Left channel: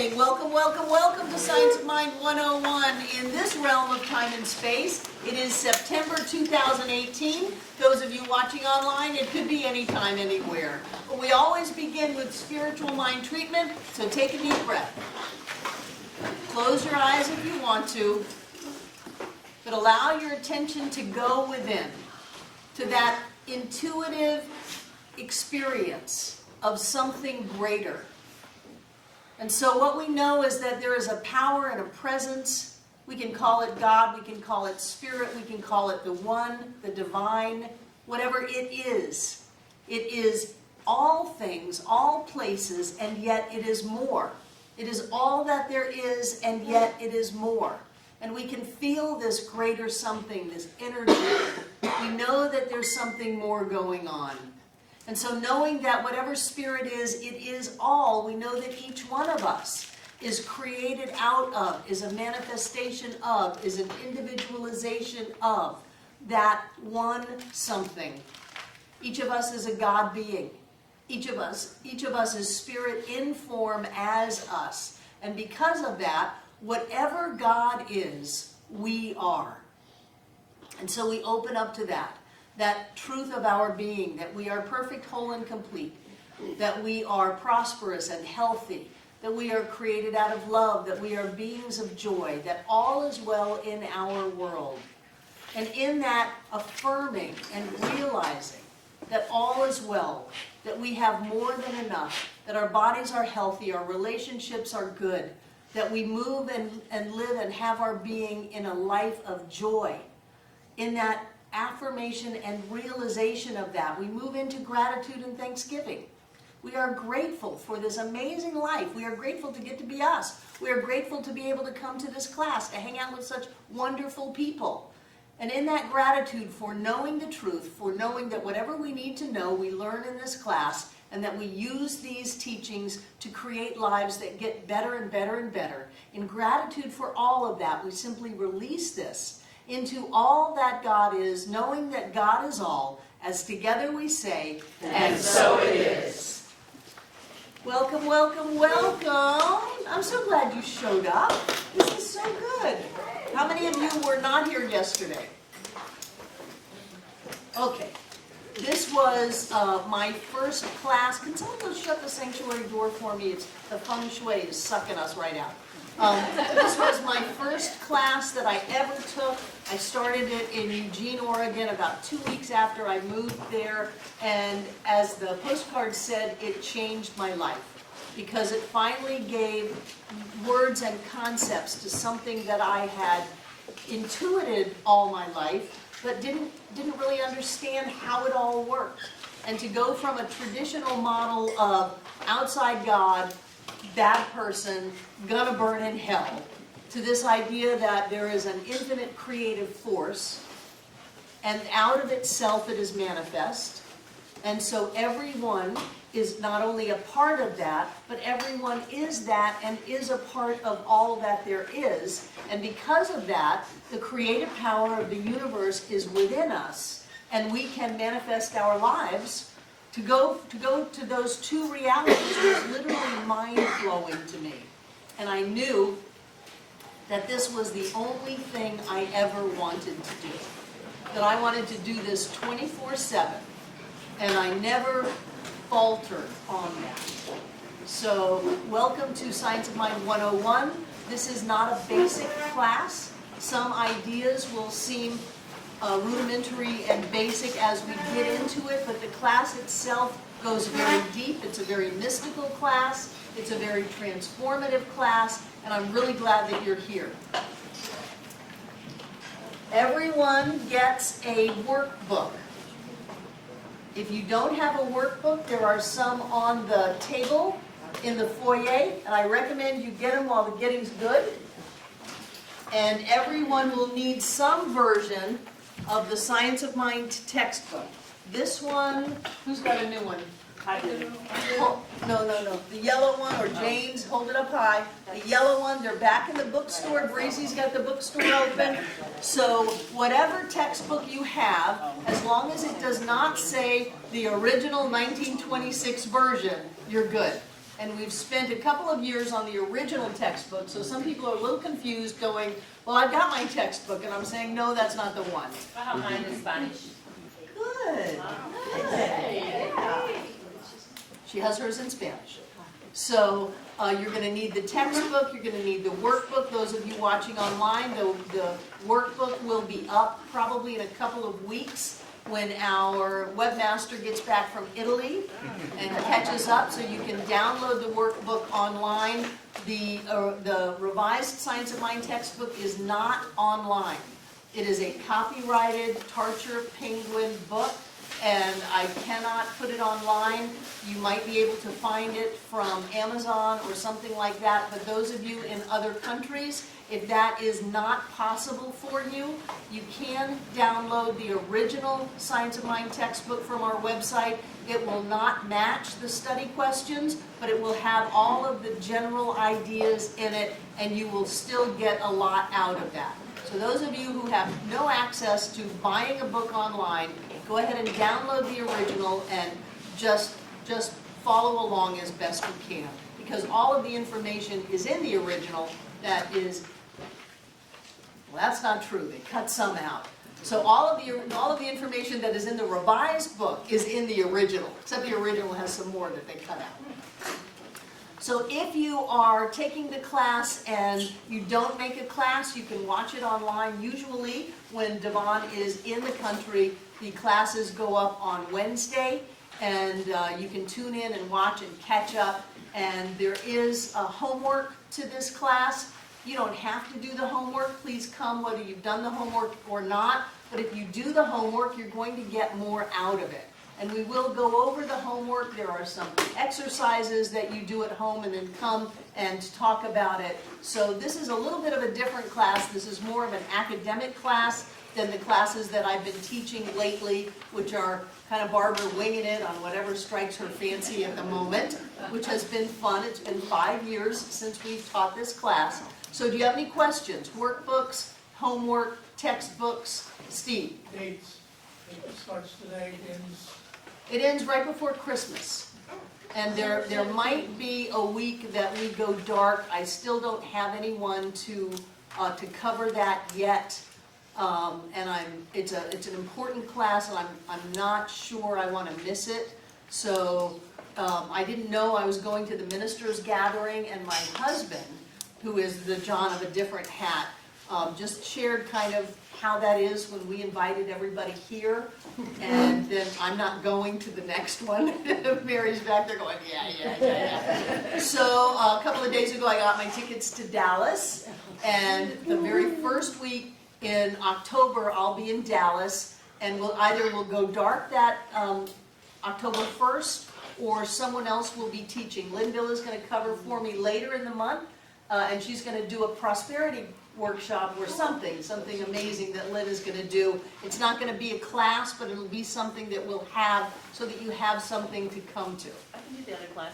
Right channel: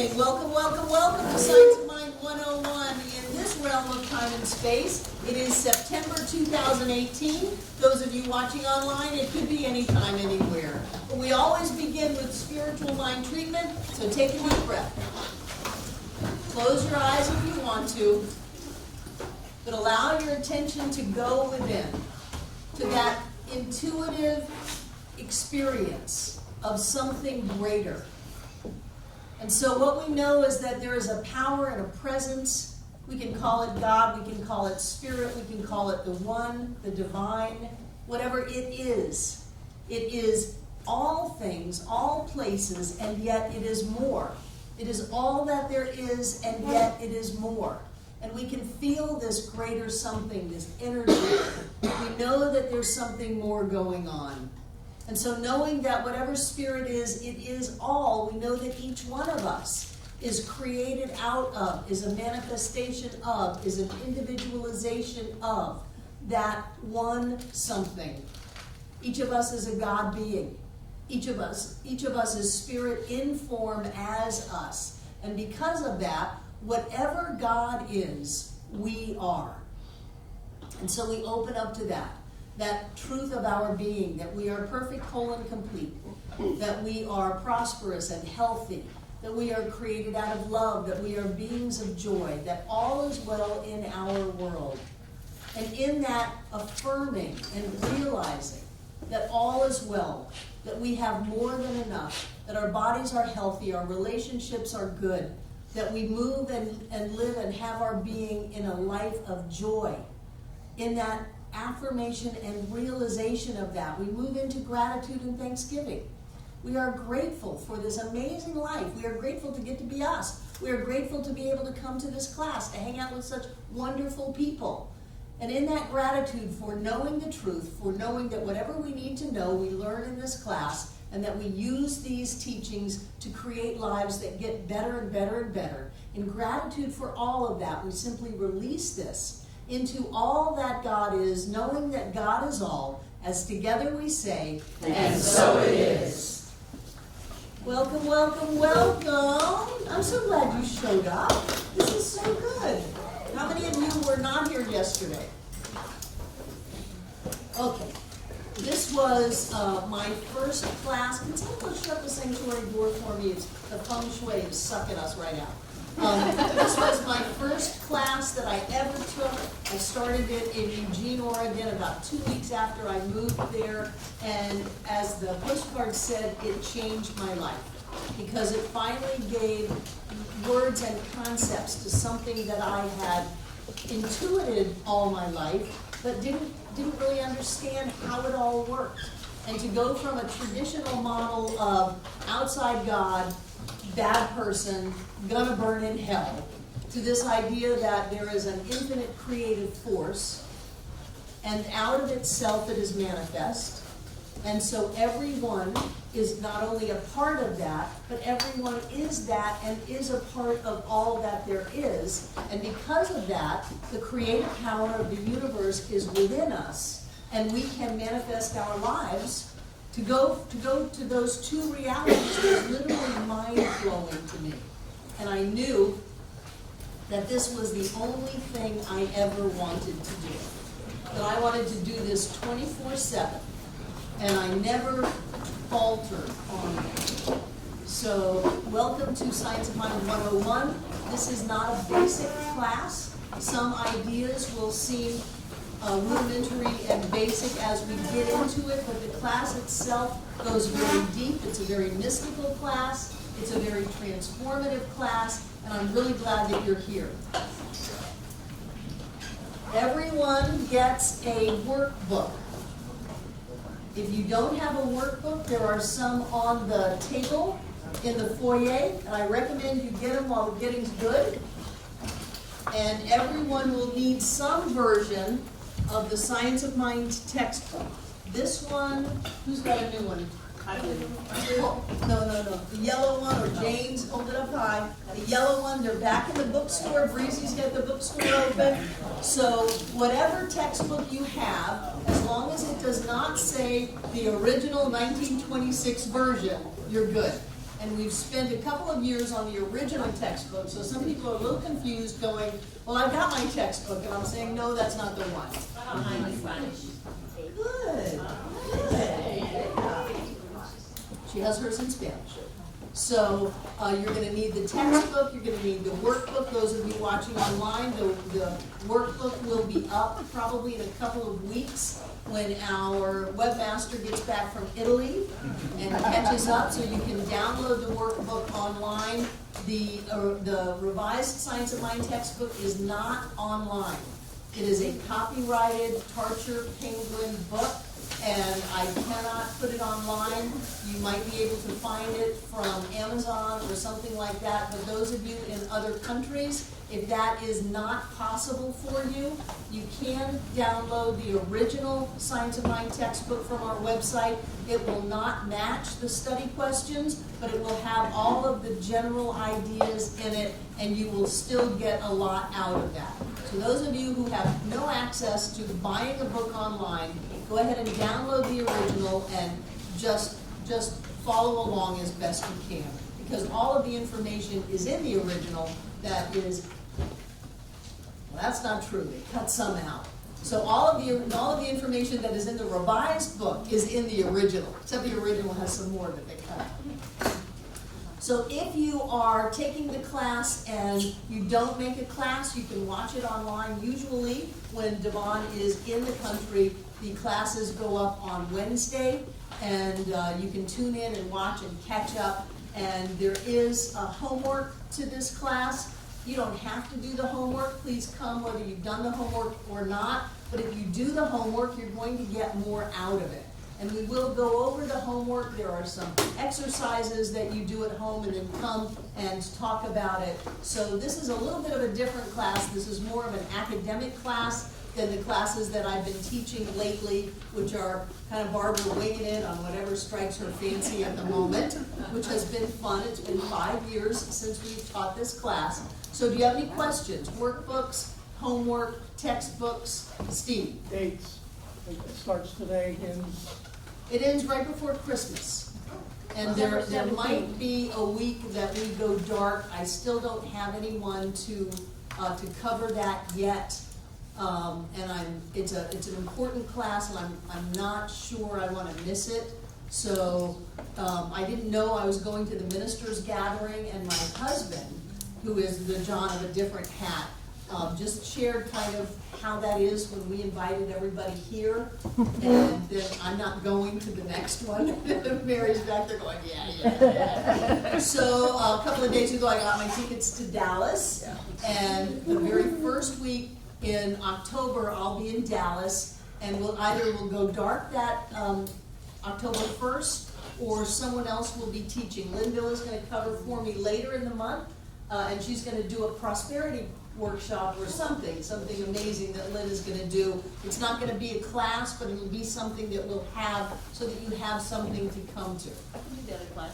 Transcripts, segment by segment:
morning. Welcome, welcome, welcome to Science of Mind 101 in this realm of time and space. It is September 2018. Those of you watching online, it could be anytime, anywhere. But we always begin with spiritual mind treatment, so take a deep breath. Close your eyes if you want to, but allow your attention to go within, to that intuitive experience of something greater. And so what we know is that there is a power and a presence. We can call it God, we can call it spirit, we can call it the one, the divine, whatever it is. It is all things, all places, and yet it is more. It is all that there is, and yet it is more. And we can feel this greater something, this energy. We know that there's something more going on. And so knowing that whatever spirit is, it is all, we know that each one of us is created out of, is a manifestation of, is an individualization of that one something. Each of us is a God being. Each of us is spirit in form as us. And because of that, whatever God is, we are. And so we open up to that truth of our being, that we are perfect, whole, and complete, that we are prosperous and healthy, that we are created out of love, that we are beings of joy, that all is well in our world. And in that affirming and realizing that all is well, that we have more than enough, that our bodies are healthy, our relationships are good, that we move and live and have our being in a life of joy, in that affirmation and realization of that, we move into gratitude and thanksgiving. We are grateful for this amazing life. We are grateful to get to be us. We are grateful to be able to come to this class, to hang out with such wonderful people. And in that gratitude for knowing the truth, for knowing that whatever we need to know, we learn in this class, and that we use these teachings to create lives that get better and better and better. In gratitude for all of that, we simply release this into all that God is, knowing that God is all, as together we say, and so it is. Welcome, welcome, welcome. I'm so glad you showed up. This is so good. How many of you were not here yesterday? Okay. This was my first class. Can someone go shut the sanctuary door for me? The feng shui is sucking us right out. This was my first class that I ever took. I started it in Eugene, Oregon, about 2 weeks after I moved there. And as the postcard said, it changed my life, because it finally gave words and concepts to something that I had intuited all my life, but didn't really understand how it all worked. And to go from a traditional model of outside God, bad person, gonna burn in hell, to this idea that there is an infinite creative force, and out of itself it is manifest. And so everyone is not only a part of that, but everyone is that and is a part of all that there is. And because of that, the creative power of the universe is within us, and we can manifest our lives to go to those two realities. Is literally mind-blowing to me. And I knew that this was the only thing I ever wanted to do. That I wanted to do this 24/7. And I never faltered on that. So welcome to Science of Mind 101. This is not a basic class. Some ideas will seem rudimentary and basic as we get into it, but the class itself goes very deep. It's a very mystical class. It's a very transformative class, and I'm really glad that you're here. Everyone gets a workbook. If you don't have a workbook, there are some on the table in the foyer, and I recommend you get them while the getting's good. And everyone will need some version of the Science of Mind textbook. This one, who's got a new one? I do. Oh, no. The yellow one, or Jane's, hold it up high. The yellow one, they're back in the bookstore. Breezy's got the bookstore open. So whatever textbook you have, as long as it does not say the original 1926 version, you're good. And we've spent a couple of years on the original textbook, so some people are a little confused going, well, I've got my textbook, and I'm saying, no, that's not the one. Mine is Spanish. Good. Good. Yeah. She has hers in Spanish. So you're going to need the textbook, you're going to need the workbook. Those of you watching online, the workbook will be up probably in a couple of weeks when our webmaster gets back from Italy and catches up, so you can download the workbook online. The revised Science of Mind textbook is not online. It is a copyrighted Tarcher Penguin book, and I cannot put it online. You might be able to find it from Amazon or something like that, but those of you in other countries, if that is not possible for you, you can download the original Science of Mind textbook from our website. It will not match the study questions, but it will have all of the general ideas in it, and you will still get a lot out of that. So those of you who have no access to buying a book online, go ahead and download the original and just follow along as best you can, because all of the information is in the original. That is, well, that's not true. They cut some out. So all of the information that is in the revised book is in the original, except the original has some more that they cut out. So if you are taking the class and you don't make a class, you can watch it online. Usually when Devon is in the country, the classes go up on Wednesday, and you can tune in and watch and catch up. And there is homework to this class. You don't have to do the homework. Please come whether you've done the homework or not. But if you do the homework, you're going to get more out of it. And we will go over the homework. There are some exercises that you do at home and then come and talk about it. So this is a little bit of a different class. This is more of an academic class than the classes that I've been teaching lately, which are kind of Barbara winging it on whatever strikes her fancy at the moment, which has been fun. It's been 5 years since we've taught this class. So do you have any questions? Workbooks, homework, textbooks? Steve? Dates. It starts today, ends. It ends right before Christmas. And there might be a week that we go dark. I still don't have anyone to cover that yet. And it's an important class, and I'm not sure I want to miss it. So I didn't know I was going to the ministers' gathering, and my husband, who is the John of a different hat, just shared kind of how that is when we invited everybody here, and then I'm not going to the next one. Mary's back there going, yeah. So a couple of days ago, I got my tickets to Dallas, and the very first week in October, I'll be in Dallas, and we'll go dark that October 1st, or someone else will be teaching. Linville is going to cover for me later in the month, and she's going to do a prosperity workshop or something amazing that Lynn is going to do. It's not going to be a class, but it'll be something that we'll have so that you have something to come to. I can do the other class.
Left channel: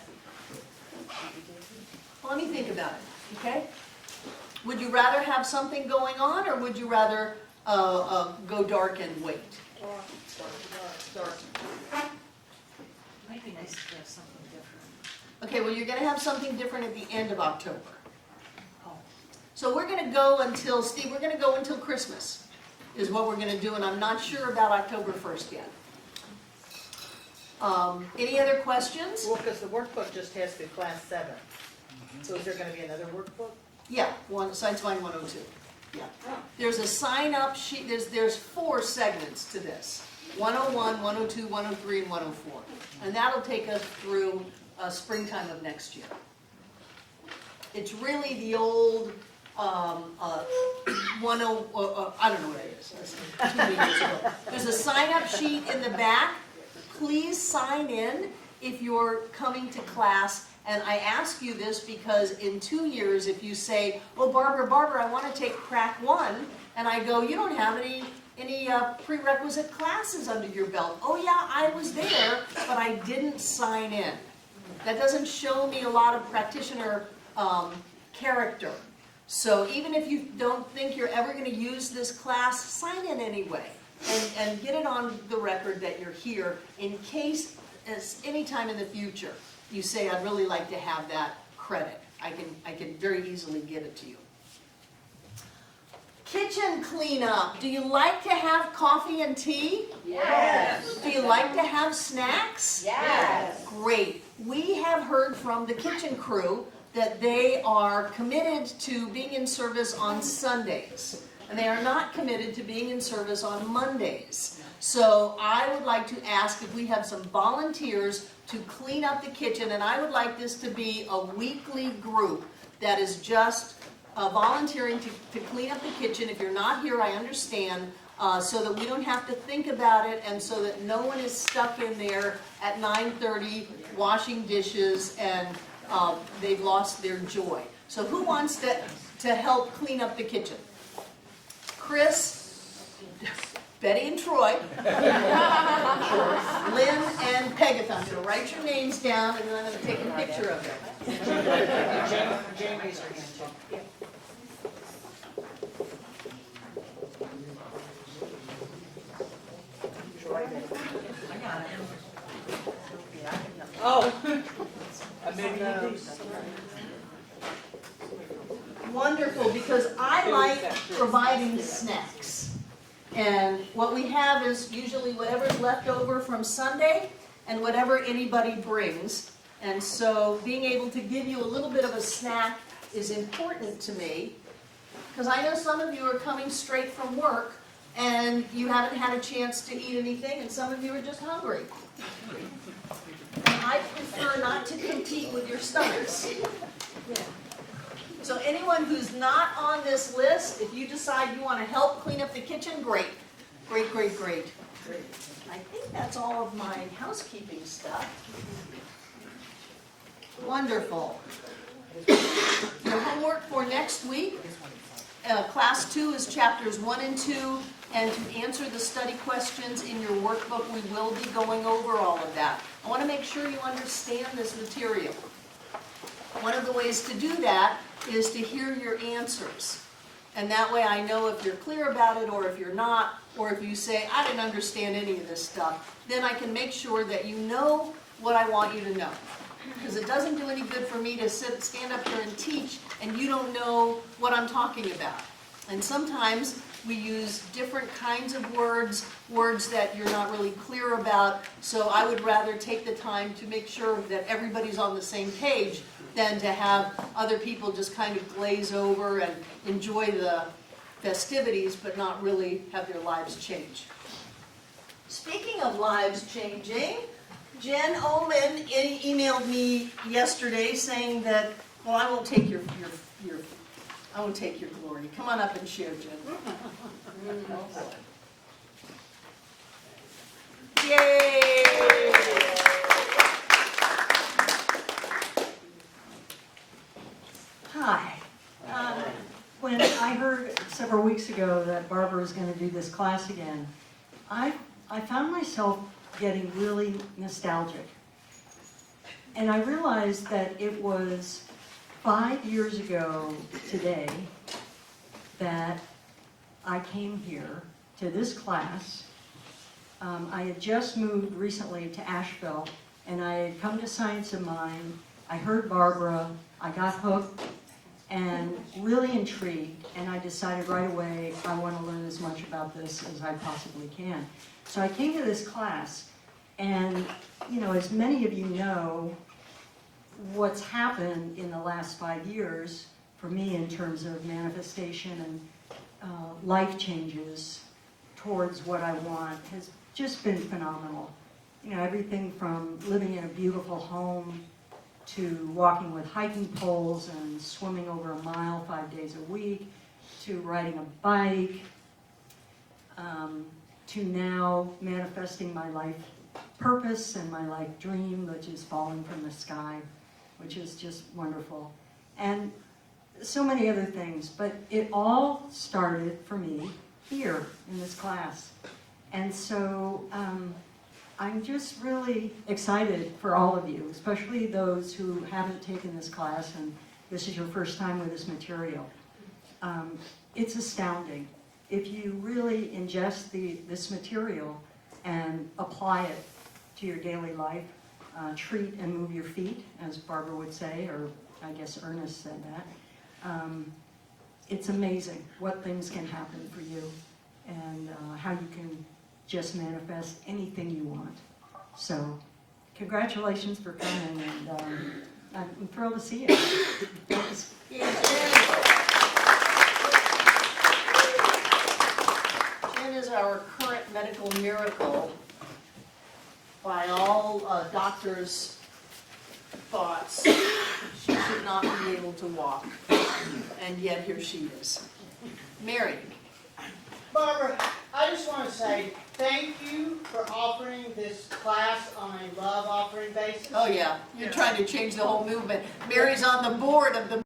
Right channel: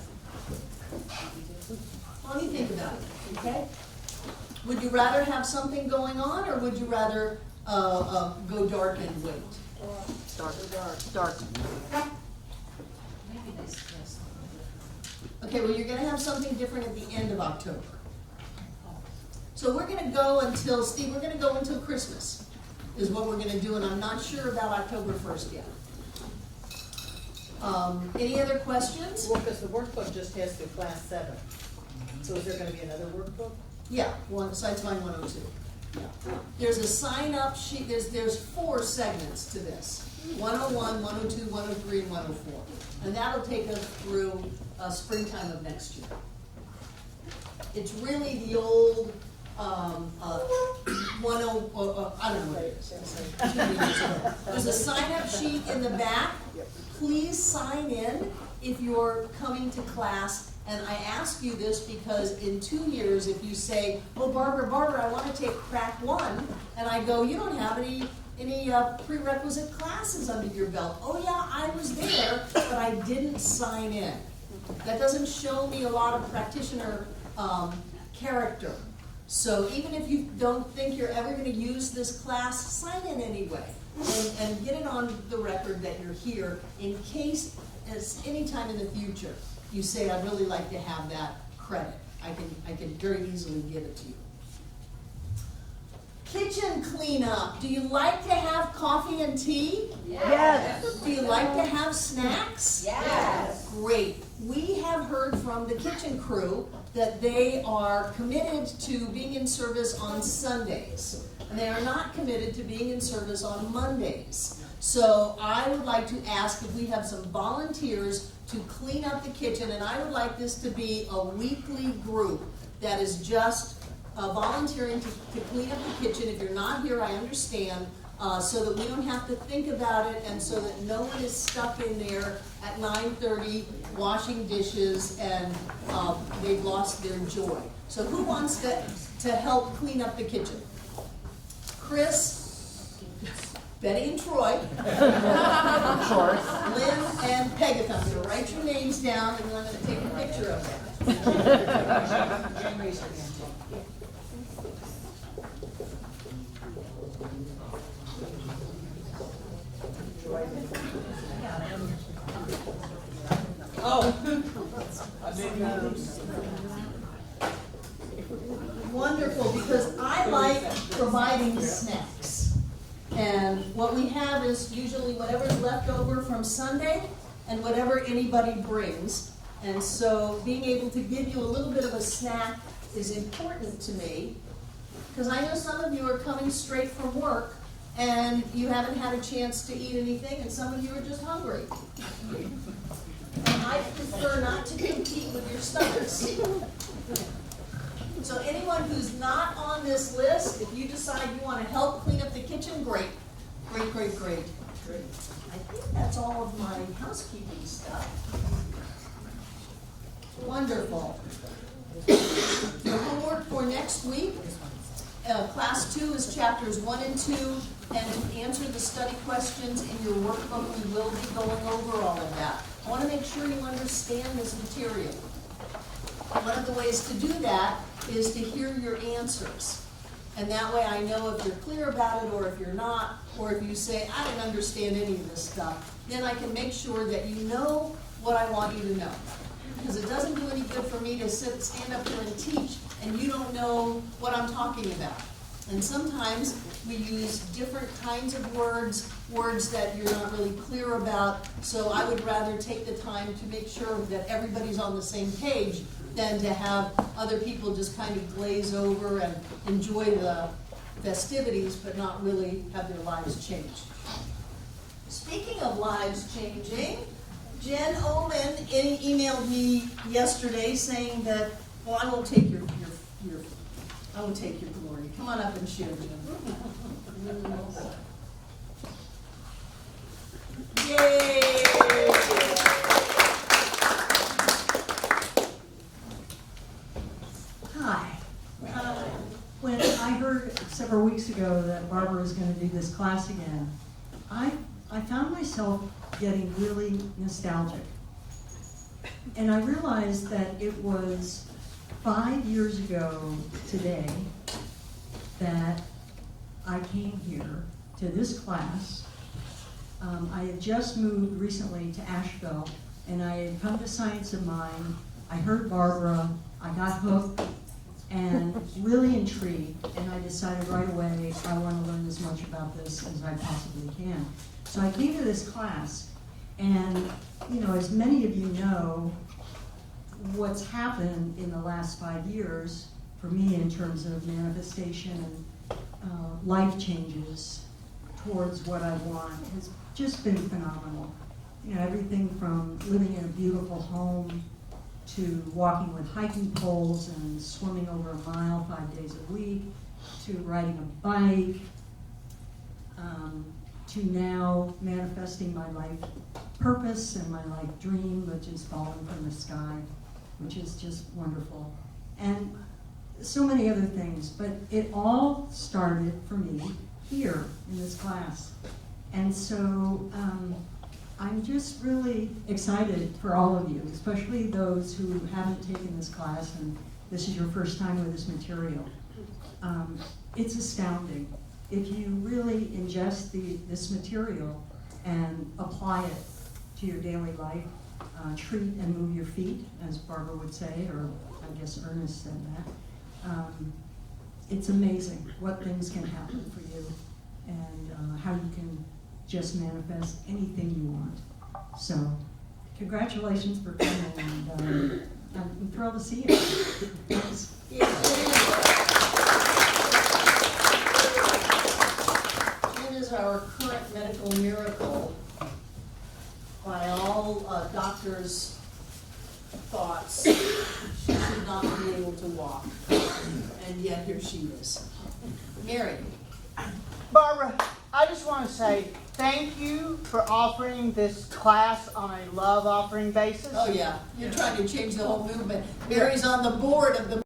Well, let me think about it, okay? Would you rather have something going on, or would you rather go dark and wait? Dark. Might be nice to have something different. Okay, well, you're going to have something different at the end of October. So we're going to go until, Steve, we're going to go until Christmas is what we're going to do, and I'm not sure about October 1st yet. Any other questions? Well, because the workbook just has through class 7. So is there going to be another workbook? Yeah, Science Mind 102. Yeah. There's a sign-up sheet. There's 4 segments to this. 101, 102, 103, and 104. And that'll take us through springtime of next year. It's really the old I don't know what it is. There's a sign-up sheet in the back. Please sign in if you're coming to class. And I ask you this because in 2 years, if you say, "Oh, Barbara, I want to take crack 1," and I go, "You don't have any prerequisite classes under your belt." "Oh yeah, I was there, but I didn't sign in." That doesn't show me a lot of practitioner character. So even if you don't think you're ever going to use this class, sign in anyway and get it on the record that you're here in case, as any time in the future, you say, I'd really like to have that credit. I can very easily give it to you. Kitchen cleanup. Do you like to have coffee and tea? Yes. Do you like to have snacks? Yes. Great. We have heard from the kitchen crew that they are committed to being in service on Sundays. And they are not committed to being in service on Mondays. So I would like to ask if we have some volunteers to clean up the kitchen, and I would like this to be a weekly group that is just volunteering to clean up the kitchen. If you're not here, I understand, so that we don't have to think about it, and so that no one is stuck in there at 9:30 washing dishes and they've lost their joy. So who wants to help clean up the kitchen? Chris, Betty and Troy, Lynn and Pegatha. I'm going to write your names down and then I'm going to take a picture of them. Jane raised her hand too. I got it. Oh. Wonderful, because I like providing snacks. And what we have is usually whatever's left over from Sunday and whatever anybody brings. And so being able to give you a little bit of a snack is important to me, because I know some of you are coming straight from work and you haven't had a chance to eat anything, and some of you are just hungry. And I prefer not to compete with your stomachs. So anyone who's not on this list, if you decide you want to help clean up the kitchen, great. Great, great, great. I think that's all of my housekeeping stuff. Wonderful. The homework for next week, class 2 is chapters 1 and 2, and to answer the study questions in your workbook, we will be going over all of that. I want to make sure you understand this material. One of the ways to do that is to hear your answers. And that way I know if you're clear about it or if you're not, or if you say, I didn't understand any of this stuff, then I can make sure that you know what I want you to know. Because it doesn't do any good for me to stand up here and teach and you don't know what I'm talking about. And sometimes we use different kinds of words that you're not really clear about, so I would rather take the time to make sure that everybody's on the same page than to have other people just kind of glaze over and enjoy the festivities but not really have their lives change. Speaking of lives changing, Jen Ullman emailed me yesterday saying that, well, I won't take your I won't take your glory. Come on up and share, Jen. Yay! Hi. When I heard several weeks ago that Barbara was going to do this class again, I found myself getting really nostalgic. And I realized that it was 5 years ago today that I came here to this class. I had just moved recently to Asheville, and I had come to Science of Mind. I heard Barbara, I got hooked, and really intrigued, and I decided right away I want to learn as much about this as I possibly can. So I came to this class, and you know, as many of you know, what's happened in the last 5 years for me in terms of manifestation and life changes towards what I want has just been phenomenal. You know, everything from living in a beautiful home to walking with hiking poles and swimming over a mile 5 days a week, to riding a bike, to now manifesting my life purpose and my life dream, which is falling from the sky, which is just wonderful. And so many other things, but it all started for me here in this class. And so I'm just really excited for all of you, especially those who haven't taken this class and this is your first time with this material. It's astounding. If you really ingest this material and apply it to your daily life, treat and move your feet, as Barbara would say, or I guess Ernest said that. It's amazing what things can happen for you and how you can just manifest anything you want. So, congratulations for coming, and I'm thrilled to see you. Thanks. Jen is our current medical miracle by all doctors' thoughts. She should not be able to walk, and yet here she is. Mary. Barbara, I just want to say thank you for offering this class on a love offering basis. Oh yeah, you're trying to change the whole movement. Mary's on the board of the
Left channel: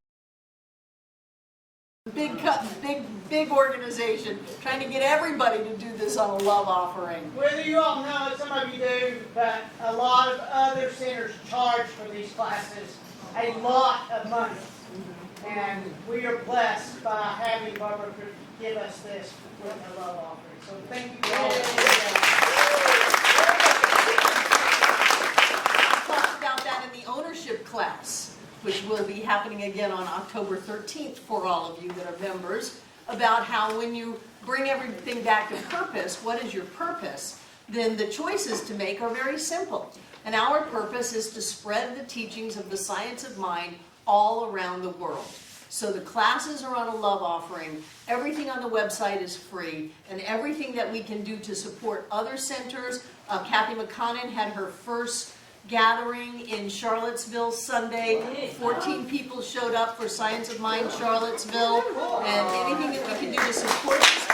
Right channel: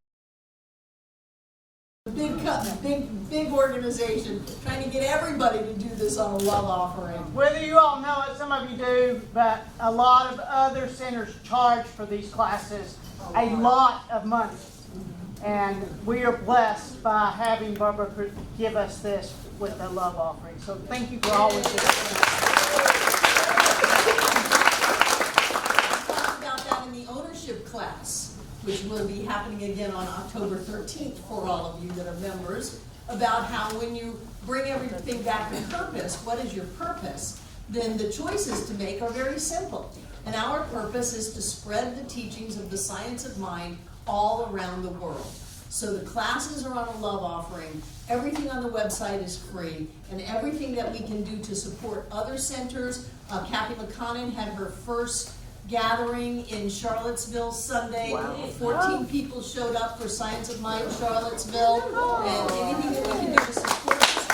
big organization, trying to get everybody to do this on a love offering. Whether you all know it, some of you do, but a lot of other centers charge for these classes a lot of money. And we are blessed by having Barbara give us this with a love offering. So thank you for all of this. We talked about that in the ownership class, which will be happening again on October 13th for all of you that are members, about how when you bring everything back to purpose, what is your purpose, then the choices to make are very simple. And our purpose is to spread the teachings of the science of mind all around the world. So the classes are on a love offering, everything on the website is free, and everything that we can do to support other centers. Kathy McConnon had her first gathering in Charlottesville Sunday. 14 people showed up for Science of Mind Charlottesville, and anything that we can do to support this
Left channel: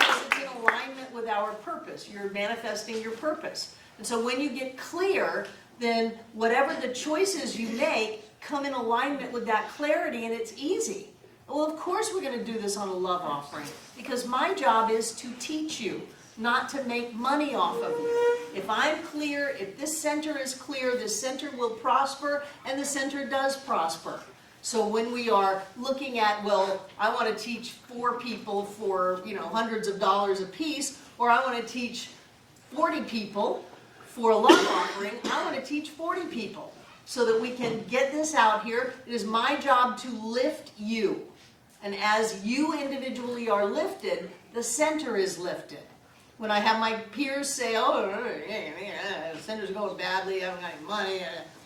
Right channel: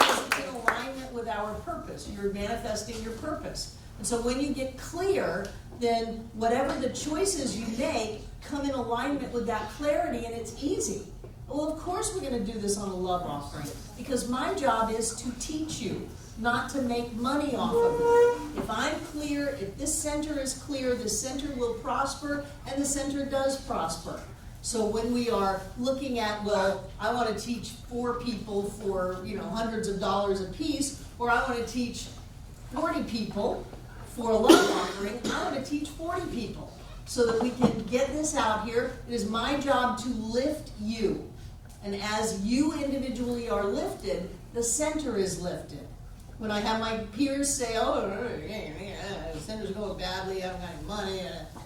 because it's in alignment with our purpose. You're manifesting your purpose. And so when you get clear, then whatever the choices you make come in alignment with that clarity, and it's easy. Well, of course we're going to do this on a love offering, because my job is to teach you, not to make money off of it. If I'm clear, if this center is clear, this center will prosper, and the center does prosper. So when we are looking at, well, I want to teach 4 people for, hundreds of dollars a piece, or I want to teach 40 people for a love offering, I want to teach 40 people so that we can get this out here. It is my job to lift you. And as you individually are lifted, the center is lifted. When I have my peers say, oh, the center's going badly, I haven't got any money.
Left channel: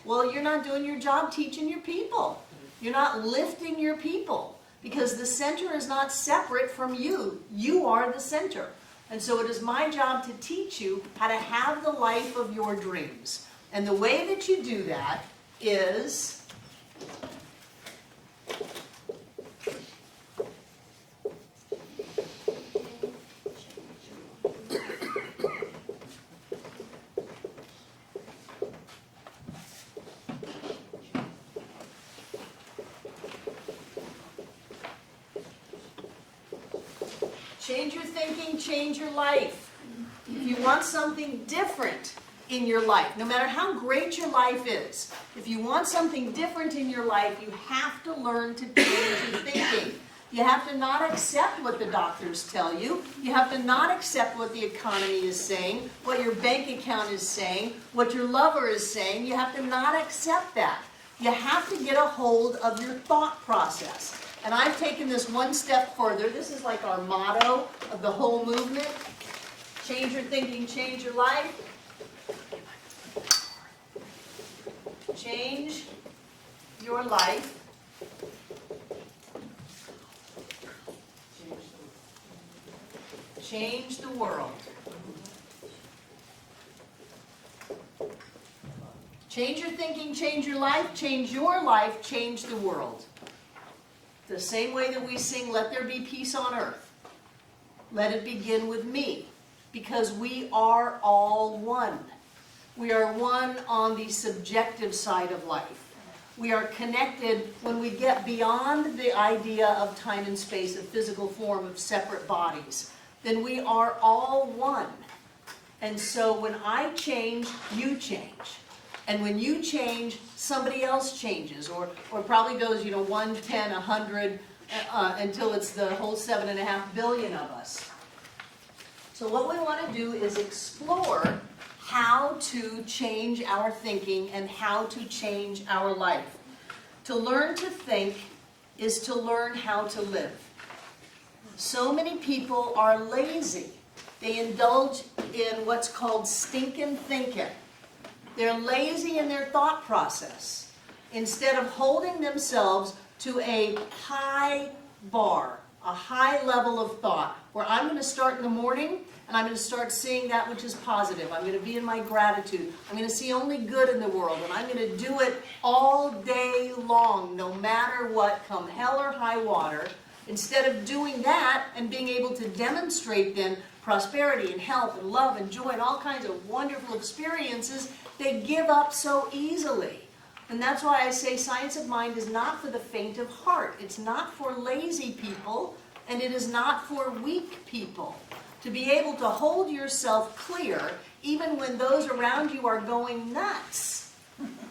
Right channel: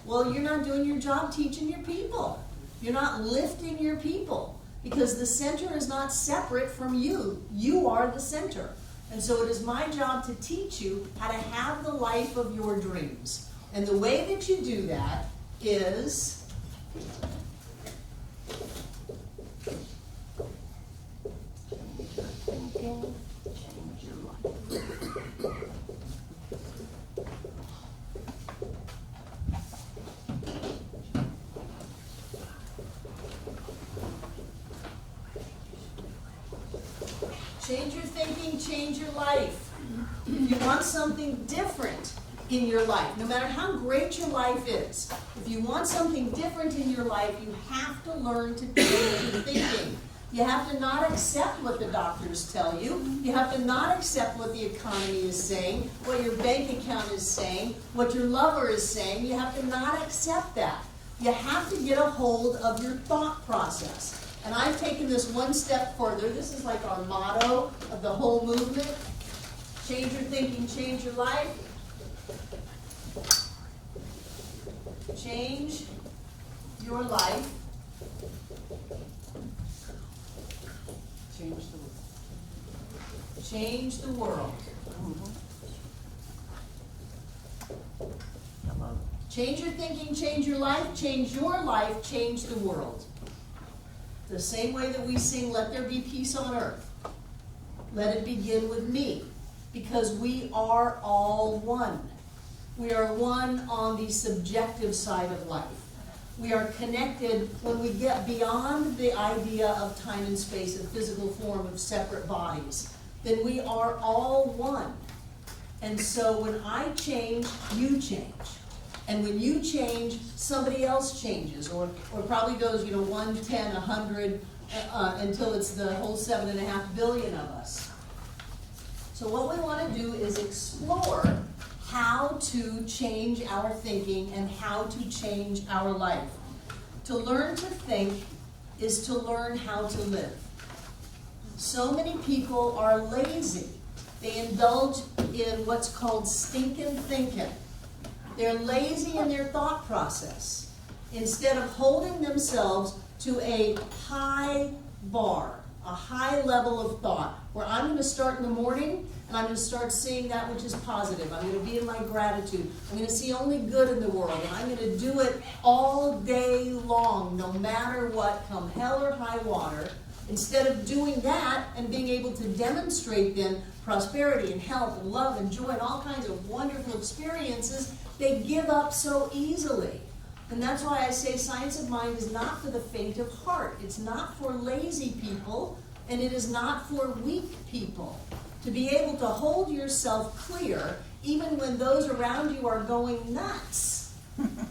Well, you're not doing your job teaching your people. You're not lifting your people, because the center is not separate from you. You are the center. And so it is my job to teach you how to have the life of your dreams. And the way that you do that is change your thinking, change your life. If you want something different in your life, no matter how great your life is, if you want something different in your life, you have to learn to change your thinking. You have to not accept what the doctors tell you. You have to not accept what the economy is saying, what your bank account is saying, what your lover is saying. You have to not accept that. You have to get a hold of your thought process. And I've taken this one step further. This is like our motto of the whole movement. Change your thinking, change your life. Change your life. Change the world. Change your thinking, change your life, change your life, change the world. The same way that we sing, let there be peace on earth. Let it begin with me, because we are all one. We are one on the subjective side of life. We are connected when we get beyond the idea of time and space, of physical form, of separate bodies. Then we are all one. And so when I change, you change. And when you change, somebody else changes, or probably goes, 1, 10, 100, until it's the whole 7.5 billion of us. So what we want to do is explore how to change our thinking and how to change our life. To learn to think is to learn how to live. So many people are lazy. They indulge in what's called stinking thinking. They're lazy in their thought process. Instead of holding themselves to a high bar, a high level of thought, where I'm going to start in the morning and I'm going to start seeing that which is positive. I'm going to be in my gratitude. I'm going to see only good in the world, and I'm going to do it all day long, no matter what, come hell or high water. Instead of doing that and being able to demonstrate then prosperity and health and love and joy and all kinds of wonderful experiences, they give up so easily. And that's why I say science of mind is not for the faint of heart. It's not for lazy people, and it is not for weak people. To be able to hold yourself clear, even when those around you are going nuts,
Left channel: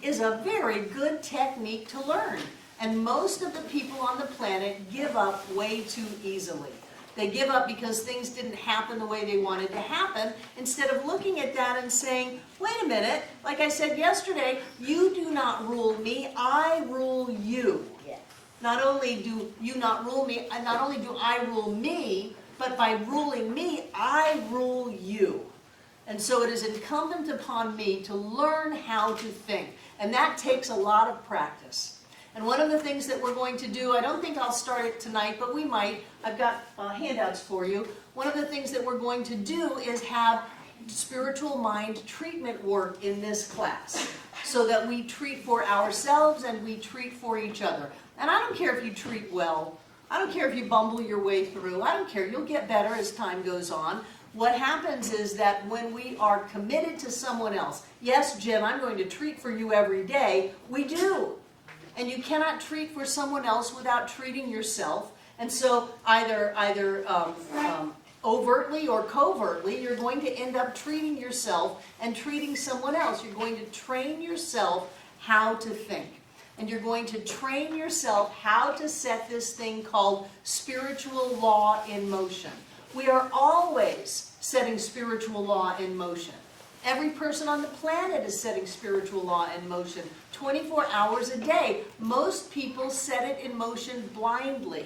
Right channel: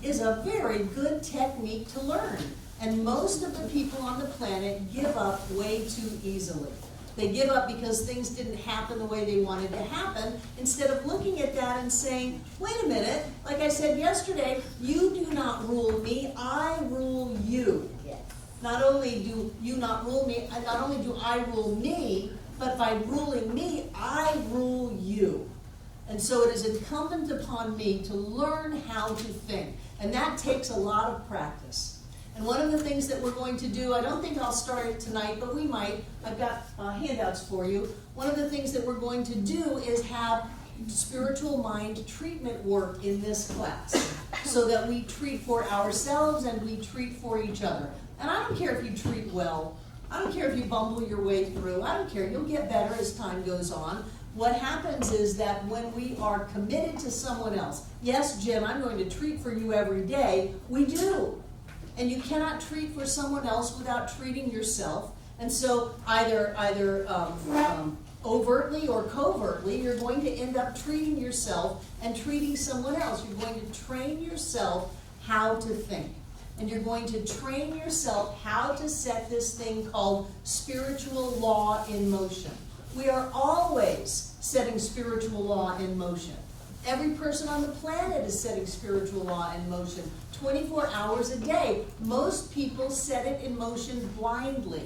is a very good technique to learn. And most of the people on the planet give up way too easily. They give up because things didn't happen the way they wanted to happen, instead of looking at that and saying, wait a minute, like I said yesterday, you do not rule me, I rule you. Yes. Not only do you not rule me, and not only do I rule me, but by ruling me, I rule you. And so it is incumbent upon me to learn how to think. And that takes a lot of practice. And one of the things that we're going to do, I don't think I'll start it tonight, but we might. I've got handouts for you. One of the things that we're going to do is have spiritual mind treatment work in this class, so that we treat for ourselves and we treat for each other. And I don't care if you treat well. I don't care if you bumble your way through. I don't care. You'll get better as time goes on. What happens is that when we are committed to someone else, yes, Jim, I'm going to treat for you every day, we do. And you cannot treat for someone else without treating yourself. And so either overtly or covertly, you're going to end up treating yourself and treating someone else. You're going to train yourself how to think. And you're going to train yourself how to set this thing called spiritual law in motion. We are always setting spiritual law in motion. Every person on the planet is setting spiritual law in motion 24 hours a day. Most people set it in motion blindly.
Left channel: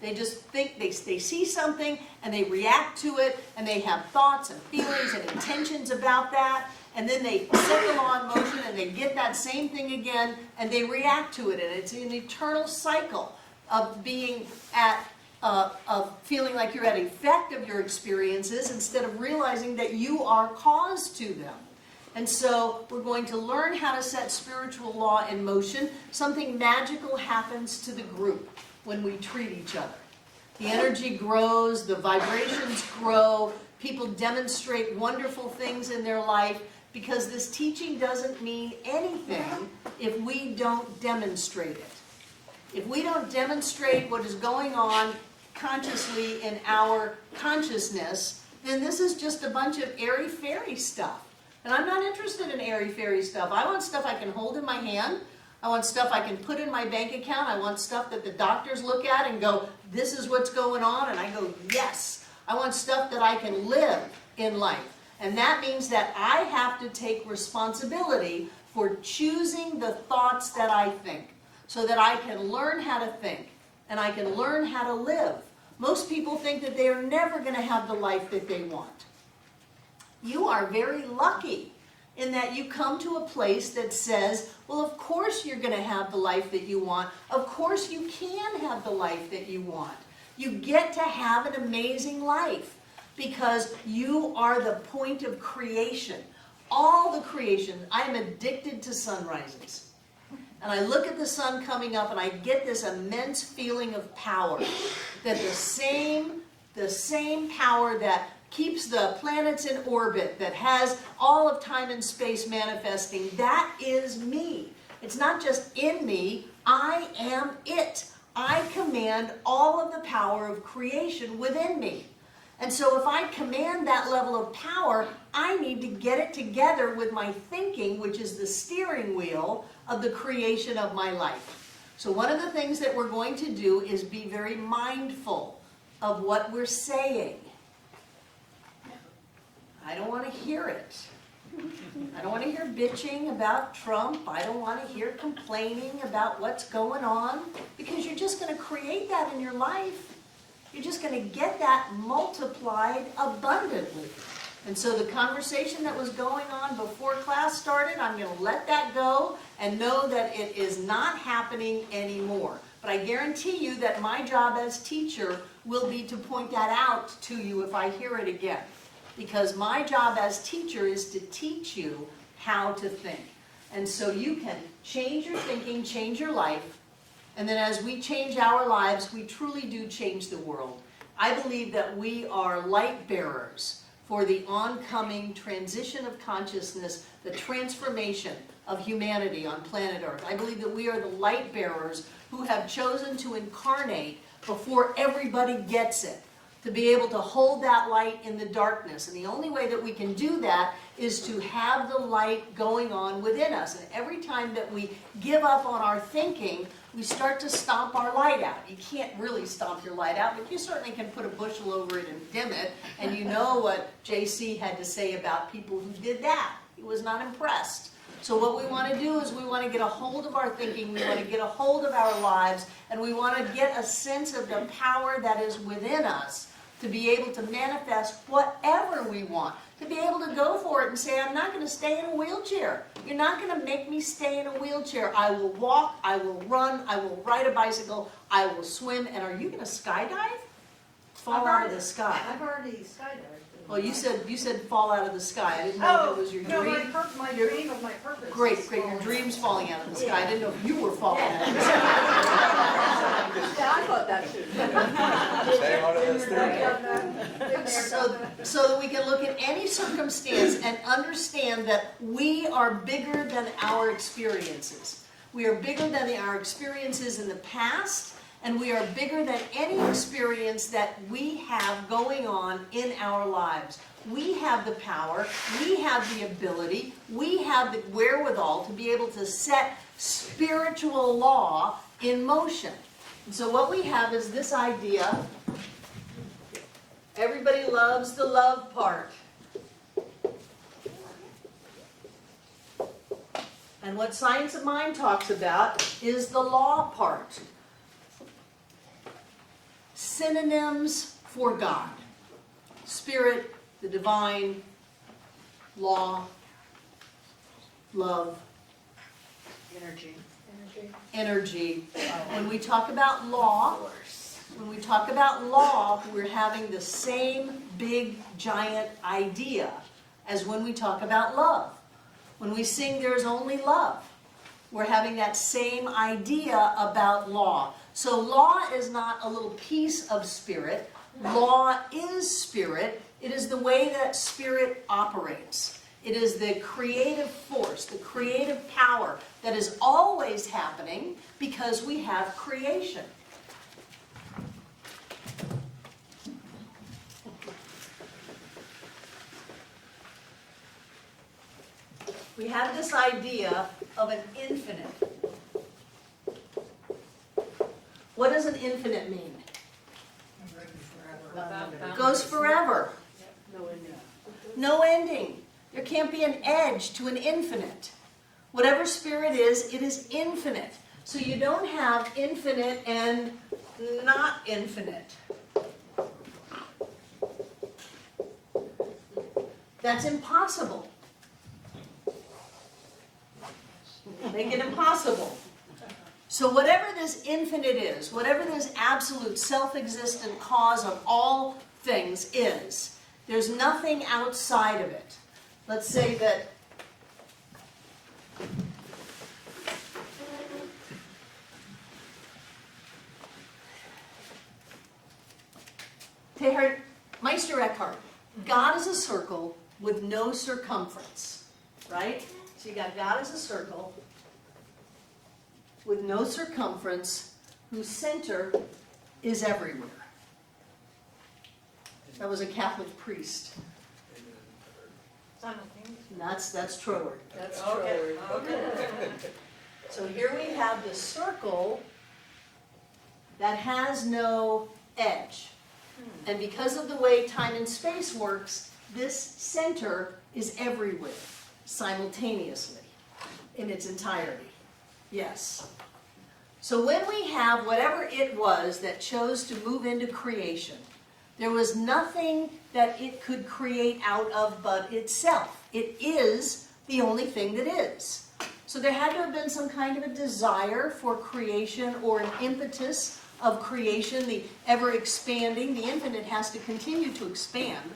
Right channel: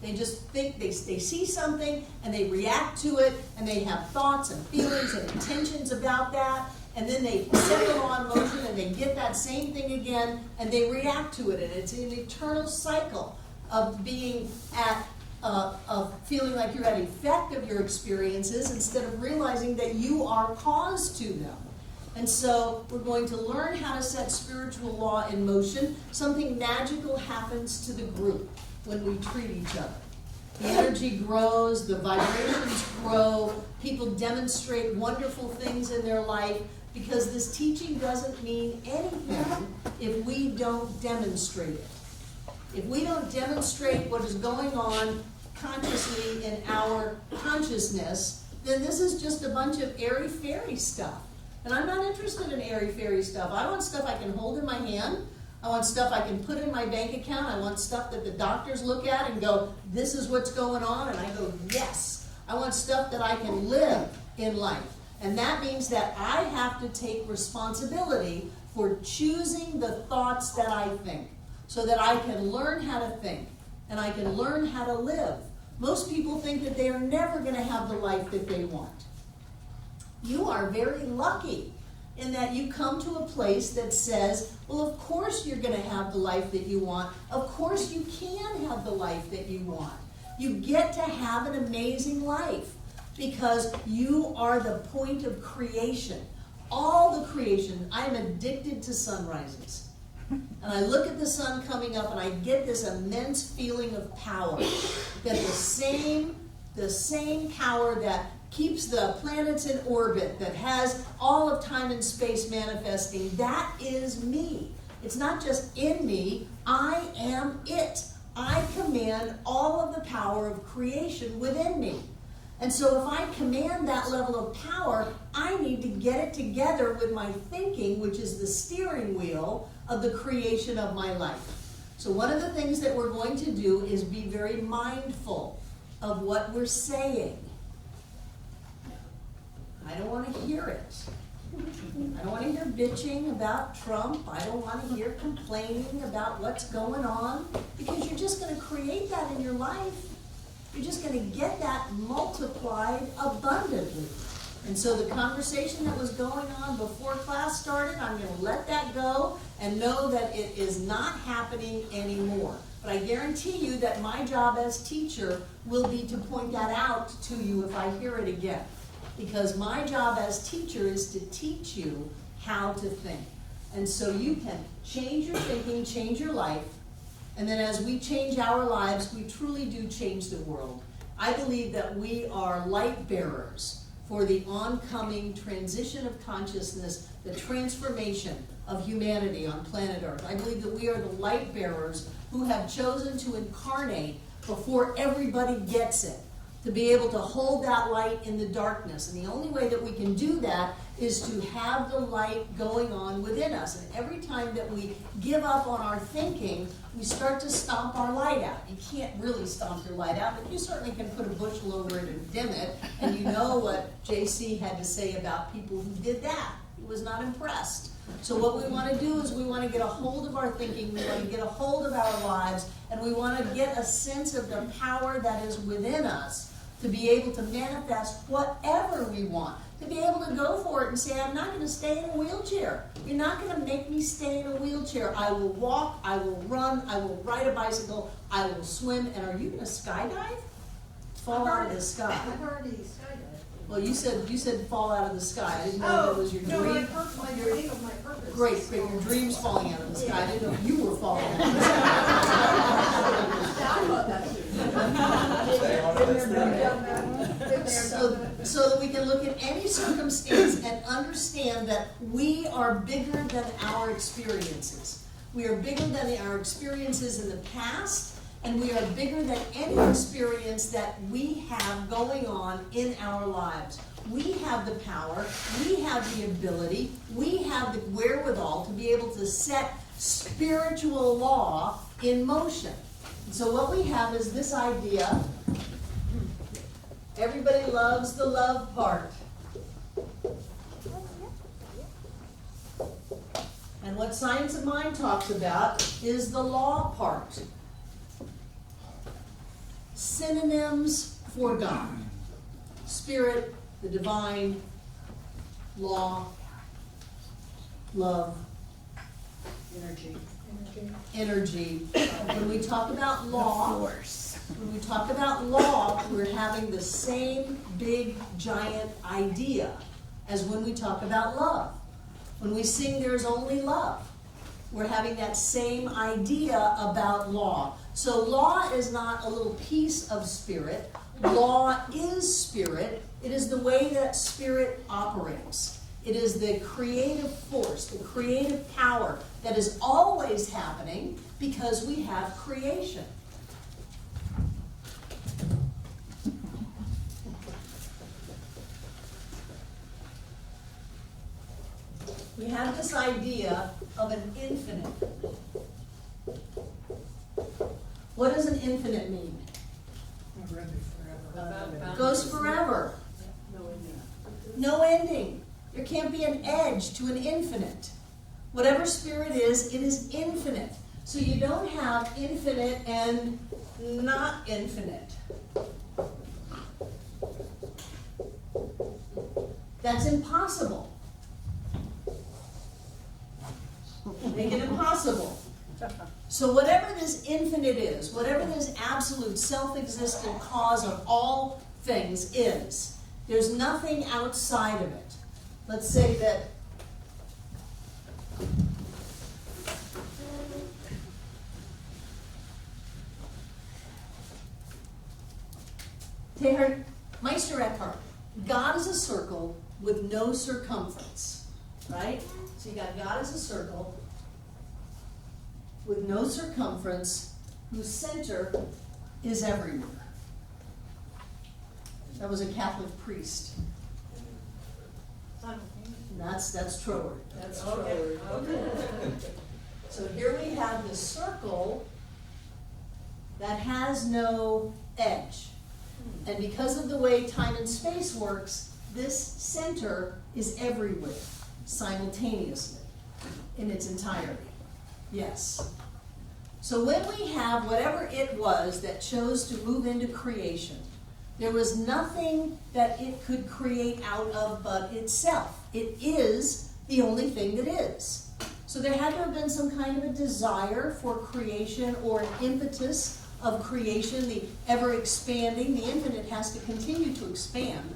They just think they see something and they react to it, and they have thoughts and feelings and intentions about that, and then they set the law in motion and they get that same thing again and they react to it, and it's an eternal cycle of being at of feeling like you're at effect of your experiences instead of realizing that you are cause to them. And so we're going to learn how to set spiritual law in motion. Something magical happens to the group when we treat each other. The energy grows, the vibrations grow, people demonstrate wonderful things in their life, because this teaching doesn't mean anything if we don't demonstrate it. If we don't demonstrate what is going on consciously in our consciousness, then this is just a bunch of airy-fairy stuff. And I'm not interested in airy-fairy stuff. I want stuff I can hold in my hand. I want stuff I can put in my bank account. I want stuff that the doctors look at and go, this is what's going on, and I go, yes. I want stuff that I can live in life. And that means that I have to take responsibility for choosing the thoughts that I think, so that I can learn how to think and I can learn how to live. Most people think that they are never going to have the life that they want. You are very lucky in that you come to a place that says, well, of course you're going to have the life that you want. Of course you can have the life that you want. You get to have an amazing life because you are the point of creation. All the creation. I am addicted to sunrises. And I look at the sun coming up and I get this immense feeling of power. That the same power that keeps the planets in orbit, that has all of time and space manifesting, that is me. It's not just in me, I am it. I command all of the power of creation within me. And so if I command that level of power, I need to get it together with my thinking, which is the steering wheel of the creation of my life. So one of the things that we're going to do is be very mindful of what we're saying. I don't want to hear it. I don't want to hear bitching about Trump. I don't want to hear complaining about what's going on, because you're just going to create that in your life. You're just going to get that multiplied abundantly. And so the conversation that was going on before class started, I'm going to let that go and know that it is not happening anymore. But I guarantee you that my job as teacher will be to point that out to you if I hear it again. Because my job as teacher is to teach you how to think. And so you can change your thinking, change your life, and then as we change our lives, we truly do change the world. I believe that we are light bearers for the oncoming transition of consciousness, the transformation of humanity on planet Earth. I believe that we are the light bearers who have chosen to incarnate before everybody gets it, to be able to hold that light in the darkness. And the only way that we can do that is to have the light going on within us. And every time that we give up on our thinking, we start to stomp our light out. You can't really stomp your light out, but you certainly can put a bushel over it and dim it. And you know what JC had to say about people who did that. He was not impressed. So what we want to do is we want to get a hold of our thinking, we want to get a hold of our lives, and we want to get a sense of the power that is within us to be able to manifest whatever we want, to be able to go for it and say, I'm not going to stay in a wheelchair. You're not going to make me stay in a wheelchair. I will walk, I will run, I will ride a bicycle, I will swim, and are you going to skydive? Fall out of the sky. I've already skydived. Well, you said fall out of the sky. I didn't know that was your No, dream. my dream of my purpose. Great, your dream's falling out of the sky. I didn't know if you were falling out of the sky. I thought that too. Stay on it, that's there. So that we can look at any circumstance and understand that we are bigger than our experiences. We are bigger than our experiences in the past, and we are bigger than any experience that we have going on in our lives. We have the power, we have the ability, we have the wherewithal to be able to set spiritual law in motion. So what we have is this idea. Everybody loves the love part. And what Science of Mind talks about is the law part. Synonyms for God. Spirit, the divine, law, love, energy. When we talk about law, we're having the same big giant idea as when we talk about love. When we sing There's Only Love, we're having that same idea about law. So law is not a little piece of spirit. Law is spirit. It is the way that spirit operates. It is the creative force, the creative power that is always happening because we have creation. We have this idea of an infinite. What does an infinite mean? It goes forever. No ending. There can't be an edge to an infinite. Whatever spirit is, it is infinite. So you don't have infinite and not infinite. That's impossible. Make it impossible. So whatever this infinite is, whatever this absolute self-existent cause of all things is, there's nothing outside of it. Let's say that Meister Eckhart, God is a circle with no circumference, right? So you got God as a circle with no circumference, whose center is everywhere. That was a Catholic priest. That's Trower. That's Trower. Okay. So here we have this circle that has no edge. And because of the way time and space works, this center is everywhere. simultaneously in its entirety. Yes. So when we have whatever it was that chose to move into creation, there was nothing that it could create out of but itself. It is the only thing that is. So there had to have been some kind of a desire for creation or an impetus of creation, the ever expanding. The infinite has to continue to expand,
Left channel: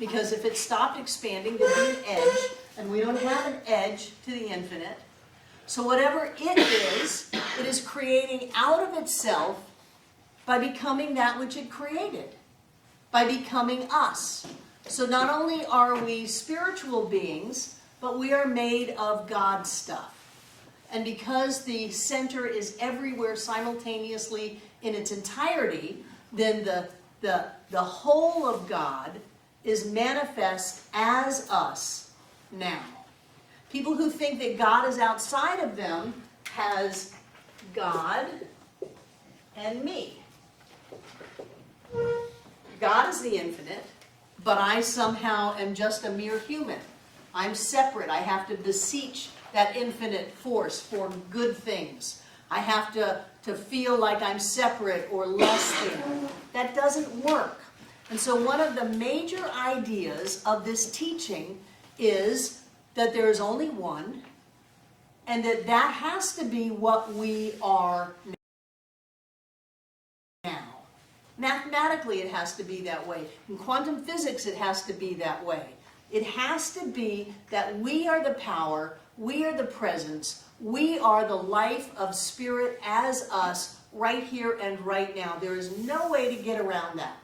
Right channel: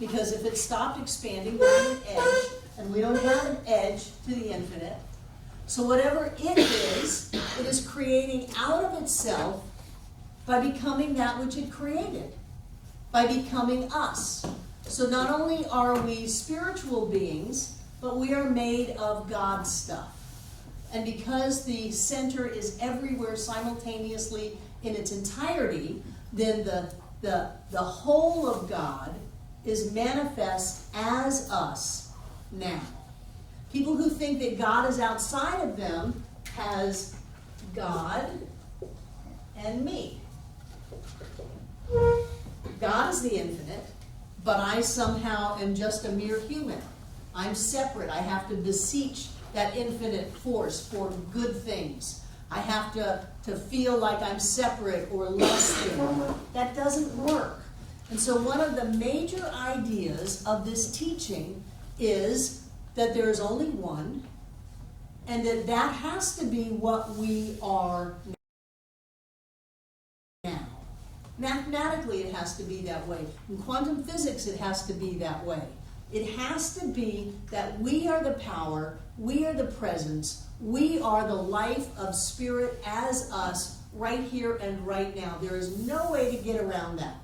because if it stopped expanding, there'd be an edge, and we don't have an edge to the infinite. So whatever it is creating out of itself by becoming that which it created, by becoming us. So not only are we spiritual beings, but we are made of God's stuff. And because the center is everywhere simultaneously in its entirety, then the whole of God is manifest as us now. People who think that God is outside of them has God and me. God is the infinite, but I somehow am just a mere human. I'm separate. I have to beseech that infinite force for good things. I have to feel like I'm separate or less than. That doesn't work. And so one of the major ideas of this teaching is that there is only one, and that has to be what we are now. Mathematically, it has to be that way. In quantum physics, it has to be that way. It has to be that we are the power, we are the presence, we are the life of spirit as us right here and right now. There is no way to get around that.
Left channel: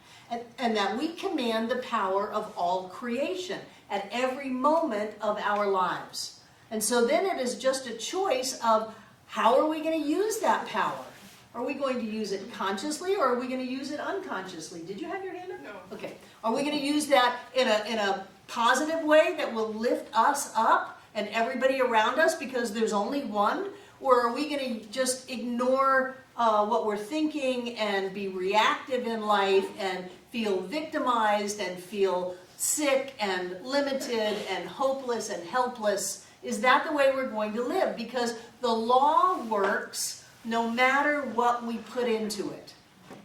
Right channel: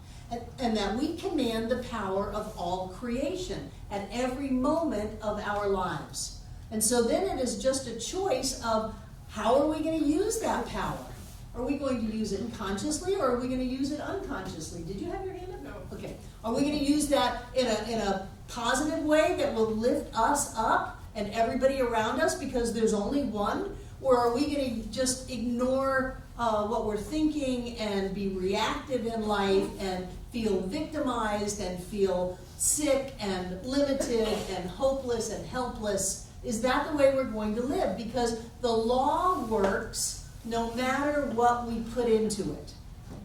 And that we command the power of all creation at every moment of our lives. And so then it is just a choice of how are we going to use that power? Are we going to use it consciously, or are we going to use it unconsciously? Did you have your hand up? No. Okay. Are we going to use that in a positive way that will lift us up and everybody around us because there's only one? Or are we going to just ignore what we're thinking and be reactive in life and feel victimized and feel sick and limited and hopeless and helpless? Is that the way we're going to live? Because the law works no matter what we put into it.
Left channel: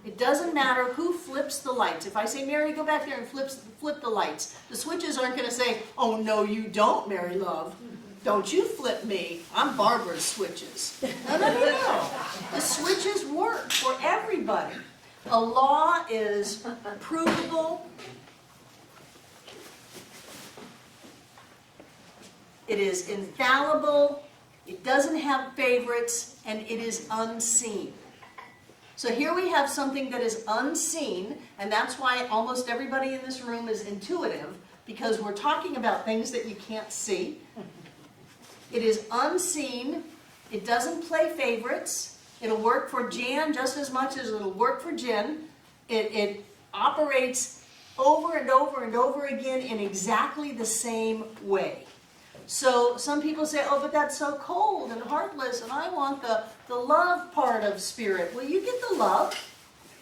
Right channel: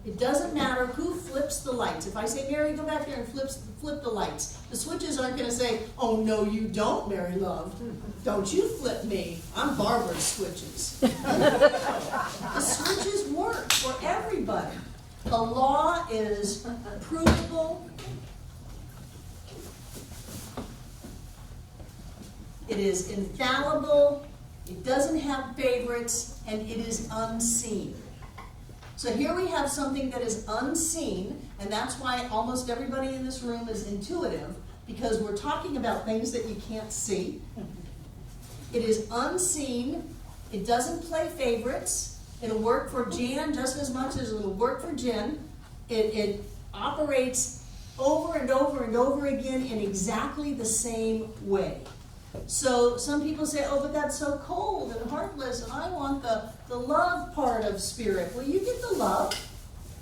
It doesn't matter who flips the lights. If I say, Mary, go back there and flip the lights, the switches aren't going to say, oh, no, you don't, Mary Love. Don't you flip me. I'm Barbara's switches. No. The switches work for everybody. A law is provable. It is infallible. It doesn't have favorites, and it is unseen. So here we have something that is unseen, and that's why almost everybody in this room is intuitive, because we're talking about things that you can't see. It is unseen. It doesn't play favorites. It'll work for Jan just as much as it'll work for Jen. It operates over and over and over again in exactly the same way. So some people say, oh, but that's so cold and heartless, and I want the love part of spirit. Well, you get the love,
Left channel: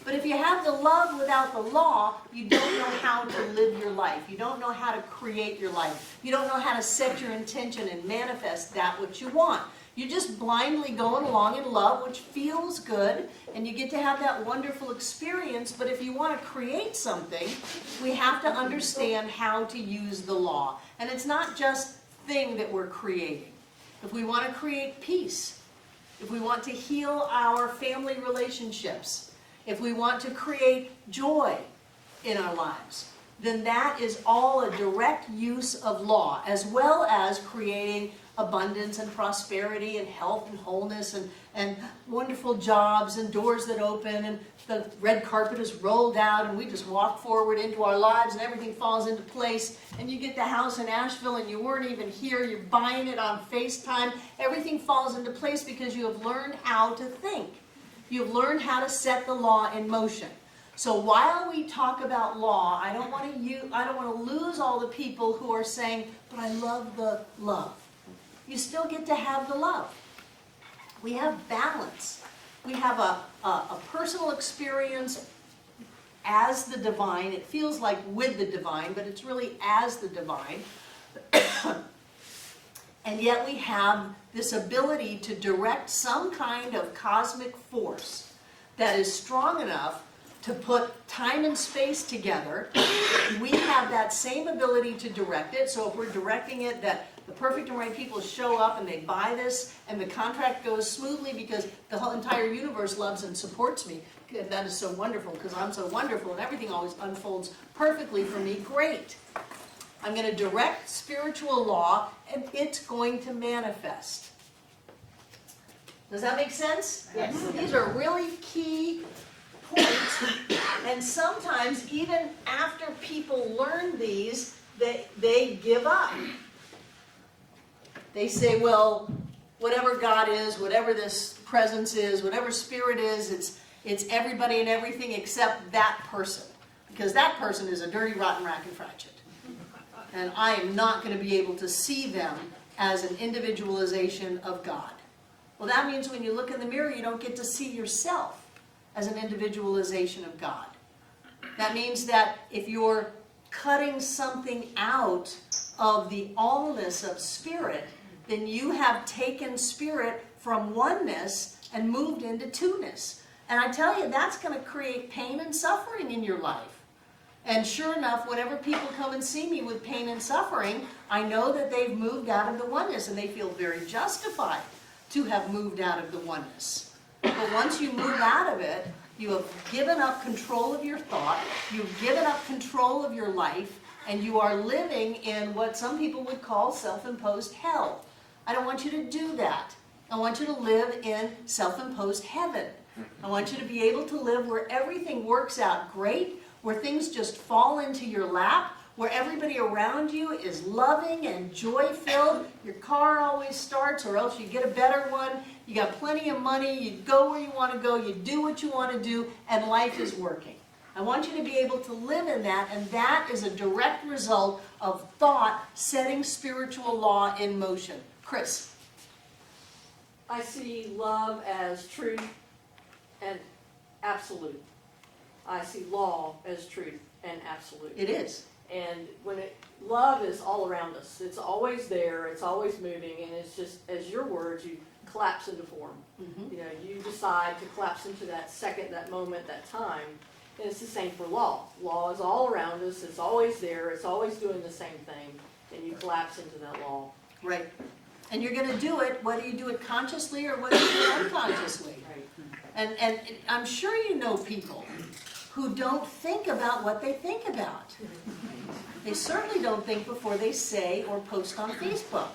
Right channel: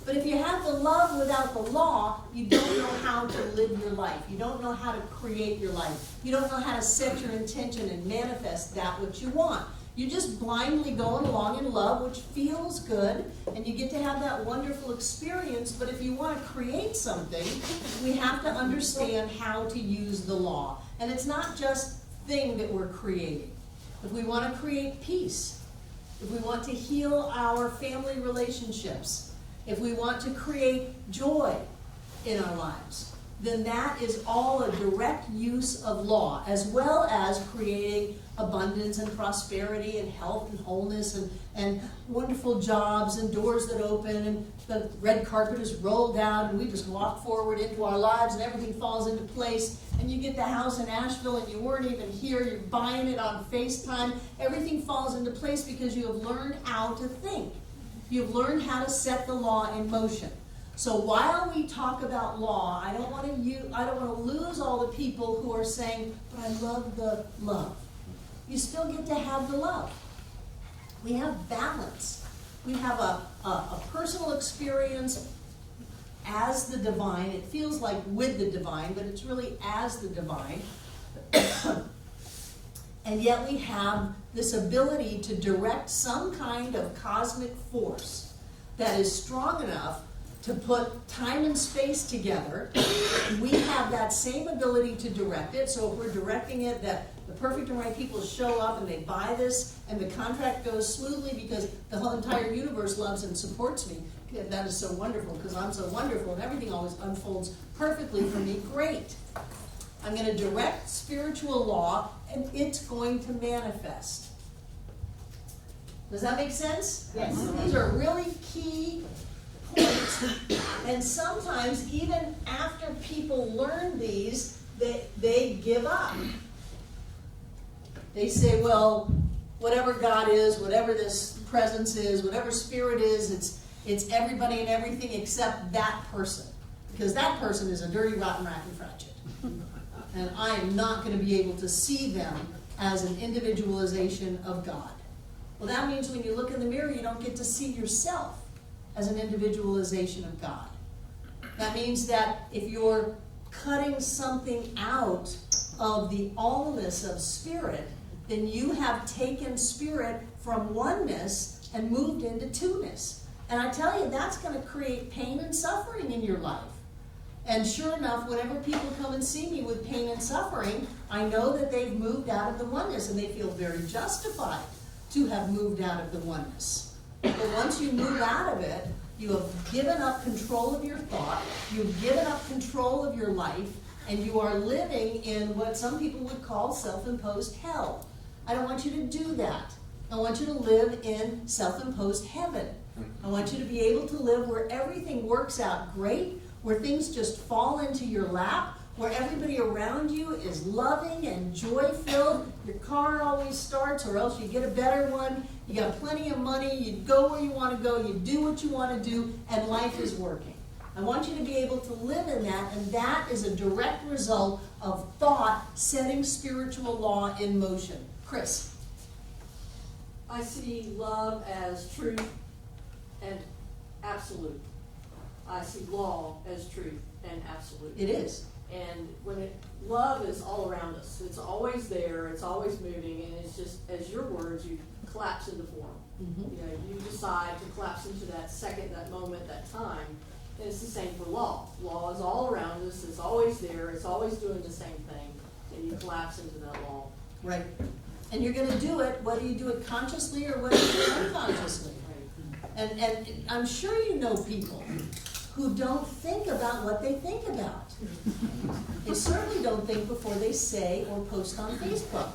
but if you have the love without the law, you don't know how to live your life. You don't know how to create your life. You don't know how to set your intention and manifest that which you want. You're just blindly going along in love, which feels good, and you get to have that wonderful experience. But if you want to create something, we have to understand how to use the law. And it's not just thing that we're creating. If we want to create peace, if we want to heal our family relationships, if we want to create joy in our lives, then that is all a direct use of law, as well as creating abundance and prosperity and health and wholeness and wonderful jobs and doors that open and the red carpet is rolled out and we just walk forward into our lives and everything falls into place, and you get the house in Asheville and you weren't even here, you're buying it on FaceTime. Everything falls into place because you have learned how to think. You've learned how to set the law in motion. So while we talk about law, I don't want to lose all the people who are saying, but I love the love. You still get to have the love. We have balance. We have a personal experience as the divine. It feels like with the divine, but it's really as the divine. And yet we have this ability to direct some kind of cosmic force that is strong enough to put time and space together. We have that same ability to direct it. So if we're directing it that the perfect and right people show up and they buy this and the contract goes smoothly because the whole entire universe loves and supports me, that is so wonderful because I'm so wonderful and everything always unfolds perfectly for me, great. I'm going to direct spiritual law and it's going to manifest. Does that make sense? Yes. These are really key points. And sometimes even after people learn these, they give up. They say, well, whatever God is, whatever this presence is, whatever spirit is, it's everybody and everything except that person. Because that person is a dirty, rotten rack and fractured. And I am not going to be able to see them as an individualization of God. Well, that means when you look in the mirror, you don't get to see yourself as an individualization of God. That means that if you're cutting something out of the allness of spirit, then you have taken spirit from oneness and moved into two-ness. And I tell you, that's going to create pain and suffering in your life. And sure enough, whenever people come and see me with pain and suffering, I know that they've moved out of the oneness and they feel very justified to have moved out of the oneness. But once you move out of it, you have given up control of your thought, you've given up control of your life, and you are living in what some people would call self-imposed hell. I don't want you to do that. I want you to live in self-imposed heaven. I want you to be able to live where everything works out great, where things just fall into your lap, where everybody around you is loving and joy-filled. Your car always starts, or else you get a better one. You got plenty of money, you go where you want to go, you do what you want to do, and life is working. I want you to be able to live in that, and that is a direct result of thought setting spiritual law in motion. Chris. I see love as truth and absolute. I see law as truth and absolute. It is. And love is all around us. It's always there, it's always moving, and it's just, as your words, you collapse into form. Mm-hmm. You know, you decide to collapse into that second, that moment, that time. And it's the same for law. Law is all around us, it's always there, it's always doing the same thing, and you collapse into that law. Right. And you're going to do it whether you do it consciously or whether you do it unconsciously. Right. And I'm sure you know people who don't think about what they think about. They certainly don't think before they say or post on Facebook.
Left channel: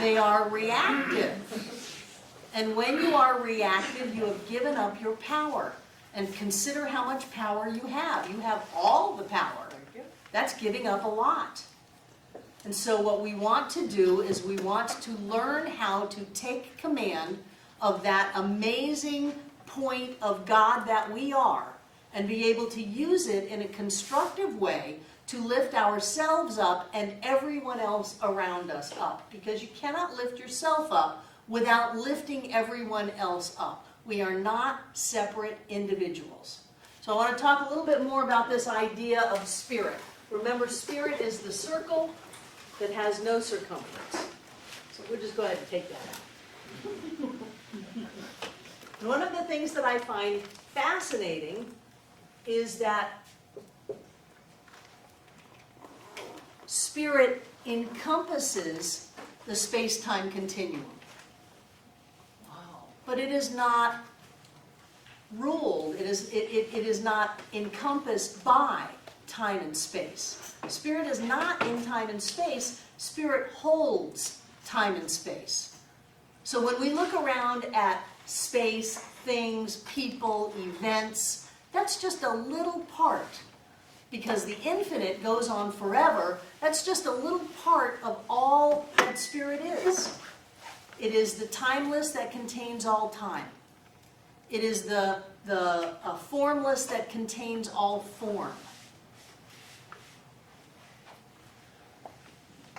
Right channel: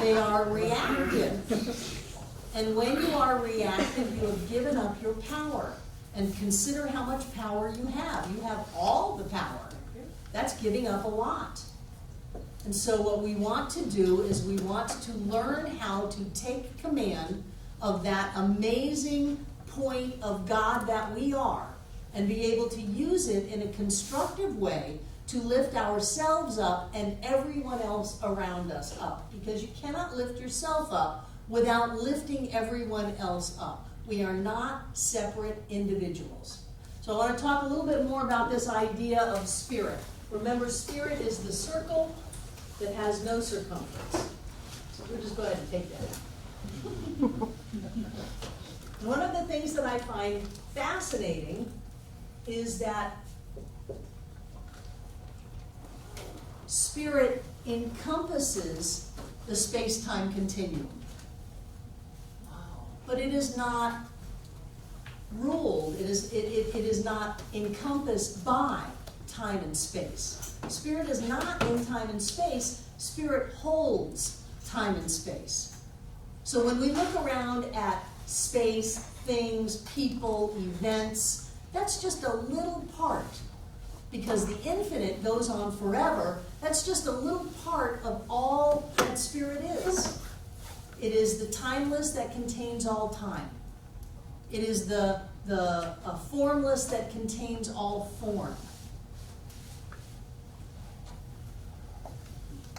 They are reactive. And when you are reactive, you have given up your power. And consider how much power you have. You have all the power. That's giving up a lot. And so what we want to do is we want to learn how to take command of that amazing point of God that we are and be able to use it in a constructive way to lift ourselves up and everyone else around us up. Because you cannot lift yourself up without lifting everyone else up. We are not separate individuals. So I want to talk a little bit more about this idea of spirit. Remember, spirit is the circle that has no circumference. So we'll just go ahead and take that out. One of the things that I find fascinating is that spirit encompasses the space-time continuum. But it is not ruled, it is not encompassed by time and space. Spirit is not in time and space, spirit holds time and space. So when we look around at space, things, people, events, that's just a little part. Because the infinite goes on forever, that's just a little part of all that spirit is. It is the timeless that contains all time. It is the formless that contains all form.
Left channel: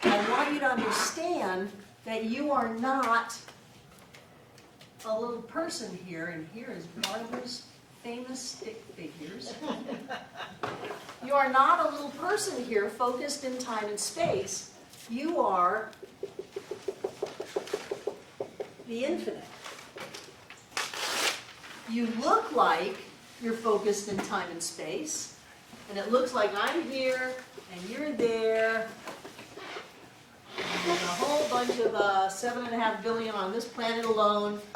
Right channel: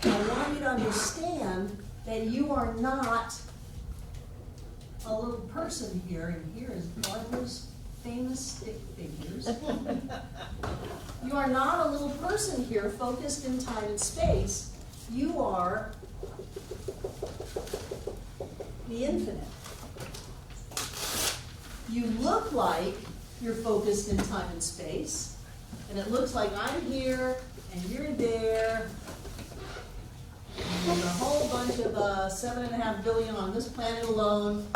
I want you to understand that you are not a little person here, and here is Barbara's famous stick figures. You are not a little person here focused in time and space. You are the infinite. You look like you're focused in time and space, and it looks like I'm here and you're there, and a whole bunch of 7.5 billion on this planet alone,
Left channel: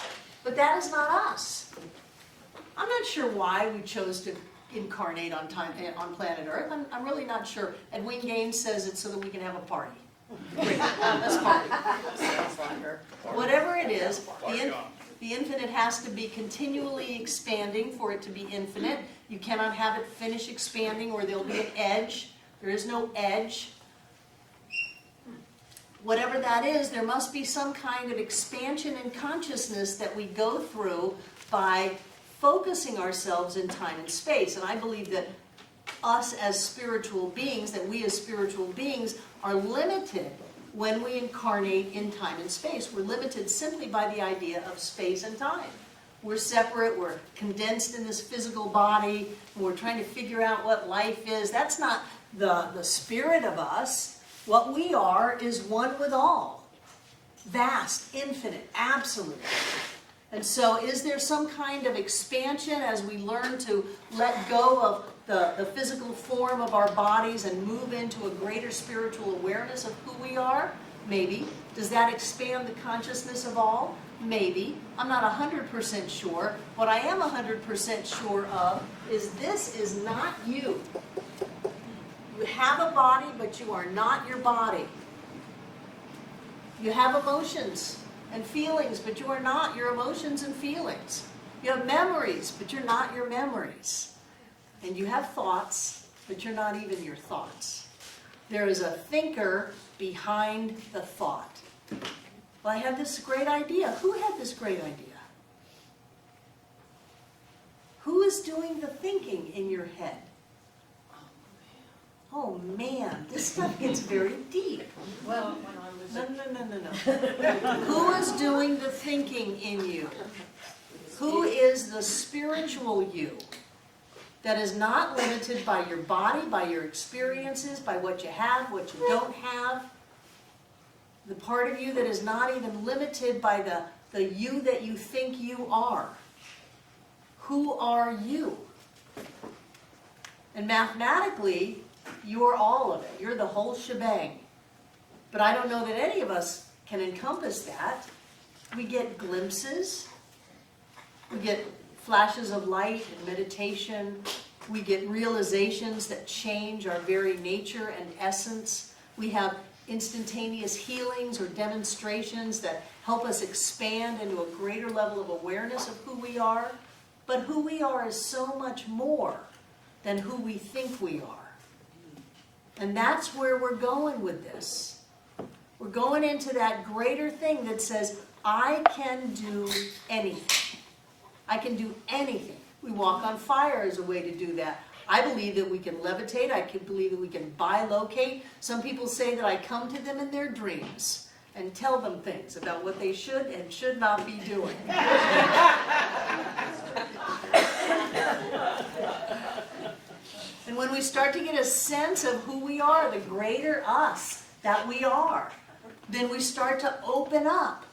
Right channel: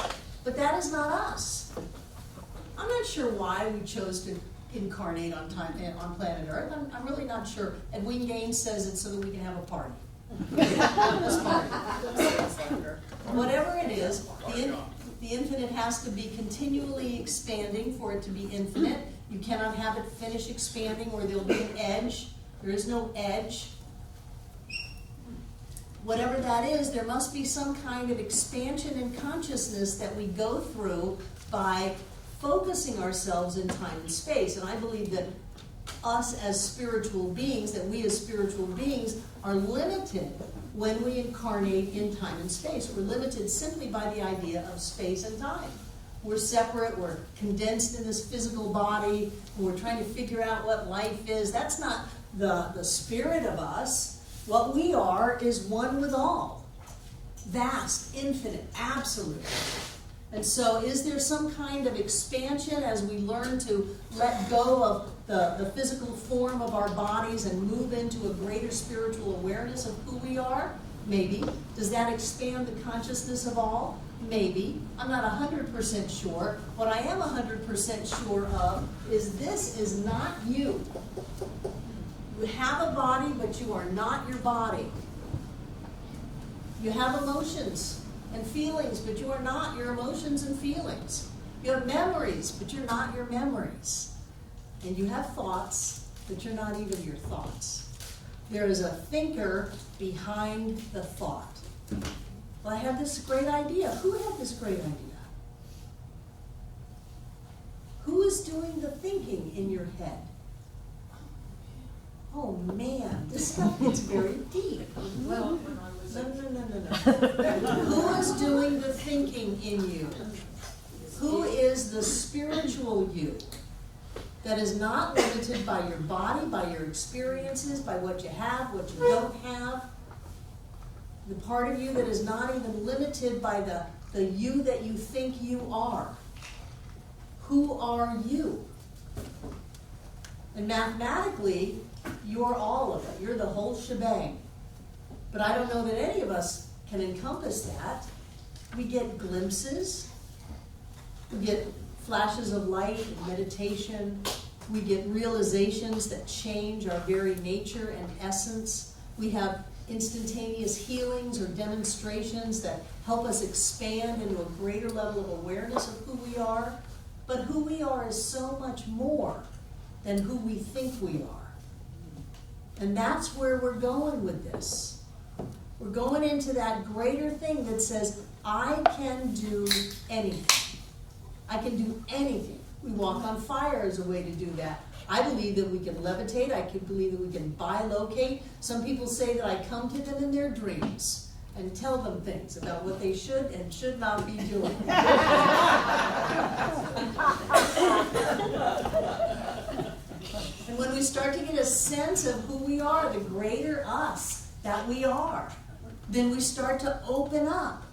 but that is not us. I'm not sure why we chose to incarnate on planet Earth. I'm really not sure. Edwin Gaines says it's so that we can have a party. Great, let's party. Whatever it is, the infinite has to be continually expanding for it to be infinite. You cannot have it finish expanding or there'll be an edge. There is no edge. Whatever that is, there must be some kind of expansion in consciousness that we go through by focusing ourselves in time and space. And I believe that us as spiritual beings, that we as spiritual beings are limited when we incarnate in time and space. We're limited simply by the idea of space and time. We're separate, we're condensed in this physical body, and we're trying to figure out what life is. That's not the spirit of us. What we are is one with all. Vast, infinite, absolute. And so is there some kind of expansion as we learn to let go of the physical form of our bodies and move into a greater spiritual awareness of who we are? Maybe. Does that expand the consciousness of all? Maybe. I'm not 100% sure. What I am 100% sure of is this is not you. You have a body, but you are not your body. You have emotions and feelings, but you are not your emotions and feelings. You have memories, but you're not your memories. And you have thoughts, but you're not even your thoughts. There is a thinker behind the thought. Well, I had this great idea. Who had this great idea? Who is doing the thinking in your head? Oh man, this stuff gets very deep. Well, when I was No. Who is doing the thinking in you? Who is the spiritual you that is not limited by your body, by your experiences, by what you have, what you don't have? The part of you that is not even limited by the you that you think you are. Who are you? And mathematically, you're all of it. You're the whole shebang. But I don't know that any of us can encompass that. We get glimpses. We get flashes of light and meditation. We get realizations that change our very nature and essence. We have instantaneous healings or demonstrations that help us expand into a greater level of awareness of who we are. But who we are is so much more than who we think we are. And that's where we're going with this. We're going into that greater thing that says, I can do anything. I can do anything. We walk on fire as a way to do that. I believe that we can levitate. I can believe that we can bilocate. Some people say that I come to them in their dreams and tell them things about what they should and should not be doing. And when we start to get a sense of who we are, the greater us that we are, then we start to open up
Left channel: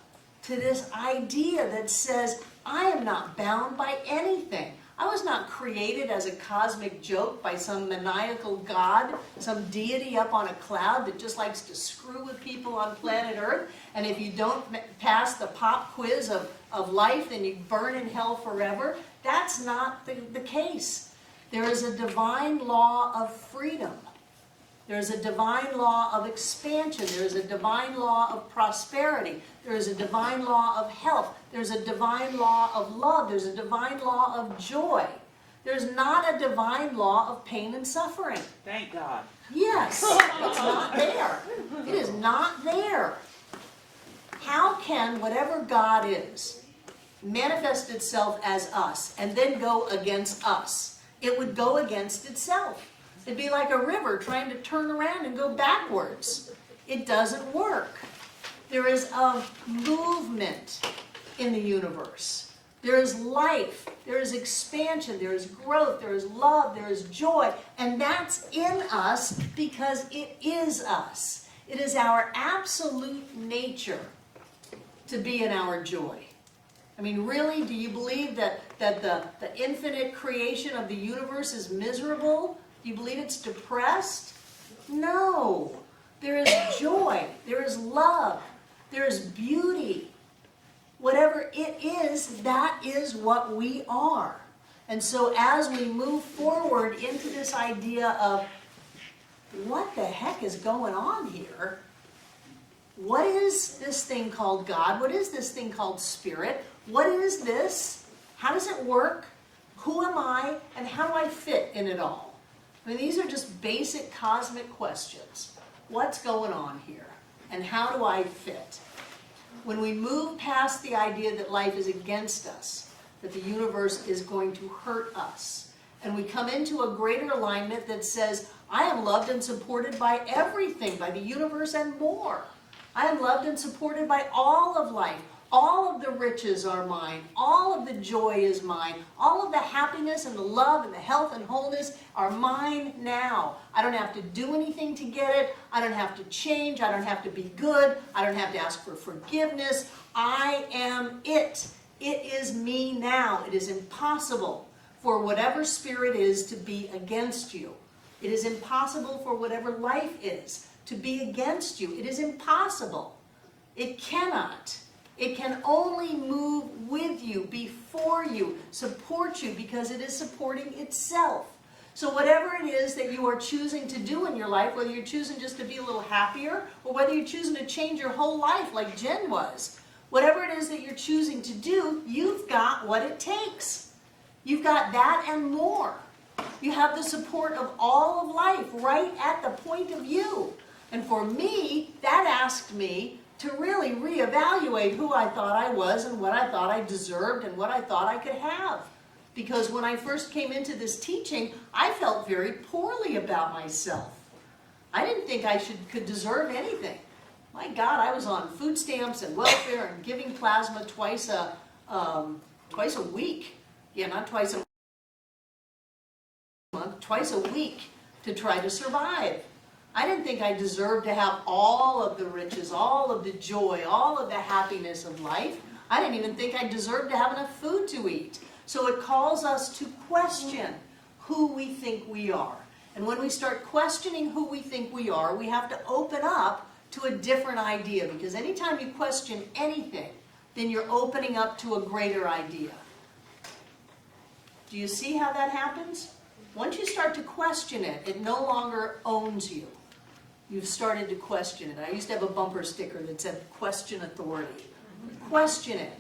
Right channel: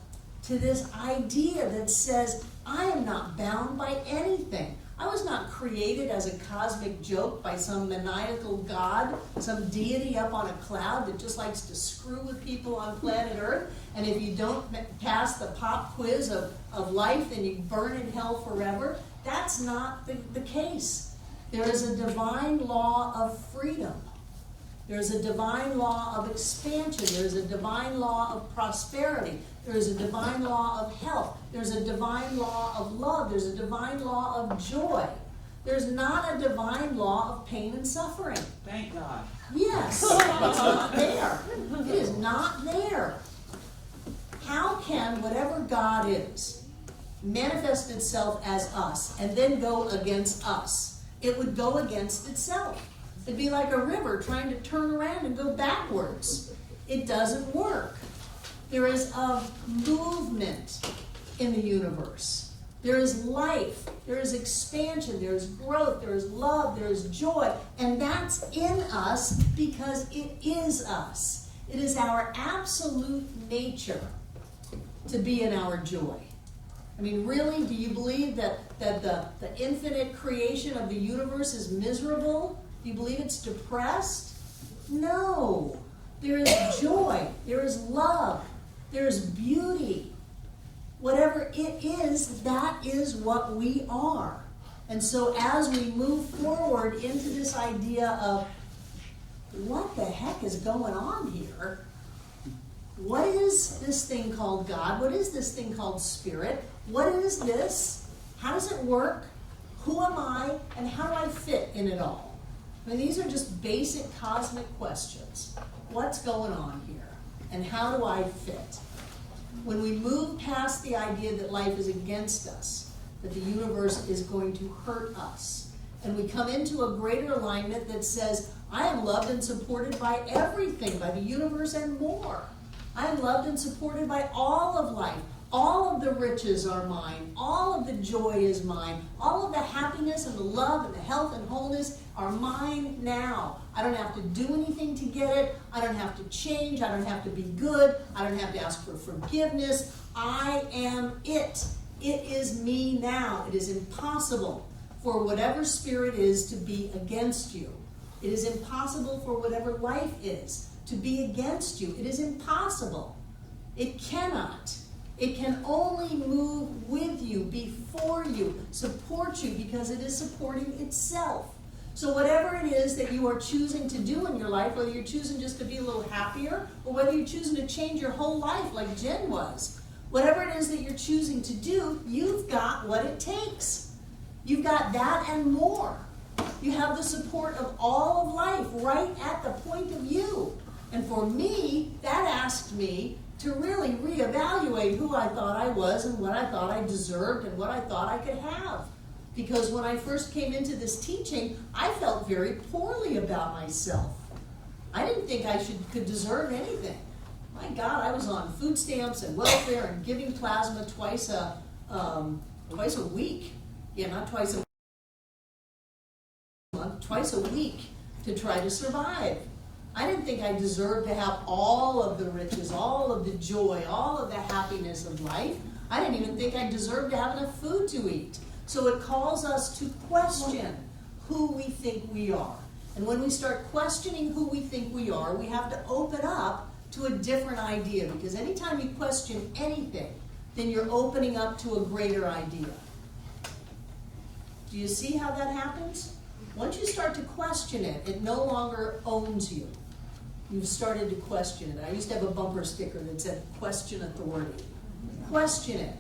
to this idea that says, I am not bound by anything. I was not created as a cosmic joke by some maniacal god, some deity up on a cloud that just likes to screw with people on planet Earth. And if you don't pass the pop quiz of life, then you burn in hell forever. That's not the case. There is a divine law of freedom. There is a divine law of expansion. There is a divine law of prosperity. There is a divine law of health. There's a divine law of love. There's a divine law of joy. There's not a divine law of pain and suffering. Thank God. Yes, it's not there. It is not there. How can whatever God is manifest itself as us and then go against us? It would go against itself. It'd be like a river trying to turn around and go backwards. It doesn't work. There is a movement in the universe. There is life. There is expansion. There is growth. There is love. There is joy. And that's in us because it is us. It is our absolute nature to be in our joy. I mean, really, do you believe that the infinite creation of the universe is miserable? Do you believe it's depressed? No. There is joy. There is love. There is beauty. Whatever it is, that is what we are. And so as we move forward into this idea of what the heck is going on here? What is this thing called God? What is this thing called spirit? What is this? How does it work? Who am I? And how do I fit in it all? I mean, these are just basic cosmic questions. What's going on here? And how do I fit? When we move past the idea that life is against us, that the universe is going to hurt us, and we come into a greater alignment that says, I am loved and supported by everything, by the universe and more. I am loved and supported by all of life. All of the riches are mine. All of the joy is mine. All of the happiness and the love and the health and wholeness are mine now. I don't have to do anything to get it. I don't have to change. I don't have to be good. I don't have to ask for forgiveness. I am it. It is me now. It is impossible for whatever spirit is to be against you. It is impossible for whatever life is to be against you. It is impossible. It cannot. It can only move with you, before you, support you, because it is supporting itself. So whatever it is that you are choosing to do in your life, whether you're choosing just to be a little happier, or whether you're choosing to change your whole life like Jen was, whatever it is that you're choosing to do, you've got what it takes. You've got that and more. You have the support of all of life right at the point of you. And for me, that asked me to really reevaluate who I thought I was and what I thought I deserved and what I thought I could have. Because when I first came into this teaching, I felt very poorly about myself. I didn't think I could deserve anything. My God, I was on food stamps and welfare and giving plasma twice a week. Yeah, not twice a month, twice a week to try to survive. I didn't think I deserved to have all of the riches, all of the joy, all of the happiness of life. I didn't even think I deserved to have enough food to eat. So it calls us to question who we think we are. And when we start questioning who we think we are, we have to open up to a different idea. Because anytime you question anything, then you're opening up to a greater idea. Do you see how that happens? Once you start to question it, it no longer owns you. You've started to question it. I used to have a bumper sticker that said, question authority. Question it.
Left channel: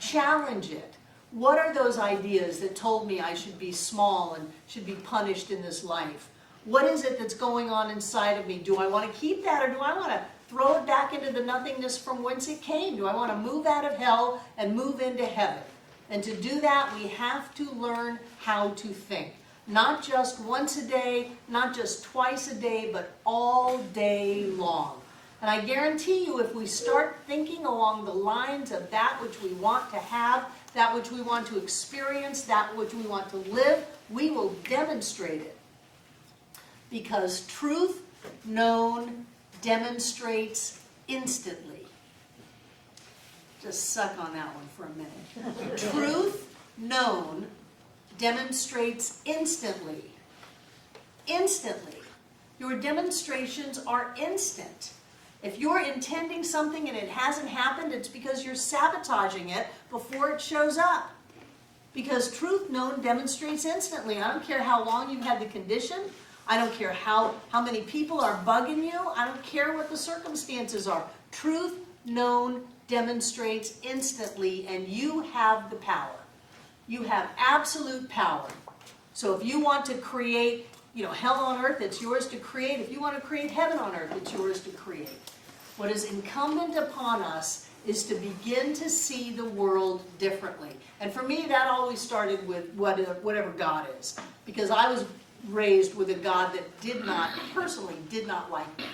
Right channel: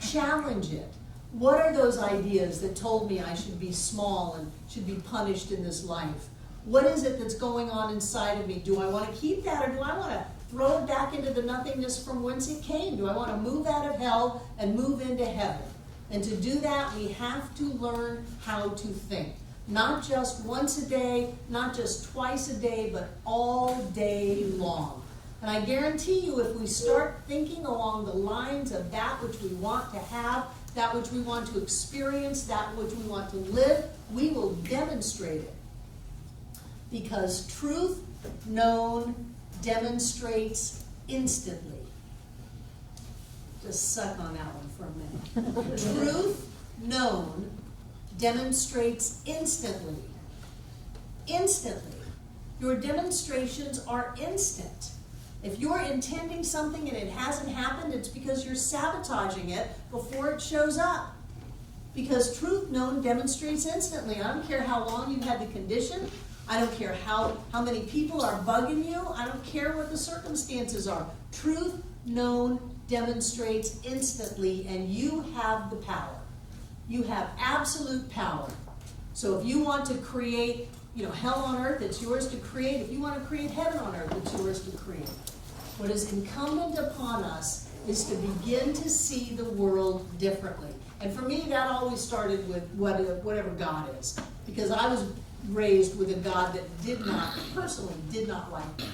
Challenge it. What are those ideas that told me I should be small and should be punished in this life? What is it that's going on inside of me? Do I want to keep that, or do I want to throw it back into the nothingness from whence it came? Do I want to move out of hell and move into heaven? And to do that, we have to learn how to think. Not just once a day, not just twice a day, but all day long. And I guarantee you, if we start thinking along the lines of that which we want to have, that which we want to experience, that which we want to live, we will demonstrate it. Because truth known demonstrates instantly. Just suck on that one for a minute. Truth known demonstrates instantly. Instantly. Your demonstrations are instant. If you're intending something and it hasn't happened, it's because you're sabotaging it before it shows up. Because truth known demonstrates instantly. I don't care how long you've had the condition. I don't care how many people are bugging you. I don't care what the circumstances are. Truth known demonstrates instantly, and you have the power. You have absolute power. So if you want to create, hell on earth, it's yours to create. If you want to create heaven on earth, it's yours to create. What is incumbent upon us is to begin to see the world differently. And for me, that always started with whatever God is. Because I was raised with a God that personally did not like me.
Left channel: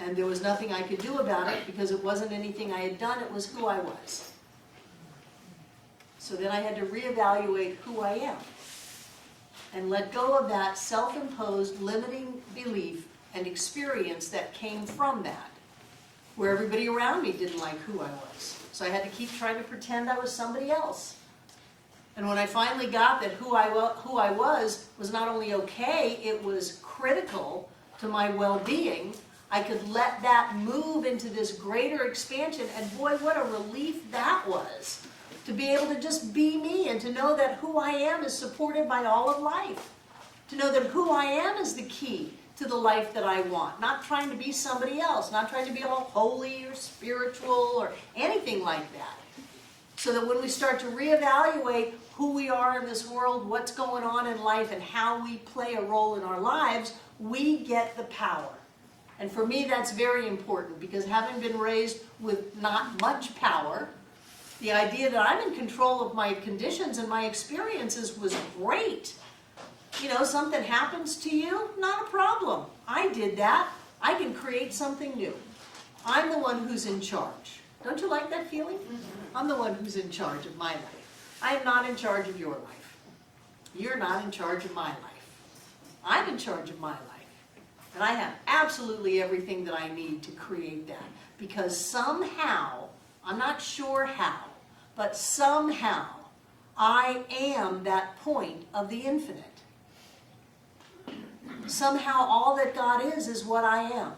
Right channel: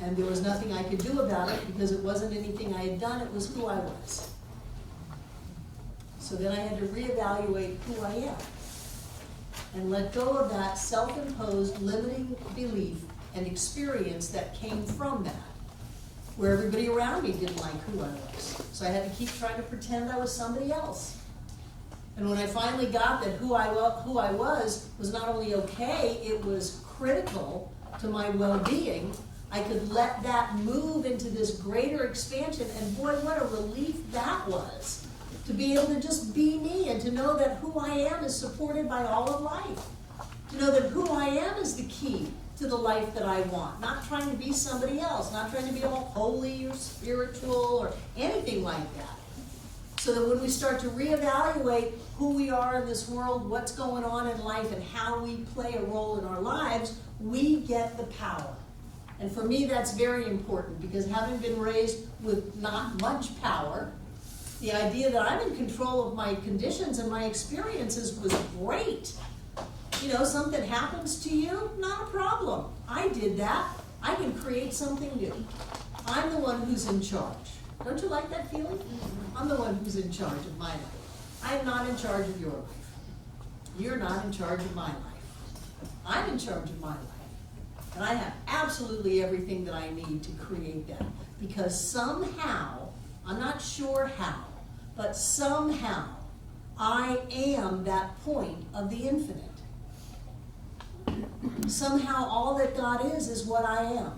And there was nothing I could do about it because it wasn't anything I had done, it was who I was. So then I had to reevaluate who I am and let go of that self-imposed limiting belief and experience that came from that, where everybody around me didn't like who I was. So I had to keep trying to pretend I was somebody else. And when I finally got that who I was not only okay, it was critical to my well-being, I could let that move into this greater expansion, and boy, what a relief that was. To be able to just be me and to know that who I am is supported by all of life. To know that who I am is the key to the life that I want. Not trying to be somebody else, not trying to be all holy or spiritual or anything like that. So that when we start to reevaluate who we are in this world, what's going on in life, and how we play a role in our lives, we get the power. And for me, that's very important, because having been raised with not much power, the idea that I'm in control of my conditions and my experiences was great. You know, something happens to you, not a problem. I did that. I can create something new. I'm the one who's in charge. Don't you like that feeling? I'm the one who's in charge of my life. I am not in charge of your life. You're not in charge of my life. I'm in charge of my life. And I have absolutely everything that I need to create that. Because somehow, I'm not sure how, but somehow, I am that point of the infinite. Somehow, all that God is what I am.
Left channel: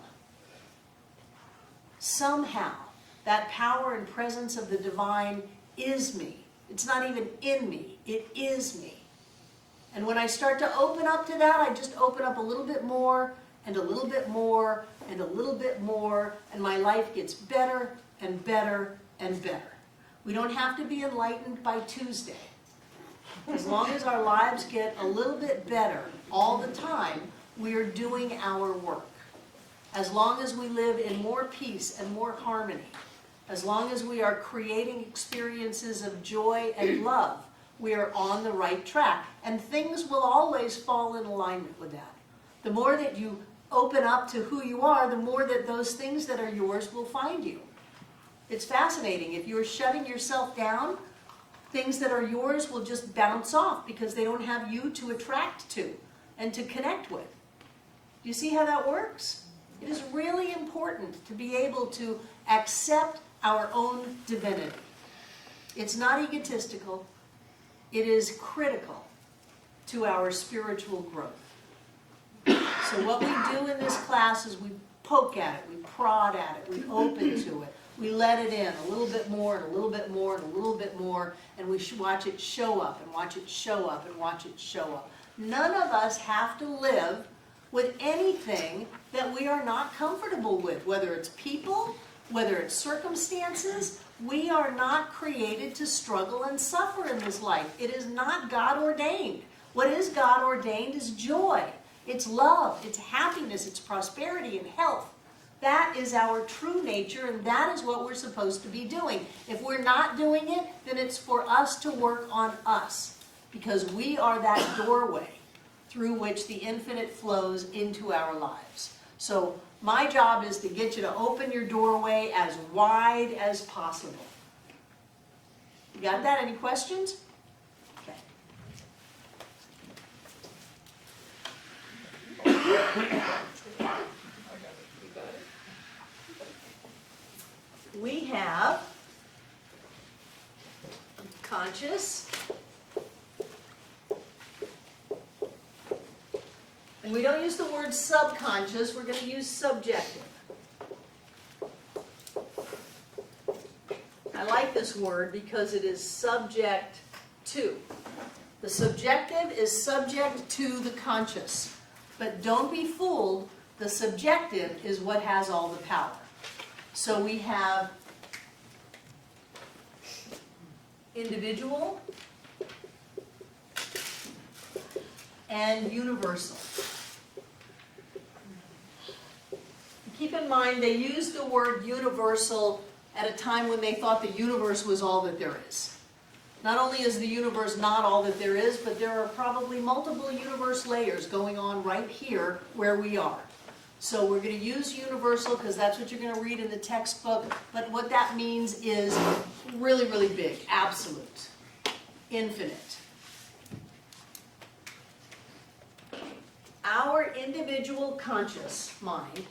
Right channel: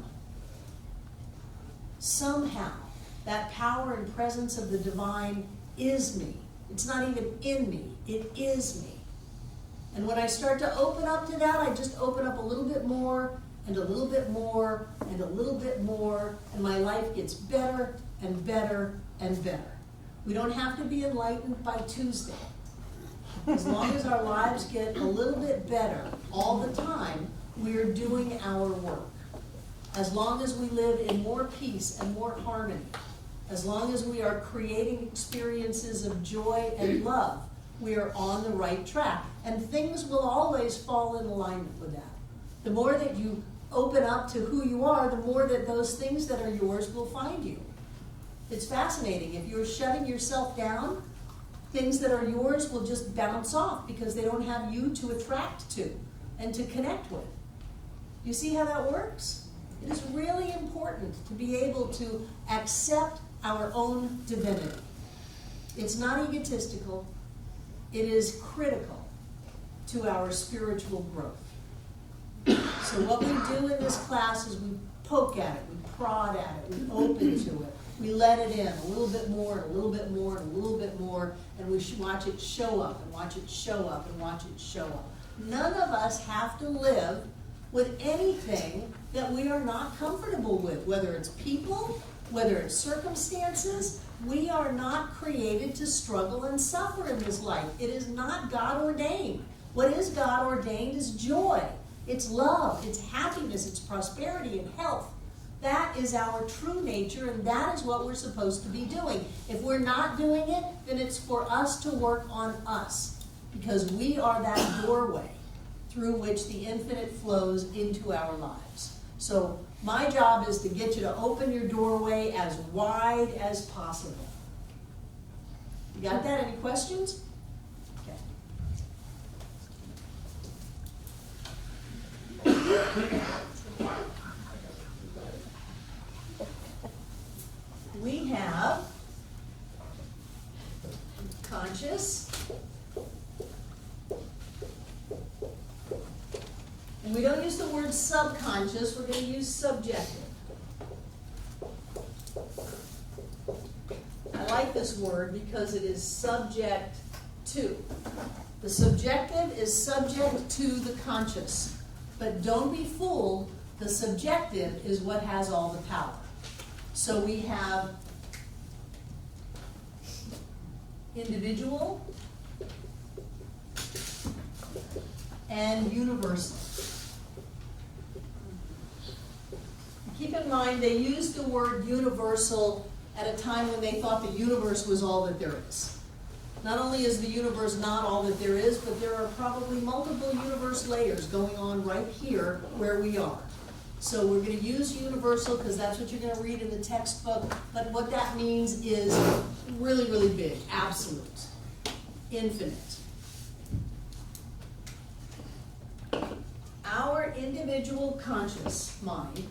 Somehow, that power and presence of the divine is me. It's not even in me, it is me. And when I start to open up to that, I just open up a little bit more, and a little bit more, and a little bit more, and my life gets better and better and better. We don't have to be enlightened by Tuesday. As long as our lives get a little bit better all the time, we are doing our work. As long as we live in more peace and more harmony, as long as we are creating experiences of joy and love, we are on the right track. And things will always fall in alignment with that. The more that you open up to who you are, the more that those things that are yours will find you. It's fascinating. If you're shutting yourself down, things that are yours will just bounce off because they don't have you to attract to and to connect with. You see how that works? It is really important to be able to accept our own divinity. It's not egotistical. It is critical to our spiritual growth. So what we do in this class is we poke at it, we prod at it, we open to it, we let it in a little bit more and a little bit more and a little bit more, and we watch it show up and watch it show up and watch it show up. None of us have to live with anything that we are not comfortable with, whether it's people, whether it's circumstances. We are not created to struggle and suffer in this life. It is not God ordained. What is God ordained is joy. It's love, it's happiness, it's prosperity and health. That is our true nature, and that is what we're supposed to be doing. If we're not doing it, then it's for us to work on us, because we are that doorway through which the infinite flows into our lives. So my job is to get you to open your doorway as wide as possible. You got that? Any questions? Okay. We have conscious, and we don't use the word subconscious, we're going to use subjective. I like this word because it is subject to. The subjective is subject to the conscious. But don't be fooled, the subjective is what has all the power. So we have individual and universal. Keep in mind, they used the word universal at a time when they thought the universe was all that there is. Not only is the universe not all that there is, but there are probably multiple universe layers going on right here where we are. So we're going to use universal because that's what you're going to read in the textbook. But what that means is really, really big, absolute, infinite. Our individual conscious mind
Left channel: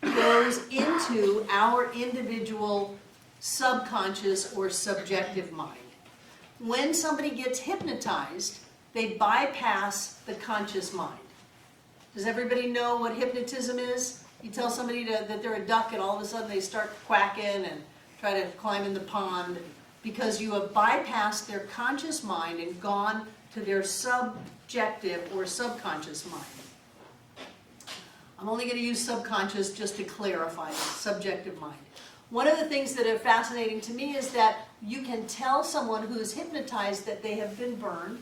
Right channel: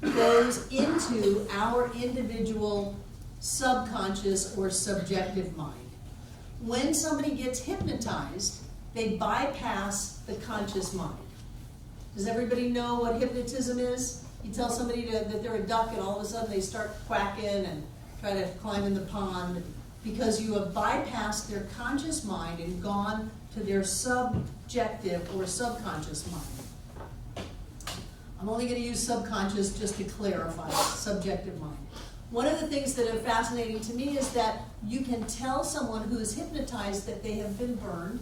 goes into our individual subconscious or subjective mind. When somebody gets hypnotized, they bypass the conscious mind. Does everybody know what hypnotism is? You tell somebody that they're a duck and all of a sudden they start quacking and try to climb in the pond because you have bypassed their conscious mind and gone to their subjective or subconscious mind. I'm only going to use subconscious just to clarify it, subjective mind. One of the things that are fascinating to me is that you can tell someone who is hypnotized that they have been burned,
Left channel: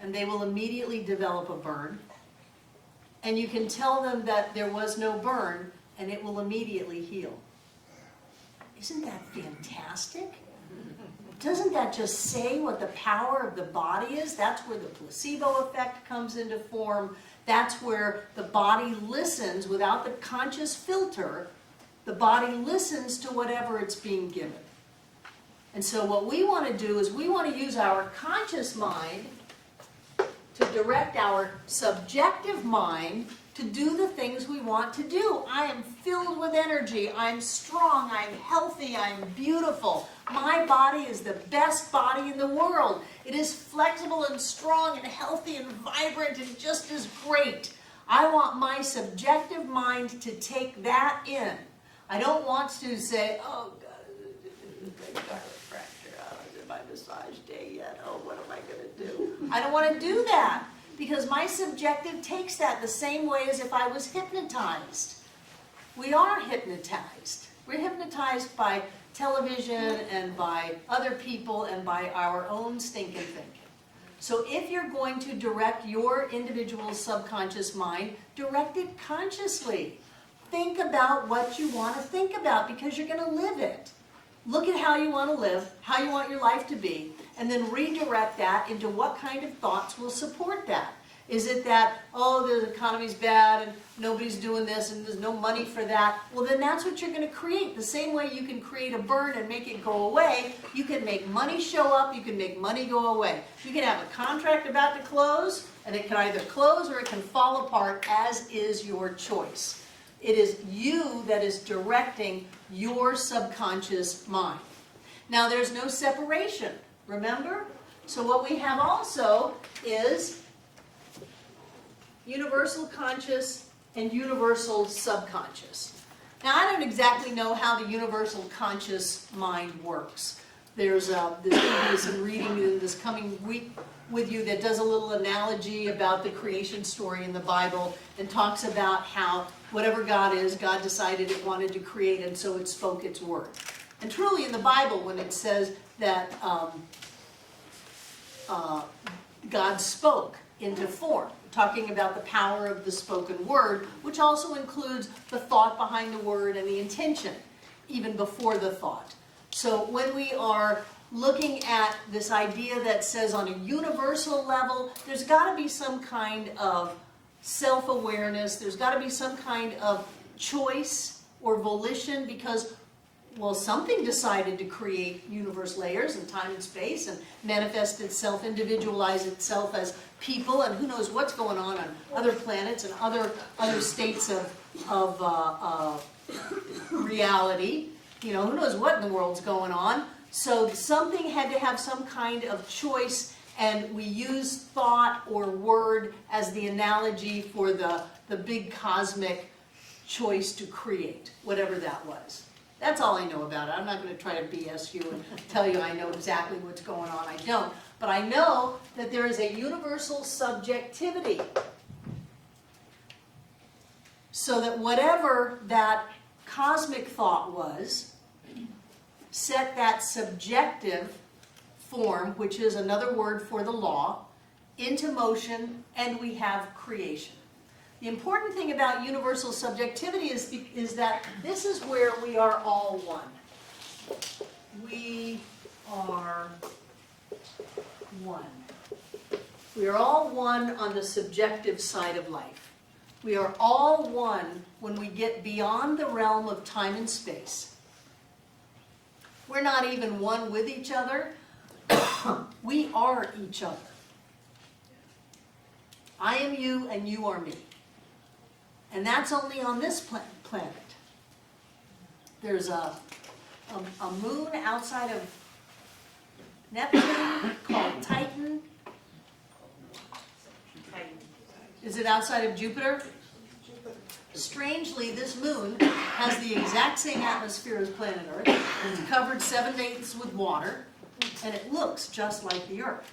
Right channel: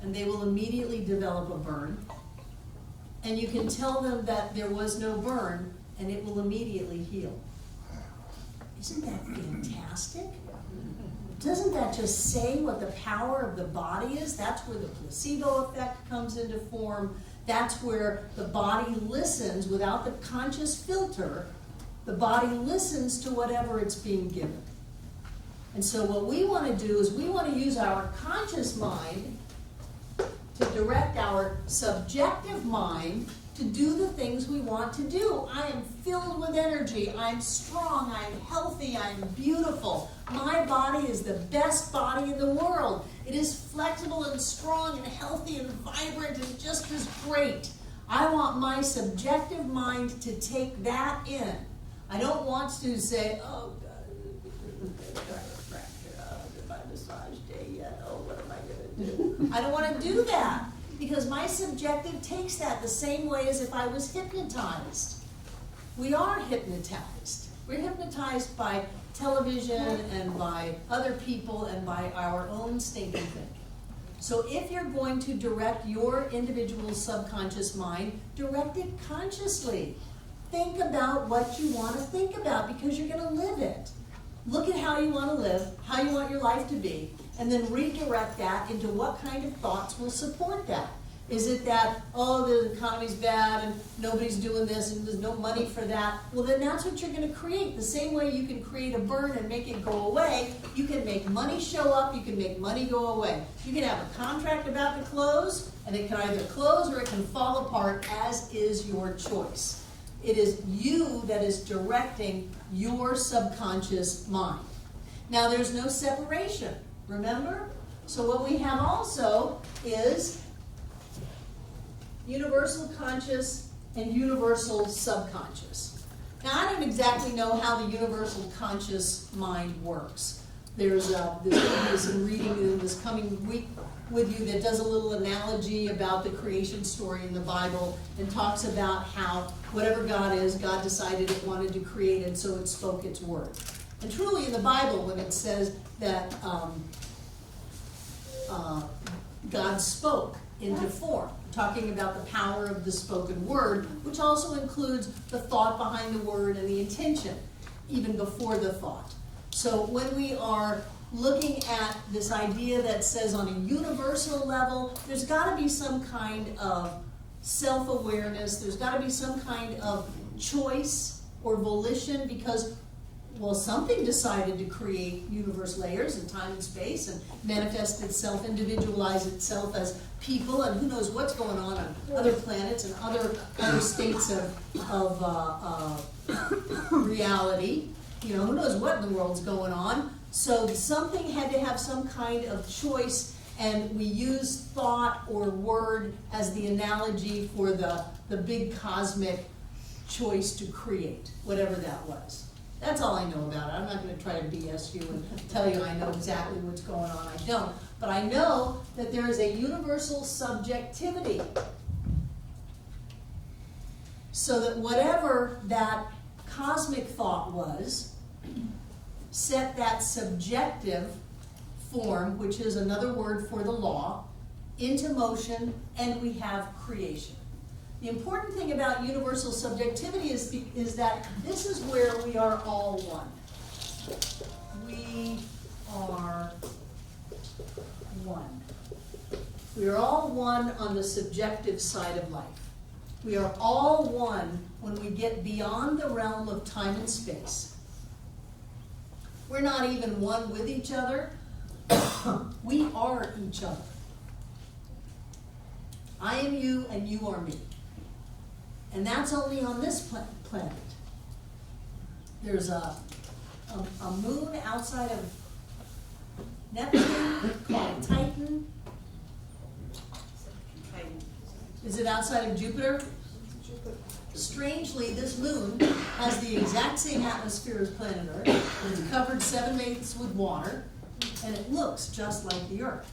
and they will immediately develop a burn. And you can tell them that there was no burn, and it will immediately heal. Isn't that fantastic? Doesn't that just say what the power of the body is? That's where the placebo effect comes into form. That's where the body listens without the conscious filter. The body listens to whatever it's being given. And so what we want to do is we want to use our conscious mind to direct our subjective mind to do the things we want to do. I am filled with energy. I'm strong. I'm healthy. I'm beautiful. My body is the best body in the world. It is flexible and strong and healthy and vibrant and just as great. I want my subjective mind to take that in. I don't want to say, oh, God, chiropractor, did my massage day yet? Oh, what am I going to do? I don't want to do that because my subjective takes that the same way as if I was hypnotized. We are hypnotized. We're hypnotized by television and by other people and by our own stinking thinking. So if you're going to direct your individual subconscious mind, direct it consciously. Think about what you want to think about because you're going to live it. Look at how you want to live, how you want your life to be, and then redirect that into what kind of thoughts will support that. Is it that, oh, the economy's bad and nobody's doing this and there's no money for that? Well, then that's what you're going to create. The same way you can create a burn and make it go away, you can make money show up, you can make money go away. You can have a contract about to close, and it can either close or it can fall apart, as is your choice. It is you that is directing your subconscious mind. Now, there's no separation, remember? So what we have also is universal conscious and universal subconscious. Now, I don't exactly know how the universal conscious mind works. There's some reading in this coming week with you that does a little analogy about the creation story in the Bible and talks about how whatever God is, God decided it wanted to create, and so it spoke its word. And truly in the Bible, when it says that God spoke into form, talking about the power of the spoken word, which also includes the thought behind the word and the intention, even before the thought. So when we are looking at this idea that says on a universal level, there's got to be some kind of self-awareness, there's got to be some kind of choice or volition because, well, something decided to create universe layers and time and space and manifest itself, individualize itself as people, and who knows what's going on other planets and other states of reality. You know, who knows what in the world's going on. So something had to have some kind of choice, and we use thought or word as the analogy for the big cosmic choice to create, whatever that was. That's all I know about it. I'm not going to try to BS you and tell you I know exactly what's going on. I don't. But I know that there is a universal subjectivity. So that whatever that cosmic thought was, set that subjective form, which is another word for the law, into motion, and we have creation. The important thing about universal subjectivity is that this is where we are all one. We are one. We are all one on the subjective side of life. We are all one when we get beyond the realm of time and space. We're not even one with each other. We are each other. I am you and you are me. And that's only on this planet. There's a moon outside of Neptune called Titan. Is it outside of Jupiter? Strangely, this moon has the exact same atmosphere as planet Earth. It's covered 7/8 with water, and it looks just like the Earth.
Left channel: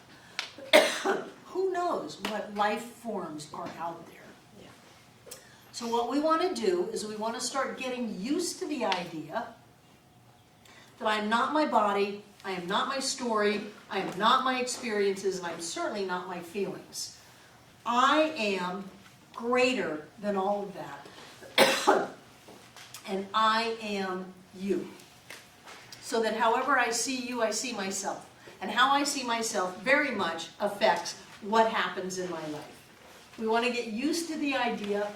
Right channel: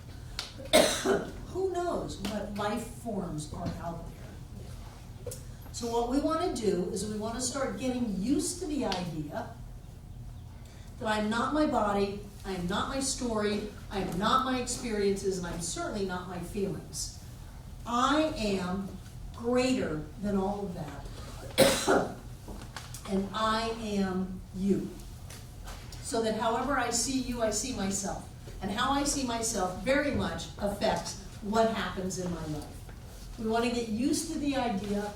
Who knows what life forms are out there? So what we want to do is we want to start getting used to the idea that I am not my body, I am not my story, I am not my experiences, and I'm certainly not my feelings. I am greater than all of that. And I am you. So that however I see you, I see myself. And how I see myself very much affects what happens in my life. We want to get used to the idea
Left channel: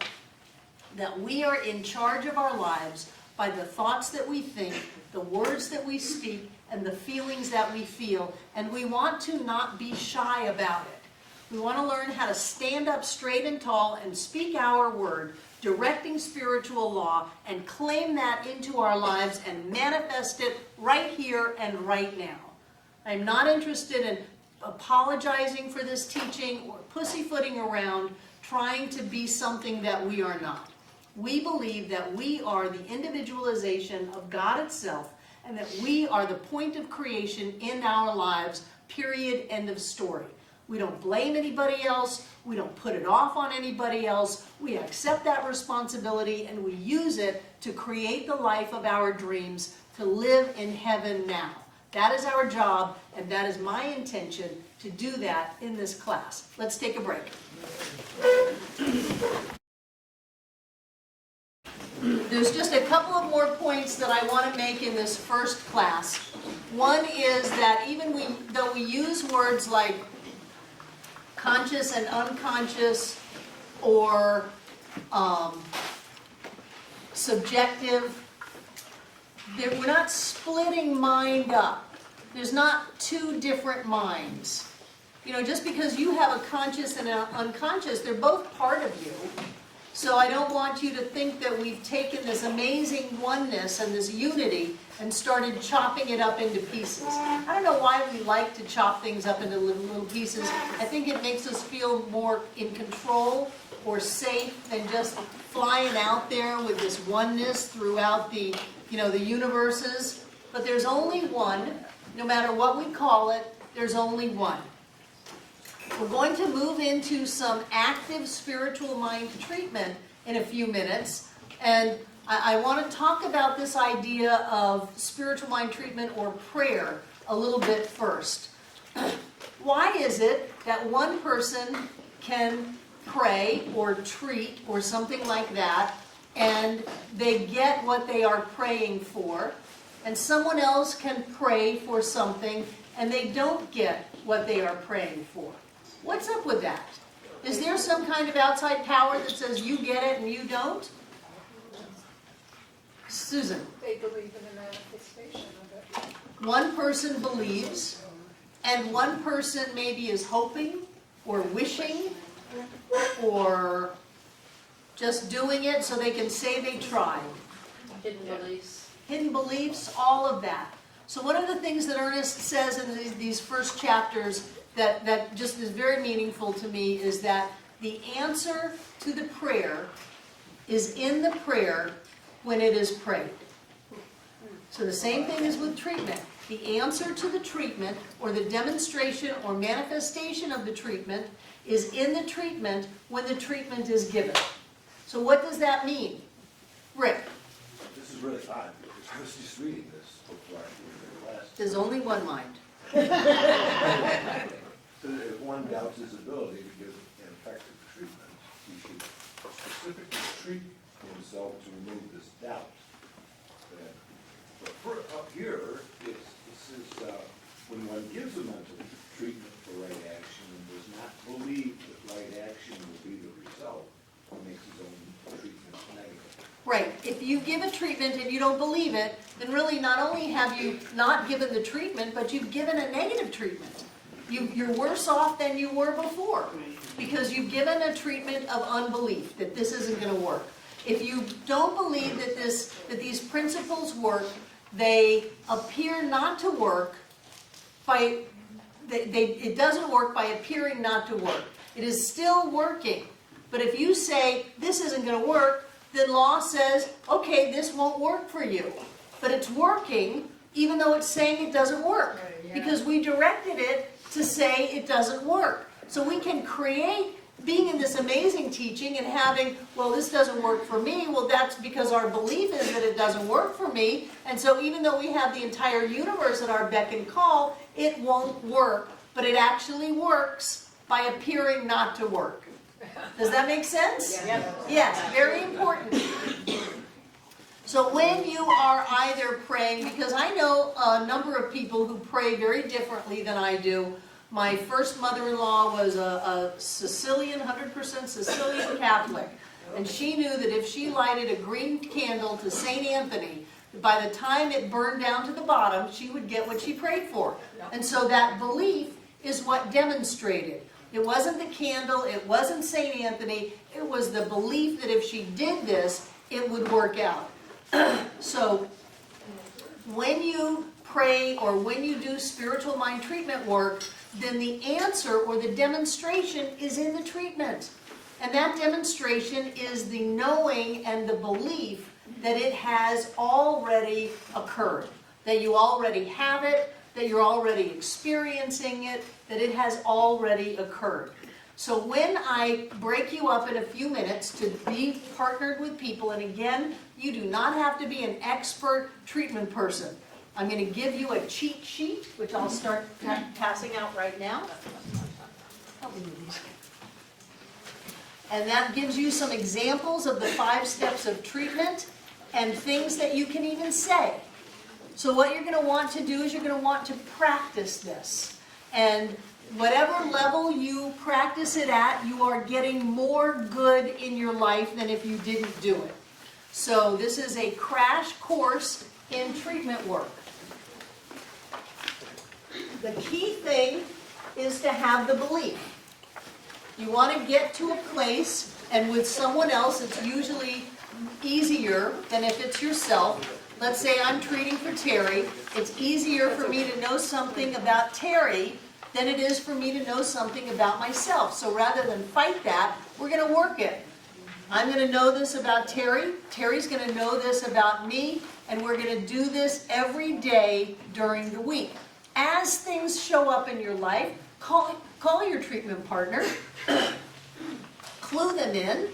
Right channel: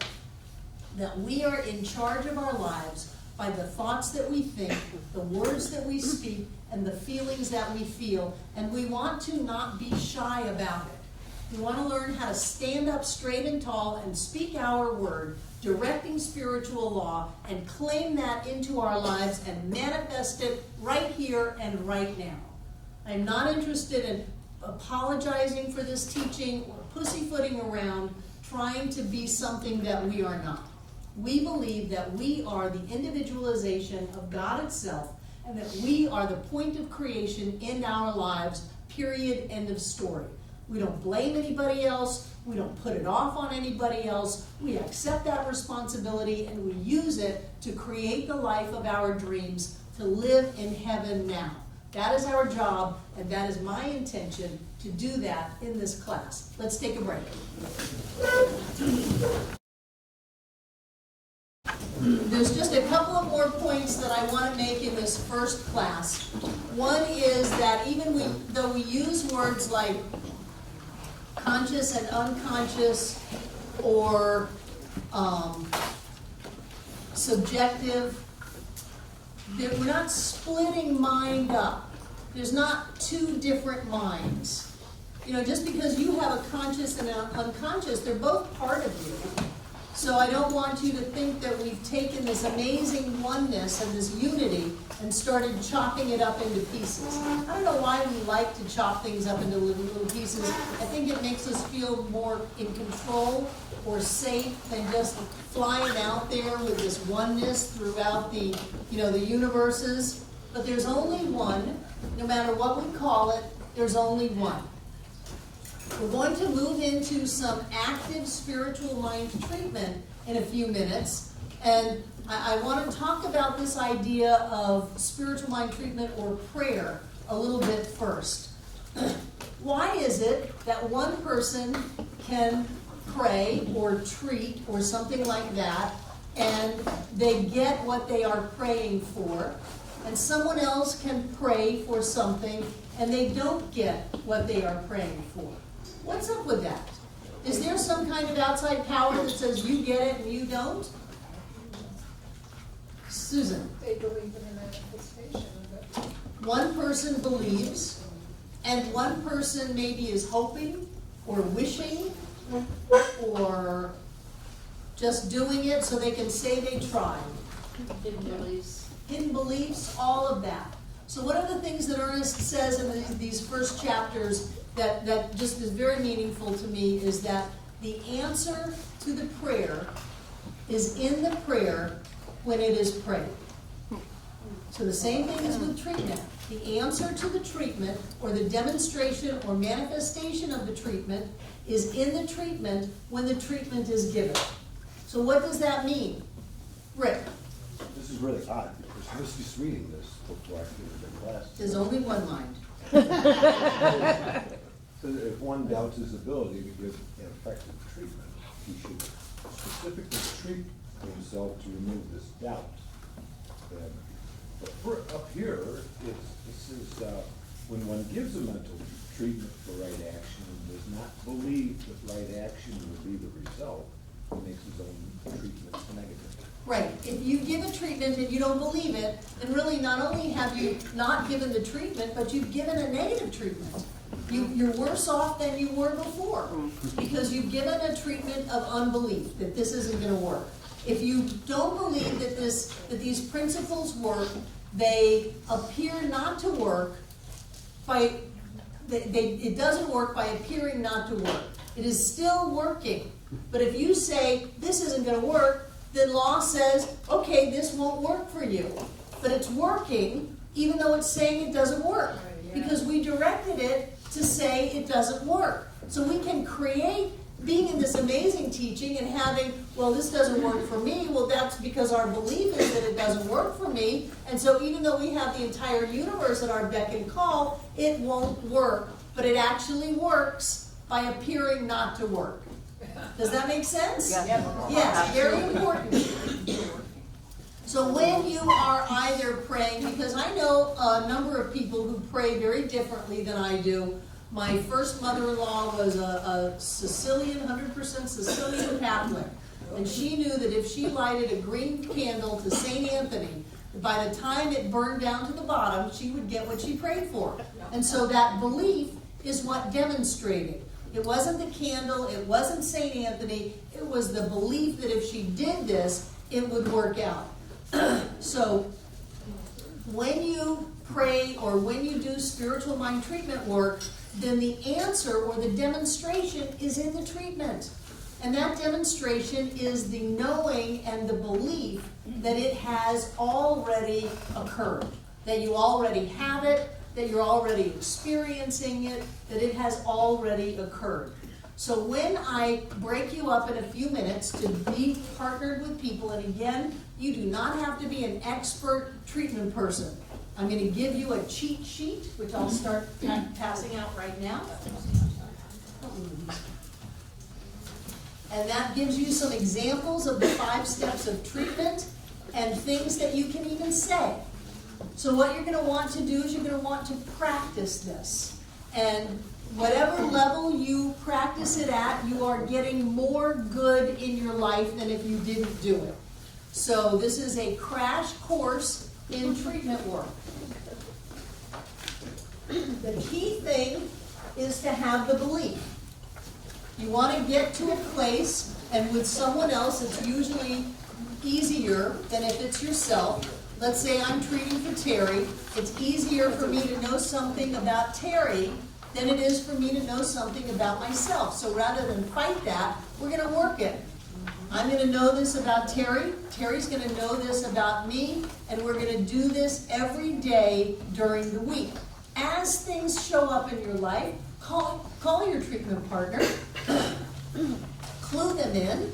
that we are in charge of our lives by the thoughts that we think, the words that we speak, and the feelings that we feel. And we want to not be shy about it. We want to learn how to stand up straight and tall and speak our word, directing spiritual law, and claim that into our lives and manifest it right here and right now. I'm not interested in apologizing for this teaching or pussyfooting around trying to be something that we are not. We believe that we are the individualization of God itself, and that we are the point of creation in our lives, period, end of story. We don't blame anybody else. We don't put it off on anybody else. We accept that responsibility and we use it to create the life of our dreams, to live in heaven now. That is our job, and that is my intention to do that in this class. Let's take a break. There's just a couple of more points that I want to make in this first class. One is that even though we use words like conscious and unconscious, or subjective, we're not splitting mind up. There's not two different minds. You know, just because you have a conscious and an unconscious, they're both part of you. So I don't want you to think that we've taken this amazing oneness and this unity and started chopping it up into pieces. I don't know why we like to chop things up into little pieces. I think it makes us feel more in control or safe than just flying out there with this oneness throughout the universes. But there's only one. No matter what we call it, there's only one. We're going to move into some active spiritual mind treatment in a few minutes. And I want to talk about this idea of spiritual mind treatment or prayer a little bit first. Why is it that one person can pray or treat or something like that, and they get what they are praying for, and someone else can pray for something and they don't get what they are praying for? What's up with that? Is there some kind of outside power that says you get it and you don't? Susan? They believe in the manifestation of it. One person believes, and one person maybe is hoping or wishing or just doing it so they can say they tried. Hidden beliefs. Hidden beliefs, all of that. So one of the things that Ernest says in these first chapters that just is very meaningful to me is that the answer to the prayer is in the prayer when it is prayed. So the same thing is with treatment. The answer to the treatment, or the demonstration or manifestation of the treatment, is in the treatment when the treatment is given. So what does that mean? Rick? This is really odd, because I was just reading this before I came to the class. There's only one mind. So if one doubts his ability to give an effective treatment, he should specifically treat himself to remove this doubt. Up here, it says when one gives a mental treatment for right action and does not believe that right action will be the result, he makes his own treatment negative. Right. If you give a treatment and you don't believe it, then really not only have you not given the treatment, but you've given a negative treatment. You're worse off than you were before, because you've given a treatment of unbelief, that this isn't gonna work. If you don't believe that these principles work, they appear not to work it doesn't work by appearing not to work. It is still working. But if you say, this isn't gonna work, then law says, okay, this won't work for you. But it's working, even though it's saying it doesn't work. Because we directed it to say it doesn't work. So we can create being in this amazing teaching and having, well, this doesn't work for me. Well, that's because our belief is that it doesn't work for me. And so even though we have the entire universe at our beck and call, it won't work. But it actually works by appearing not to work. Does that make sense? Yes, very important. So when you are either praying, because I know a number of people who pray very differently than I do. My first mother-in-law was a Sicilian, 100% Sicilian Catholic. And she knew that if she lighted a green candle to St. Anthony, by the time it burned down to the bottom, she would get what she prayed for. And so that belief is what demonstrated. It wasn't the candle, it wasn't St. Anthony, it was the belief that if she did this, it would work out. So when you pray or when you do spiritual mind treatment work, then the answer or the demonstration is in the treatment. And that demonstration is the knowing and the belief that it has already occurred, that you already have it, that you're already experiencing it, that it has already occurred. So when I break you up in a few minutes to be partnered with people, and again, you do not have to be an expert treatment person. I'm going to give you a cheat sheet, which I'll start passing out right now. And that gives you some examples of the 5 steps of treatment and things that you can even say. So what you're going to want to do is you're going to want to practice this. And whatever level you practice it at, you are getting more good in your life than if you didn't do it. So this is a crash course in treatment work. The key thing is to have the belief. You want to get to a place, and with someone else, it's usually easier than if it's yourself. Let's say I'm treating for Terry. It's easier for me to know something about Terry than it is for me to know something about myself. So rather than fight that, we're going to work it. I'm going to know this about Terry. Terry's going to know this about me. And we're going to do this every day during the week. As things show up in your life, call your treatment partner. Clue them in.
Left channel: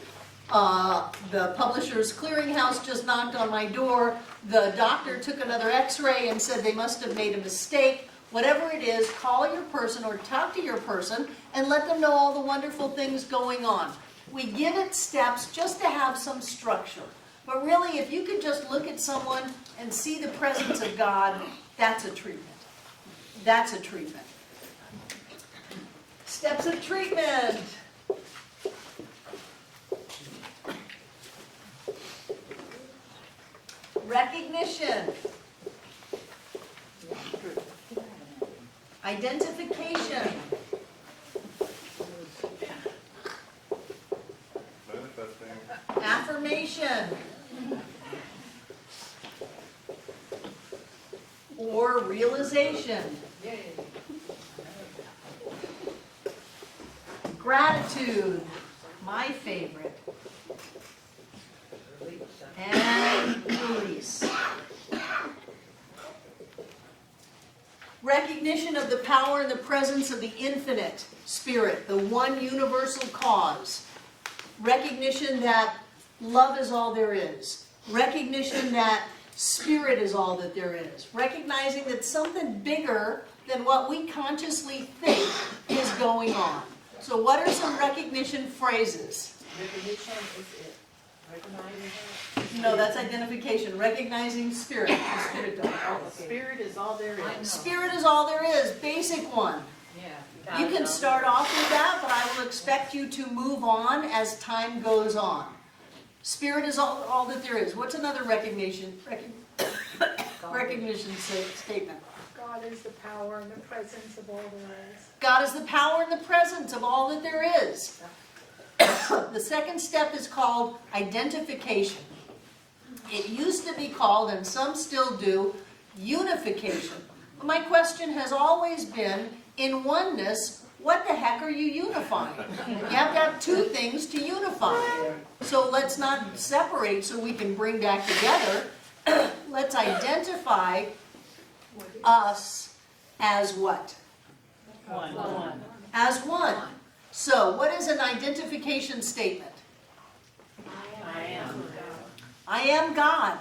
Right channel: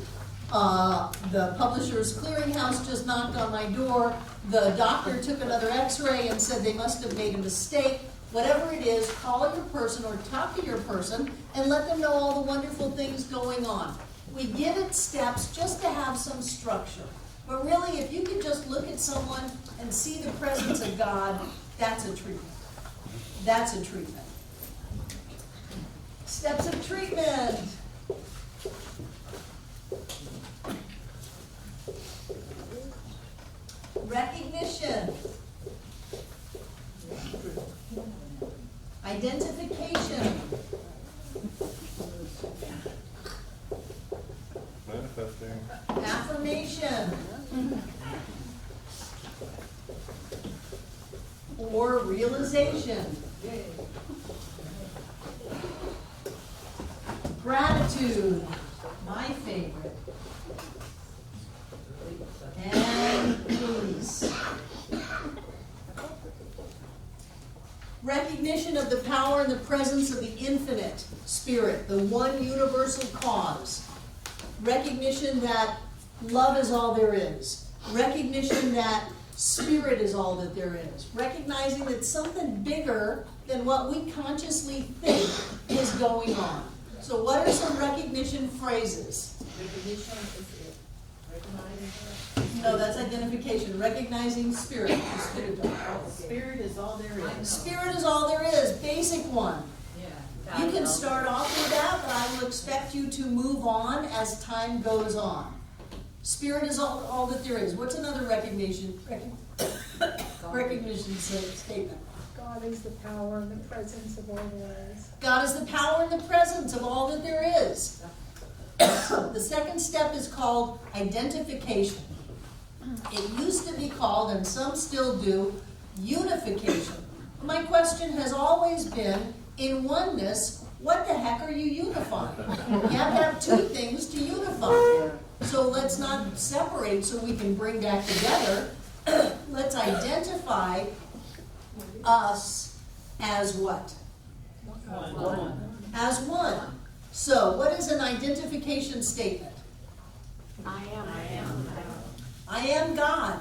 The Publishers Clearinghouse just knocked on my door. The doctor took another x-ray and said they must have made a mistake. Whatever it is, call your person or talk to your person and let them know all the wonderful things going on. We give it steps just to have some structure. But really, if you could just look at someone and see the presence of God, that's a treatment. That's a treatment. Steps of treatment. Recognition. Identification. Affirmation. Or realization. Gratitude, my favorite. And release. Recognition of the power and the presence of the infinite spirit, the one universal cause. Recognition that love is all there is. Recognition that spirit is all that there is. Recognizing that something bigger than what we consciously think is going on. So what are some recognition phrases? Recognition is it. Recognizing. No, that's identification. Recognizing spirit. The spirit dog. Spirit is all there is. Spirit is all there is. Basic one. Yeah. You can start off with that, but I will expect you to move on as time goes on. Spirit is all that there is. What's another recognition statement? God is the power and the presence of all there is. God is the power and the presence of all that there is. The second step is called identification. It used to be called, and some still do, unification. My question has always been, in oneness, what the heck are you unifying? You have to have two things to unify. So let's not separate so we can bring back together. Let's identify us as what? One. As one. So what is an identification statement? I am. I am God.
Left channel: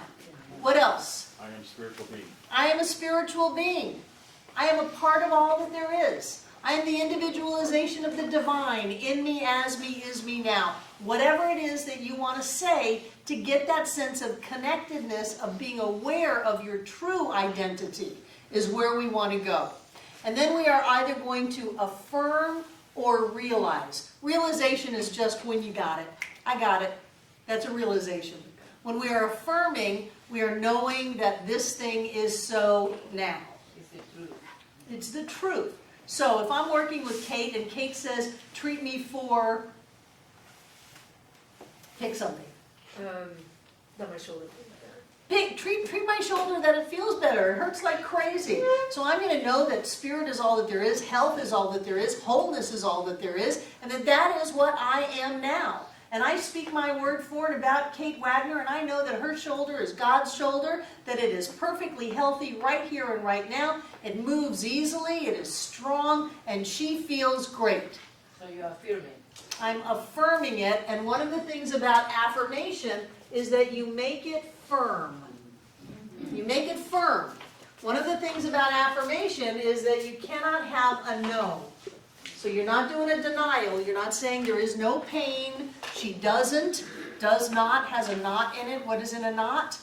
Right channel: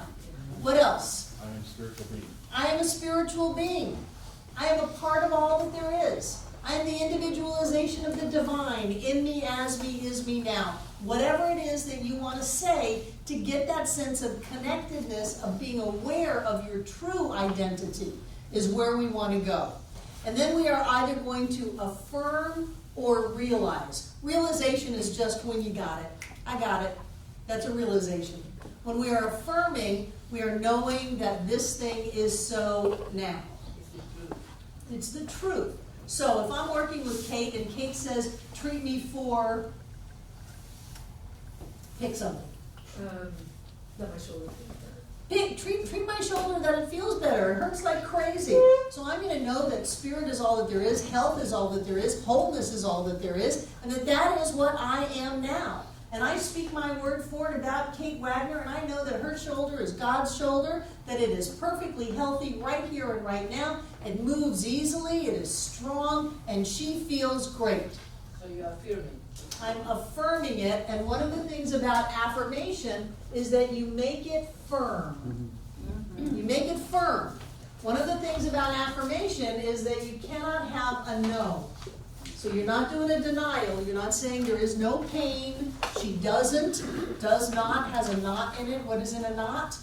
What else? I am spiritual being. I am a spiritual being. I am a part of all that there is. I am the individualization of the divine, in me, as me, is me now. Whatever it is that you want to say to get that sense of connectedness, of being aware of your true identity, is where we want to go. And then we are either going to affirm or realize. Realization is just when you got it. I got it. That's a realization. When we are affirming, we are knowing that this thing is so now. It's the truth. It's the truth. So if I'm working with Kate and Kate says, treat me for, pick something. Not my shoulder feels better. Treat my shoulder that it feels better. It hurts like crazy. So I'm going to know that spirit is all that there is, health is all that there is, wholeness is all that there is, and that is what I am now. And I speak my word for and about Kate Wagner, and I know that her shoulder is God's shoulder, that it is perfectly healthy right here and right now. It moves easily, it is strong, and she feels great. So you are affirming. I'm affirming it, and one of the things about affirmation is that you make it firm. You make it firm. One of the things about affirmation is that you cannot have a no. So you're not doing a denial. You're not saying there is no pain. She doesn't, does not, has a not in it. What is in a not?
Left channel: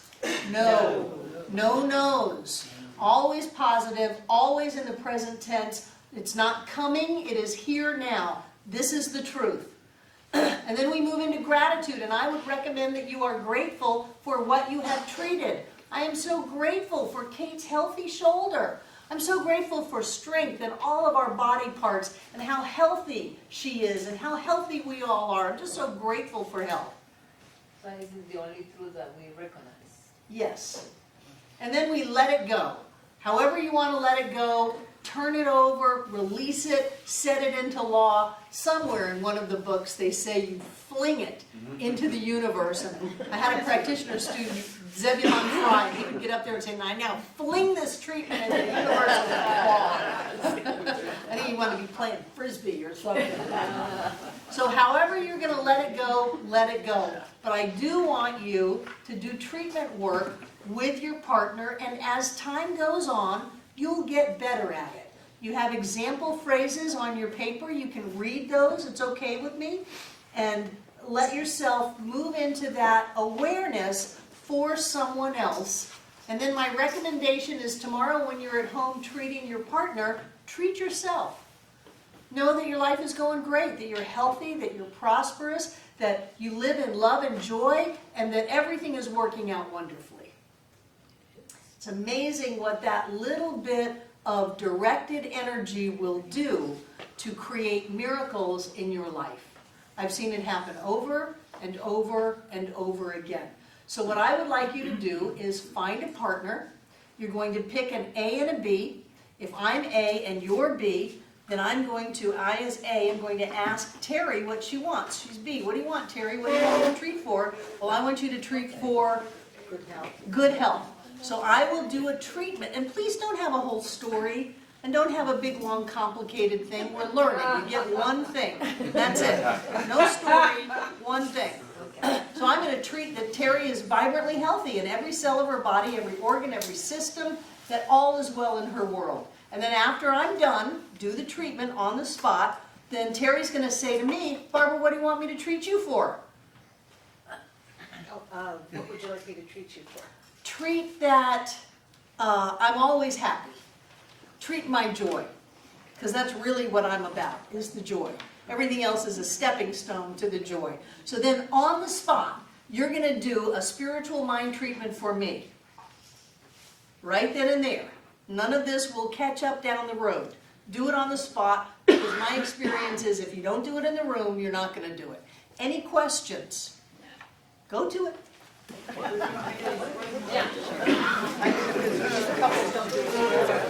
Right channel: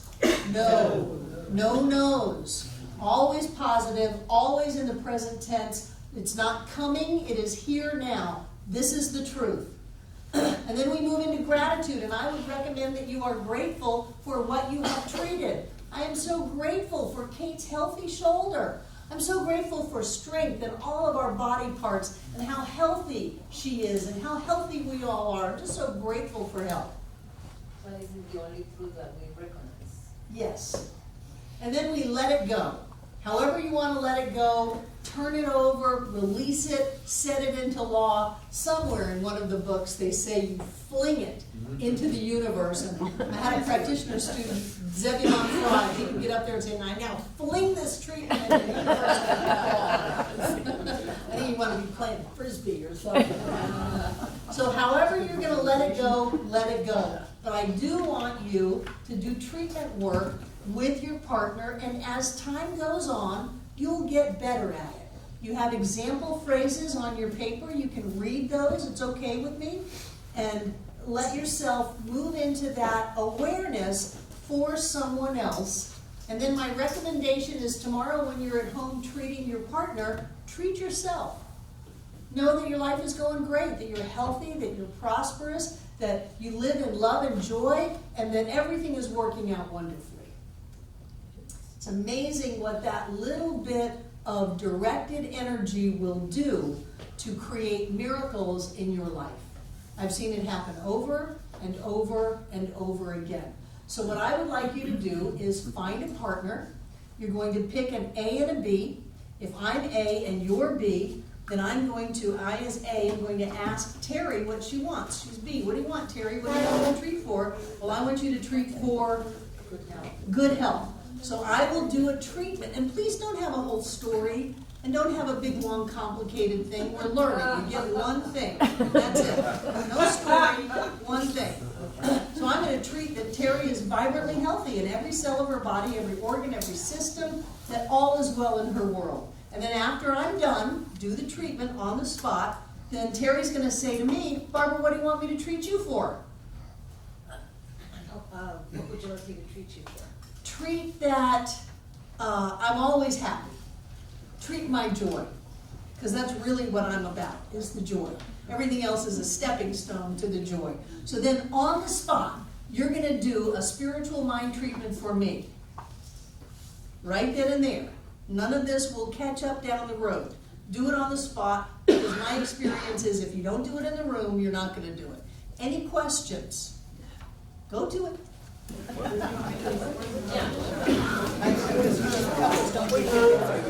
No. No no's. Always positive, always in the present tense. It's not coming, it is here now. This is the truth. And then we move into gratitude, and I would recommend that you are grateful for what you have treated. I am so grateful for Kate's healthy shoulder. I'm so grateful for strength in all of our body parts and how healthy she is and how healthy we all are. I'm just so grateful for health. So this is the only truth that we recognize. Yes. And then we let it go. However you want to let it go, turn it over, release it, set it into law. Somewhere in one of the books they say you fling it into the universe. And I had a practitioner student, Zebulon Fry, he would get up there and say, I now fling this treatment into the universe with a ball. I think you want to be playing Frisbee or something. So however you're going to let it go, let it go. But I do want you to do treatment work with your partner, and as time goes on, you'll get better at it. You have example phrases on your paper. You can read those. It's okay with me. And let yourself move into that awareness for someone else. And then my recommendation is tomorrow when you're at home treating your partner, treat yourself. Know that your life is going great, that you're healthy, that you're prosperous, that you live in love and joy, and that everything is working out wonderfully. It's amazing what that little bit of directed energy will do to create miracles in your life. I've seen it happen over and over and over again. So what I would like you to do is find a partner. You're going to pick an A and a B. If I'm A and you're B, then I as A am going to ask Terry what she wants. She's B. What do you want, Terry? What do you want me to treat for? Well, I want you to treat for Good health. good health. So I will do a treatment. And please don't have a whole story. And don't have a big, long, complicated thing. We're learning. You get one thing. That's it. No story, one thing. So I'm going to treat that Terry is vibrantly healthy in every cell of her body, every organ, every system, that all is well in her world. And then after I'm done, do the treatment on the spot, then Terry's going to say to me, Barbara, what do you want me to treat you for? What would you like me to treat you for? Treat that I'm always happy. Treat my joy, because that's really what I'm about, is the joy. Everything else is a stepping stone to the joy. So then on the spot, you're going to do a spiritual mind treatment for me. Right then and there. None of this will catch up down the road. Do it on the spot, because my experience is if you don't do it in the room, you're not gonna do it. Any questions? Go to it. Couples don't do it together.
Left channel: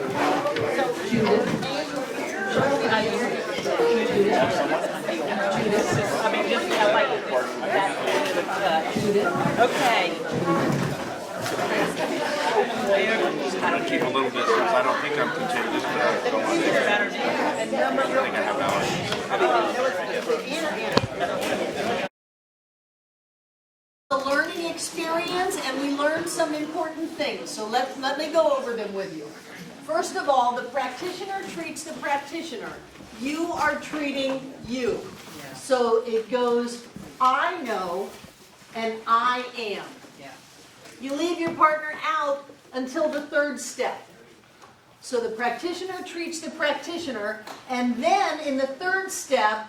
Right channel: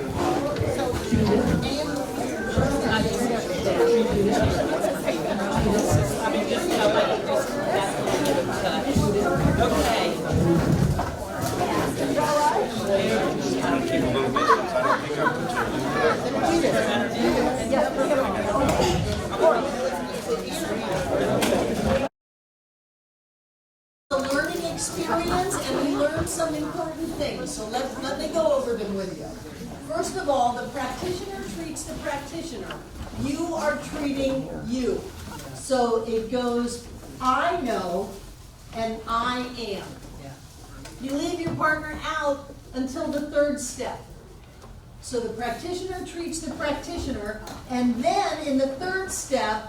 I mean, just, I like this, that kind of touch. Okay. I'm gonna keep a little bit, because I don't think I'm contingent, but I don't think I have knowledge. A learning experience, and we learned some important things, so let me go over them with you. First of all, the practitioner treats the practitioner. You are treating you. So it goes, I know, and I am. You leave your partner out until the third step. So the practitioner treats the practitioner, and then in the third step,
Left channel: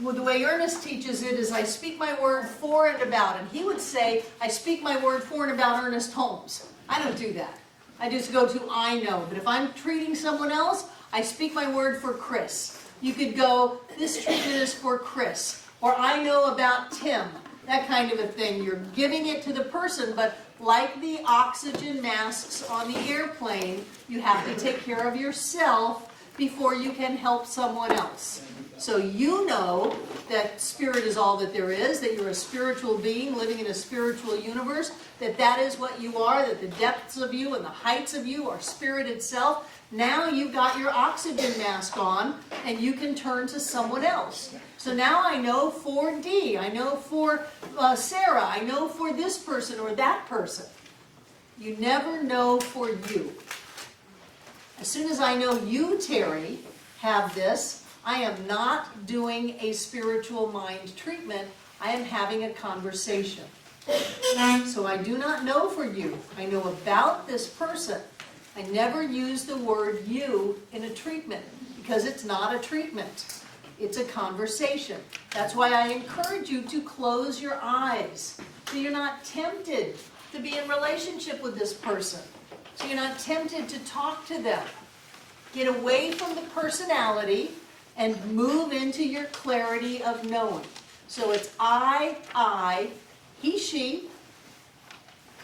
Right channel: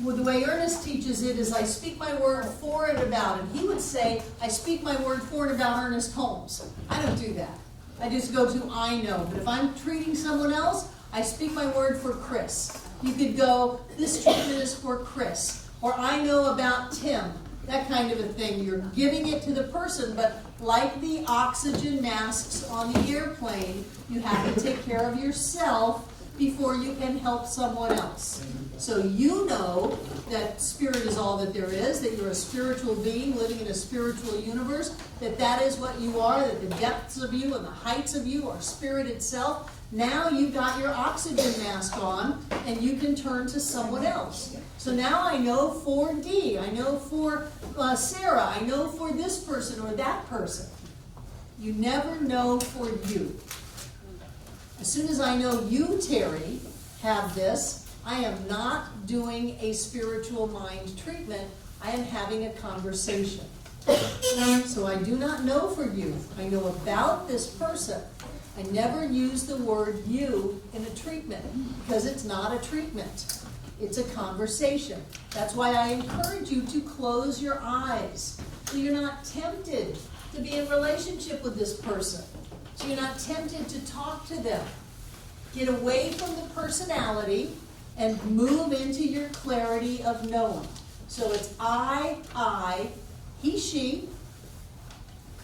well, the way Ernest teaches it is I speak my word for and about it. He would say, I speak my word for and about Ernest Holmes. I don't do that. I just go to I know. But if I'm treating someone else, I speak my word for Chris. You could go, this treatment is for Chris. Or I know about Tim. That kind of a thing. You're giving it to the person, but like the oxygen masks on the airplane, you have to take care of yourself before you can help someone else. So you know that spirit is all that there is, that you're a spiritual being living in a spiritual universe, that that is what you are, that the depths of you and the heights of you are spirit itself. Now you've got your oxygen mask on, and you can turn to someone else. So now I know for Dee, I know for Sarah, I know for this person or that person. You never know for you. As soon as I know you, Terry, have this, I am not doing a spiritual mind treatment. I am having a conversation. So I do not know for you. I know about this person. I never use the word you in a treatment because it's not a treatment. It's a conversation. That's why I encourage you to close your eyes so you're not tempted to be in relationship with this person. So you're not tempted to talk to them. Get away from the personality and move into your clarity of knowing. So it's I, he, she,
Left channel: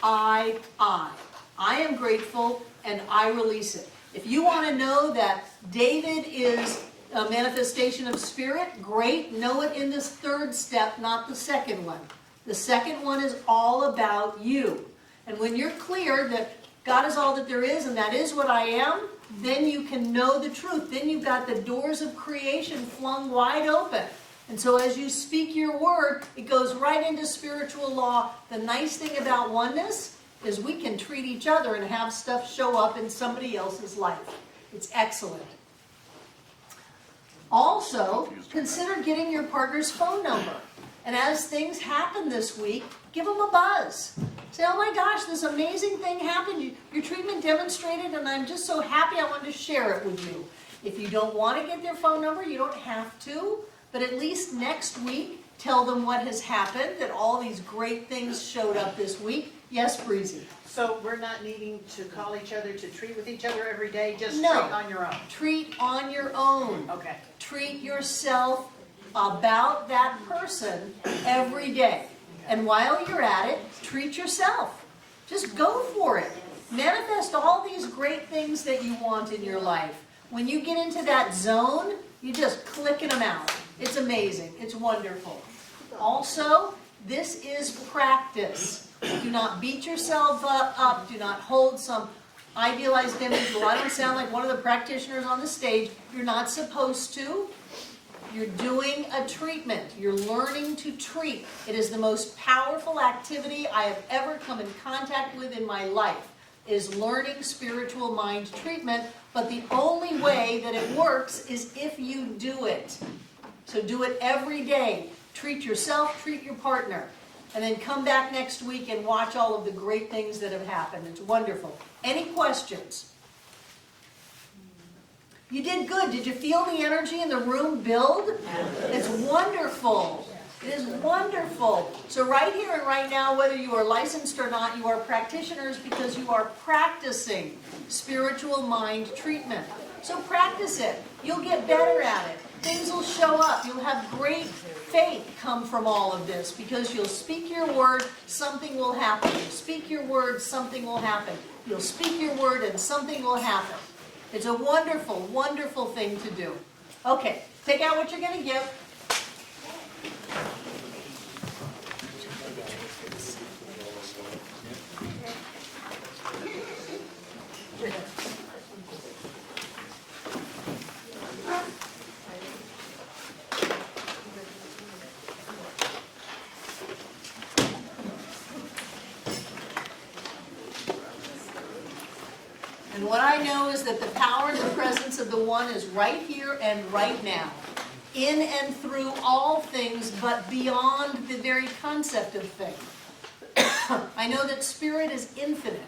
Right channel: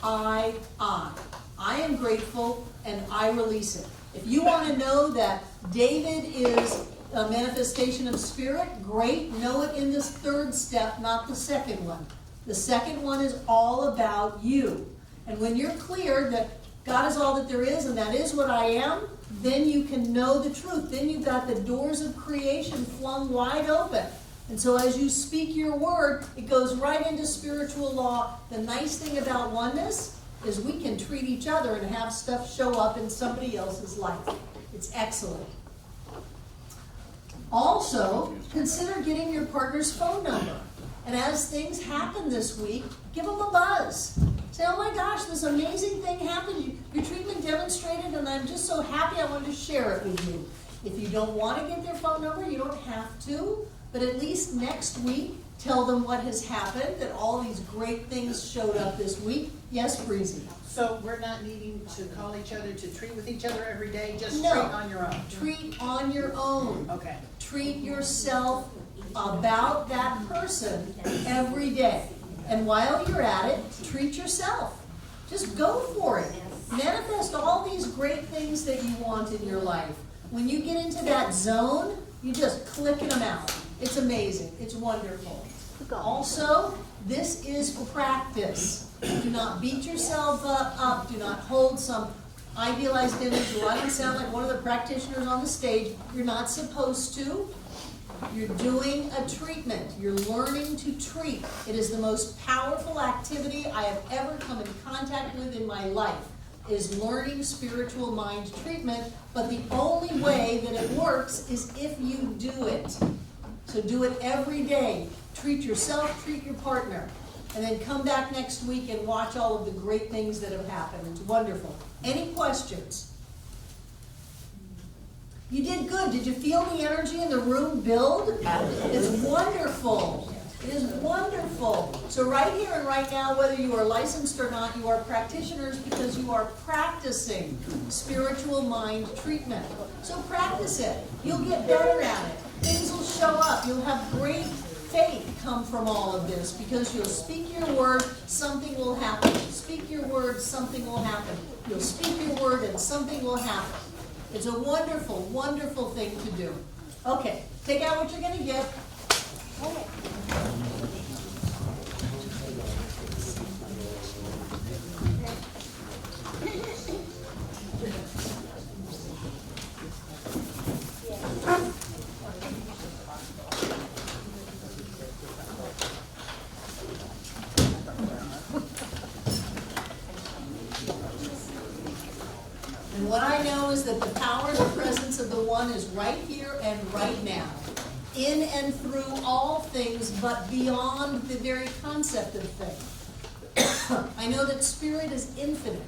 I. I am grateful and I release it. If you want to know that David is a manifestation of spirit, great. Know it in this third step, not the second one. The second one is all about you. And when you're clear that God is all that there is and that is what I am, then you can know the truth. Then you've got the doors of creation flung wide open. And so as you speak your word, it goes right into spiritual law. The nice thing about oneness is we can treat each other and have stuff show up in somebody else's life. It's excellent. Also, consider getting your partner's phone number. And as things happen this week, give them a buzz. Say, oh my gosh, this amazing thing happened. Your treatment demonstrated, and I'm just so happy I wanted to share it with you. If you don't want to get their phone number, you don't have to. But at least next week, tell them what has happened, that all these great things showed up this week. Yes, Breezy? So we're not needing to call each other to treat with each other every day, just No. treat on your own? Treat on your own. Okay. Treat yourself about that person every day. And while you're at it, treat yourself. Just go for it. Manifest all these great things that you want in your life. When you get into that zone, you just clicking them out. It's amazing. It's wonderful. Also, this is practice. Do not beat yourself up. Do not hold some idealized image. Well, I don't sound like one of the practitioners on the stage. You're not supposed to. You're doing a treatment. You're learning to treat. It is the most powerful activity I have ever come in contact with in my life, is learning spiritual mind treatment. But the only way that it works is if you do it. So do it every day. Treat yourself, treat your partner. And then come back next week and watch all of the great things that have happened. It's wonderful. Any questions? You did good. Did you feel the energy in the room build? It's wonderful. It is wonderful. So right here and right now, whether you are licensed or not, you are practitioners because you are practicing spiritual mind treatment. So practice it. You'll get better at it. Things will show up. You'll have great faith come from all of this because you'll speak your word, something will happen. You speak your word, something will happen. You'll speak your word and something will happen. It's a wonderful, wonderful thing to do. Okay, take out what you're going to give. And what I know is that the power and the presence of the One is right here and right now, in and through all things, but beyond the very concept of thing. I know that Spirit is infinite.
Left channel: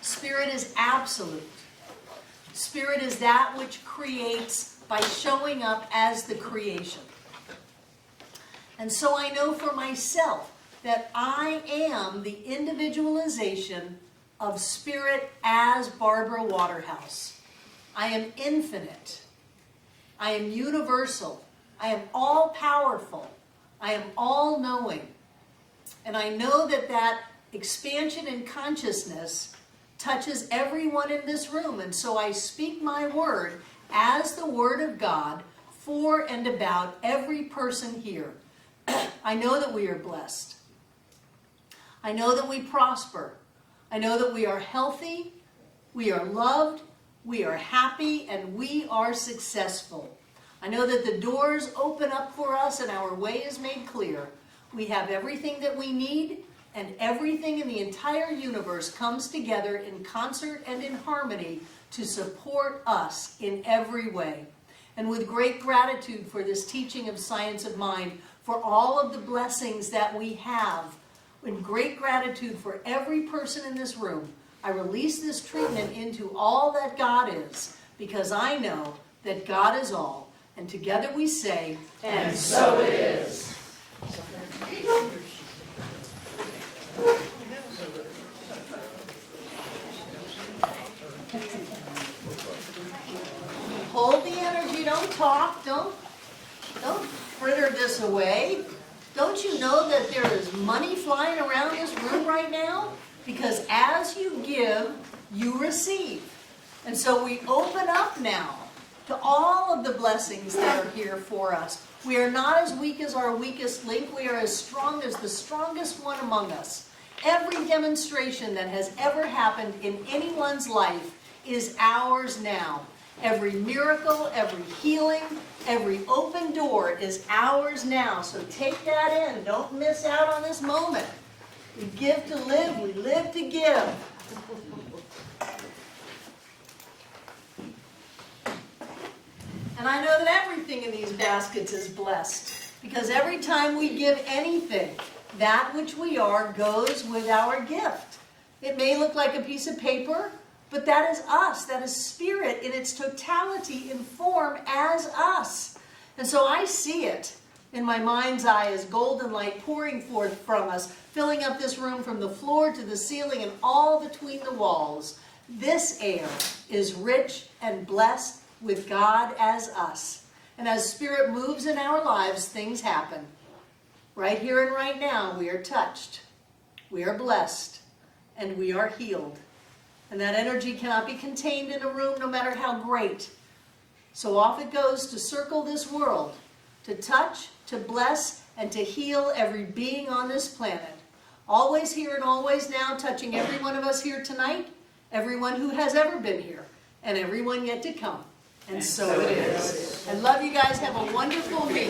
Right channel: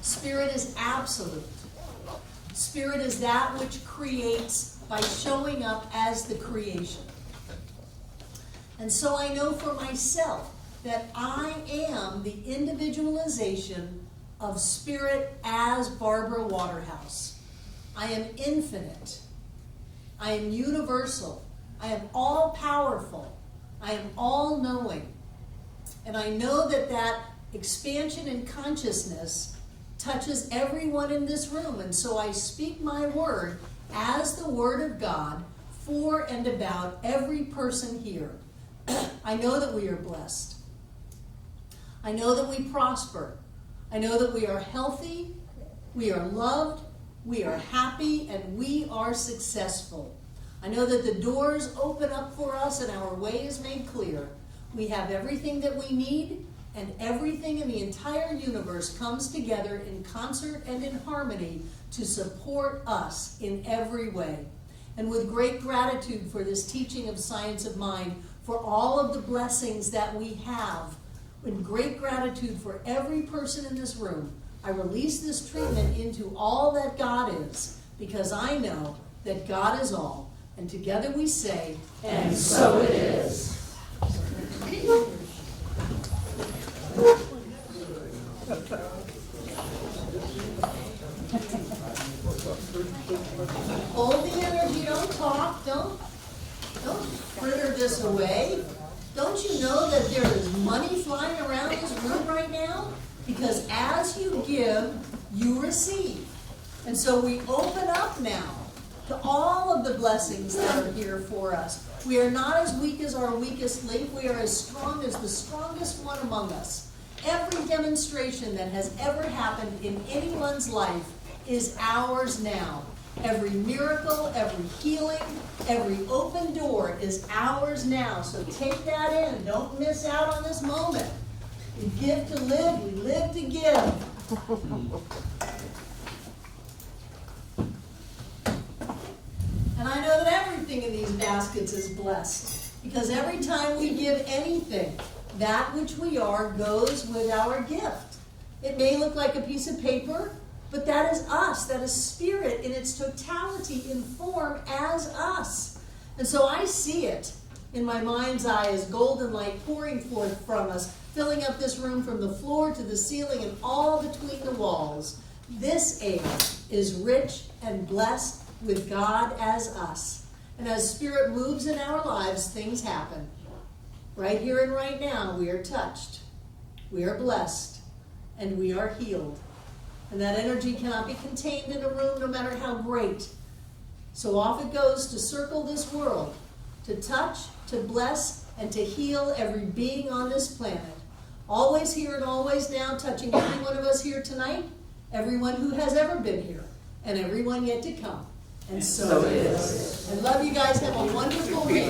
Spirit is absolute. Spirit is that which creates by showing up as the creation. And so I know for myself that I am the individualization of Spirit as Barbara Waterhouse. I am infinite. I am universal. I am all-powerful. I am all-knowing. And I know that that expansion in consciousness touches everyone in this room. And so I speak my word as the Word of God for and about every person here. I know that we are blessed. I know that we prosper. I know that we are healthy, we are loved, we are happy, and we are successful. I know that the doors open up for us and our way is made clear. We have everything that we need, and everything in the entire universe comes together in concert and in harmony to support us in every way. And with great gratitude for this teaching of Science of Mind, for all of the blessings that we have, with great gratitude for every person in this room, I release this treatment into all that God is, because I know that God is all. And together we say, and so it is. Hold the energy, don't talk, don't fritter this away. Don't you know that there is money flying around this room right now? Because as you give, you receive. And so we open up now to all of the blessings that are here for us. We are not as weak as our weakest link. We are as strong as the strongest one among us. Every demonstration that has ever happened in anyone's life is ours now. Every miracle, every healing, every open door is ours now. So take that in. Don't miss out on this moment. We give to live, we live to give. And I know that everything in these baskets is blessed, because every time we give anything, that which we are goes with our gift. It may look like a piece of paper, but that is us. That is Spirit in its totality in form as us. And so I see it in my mind's eye as golden light pouring forth from us, filling up this room from the floor to the ceiling and all between the walls. This air is rich and blessed with God as us. And as Spirit moves in our lives, things happen. Right here and right now, we are touched, we are blessed, and we are healed. And that energy cannot be contained in a room, no matter how great. So off it goes to circle this world, to touch, to bless, and to heal every being on this planet. Always here and always now, touching every one of us here tonight, everyone who has ever been here, and everyone yet to come. And so it is. I love you guys. Have a wonderful week.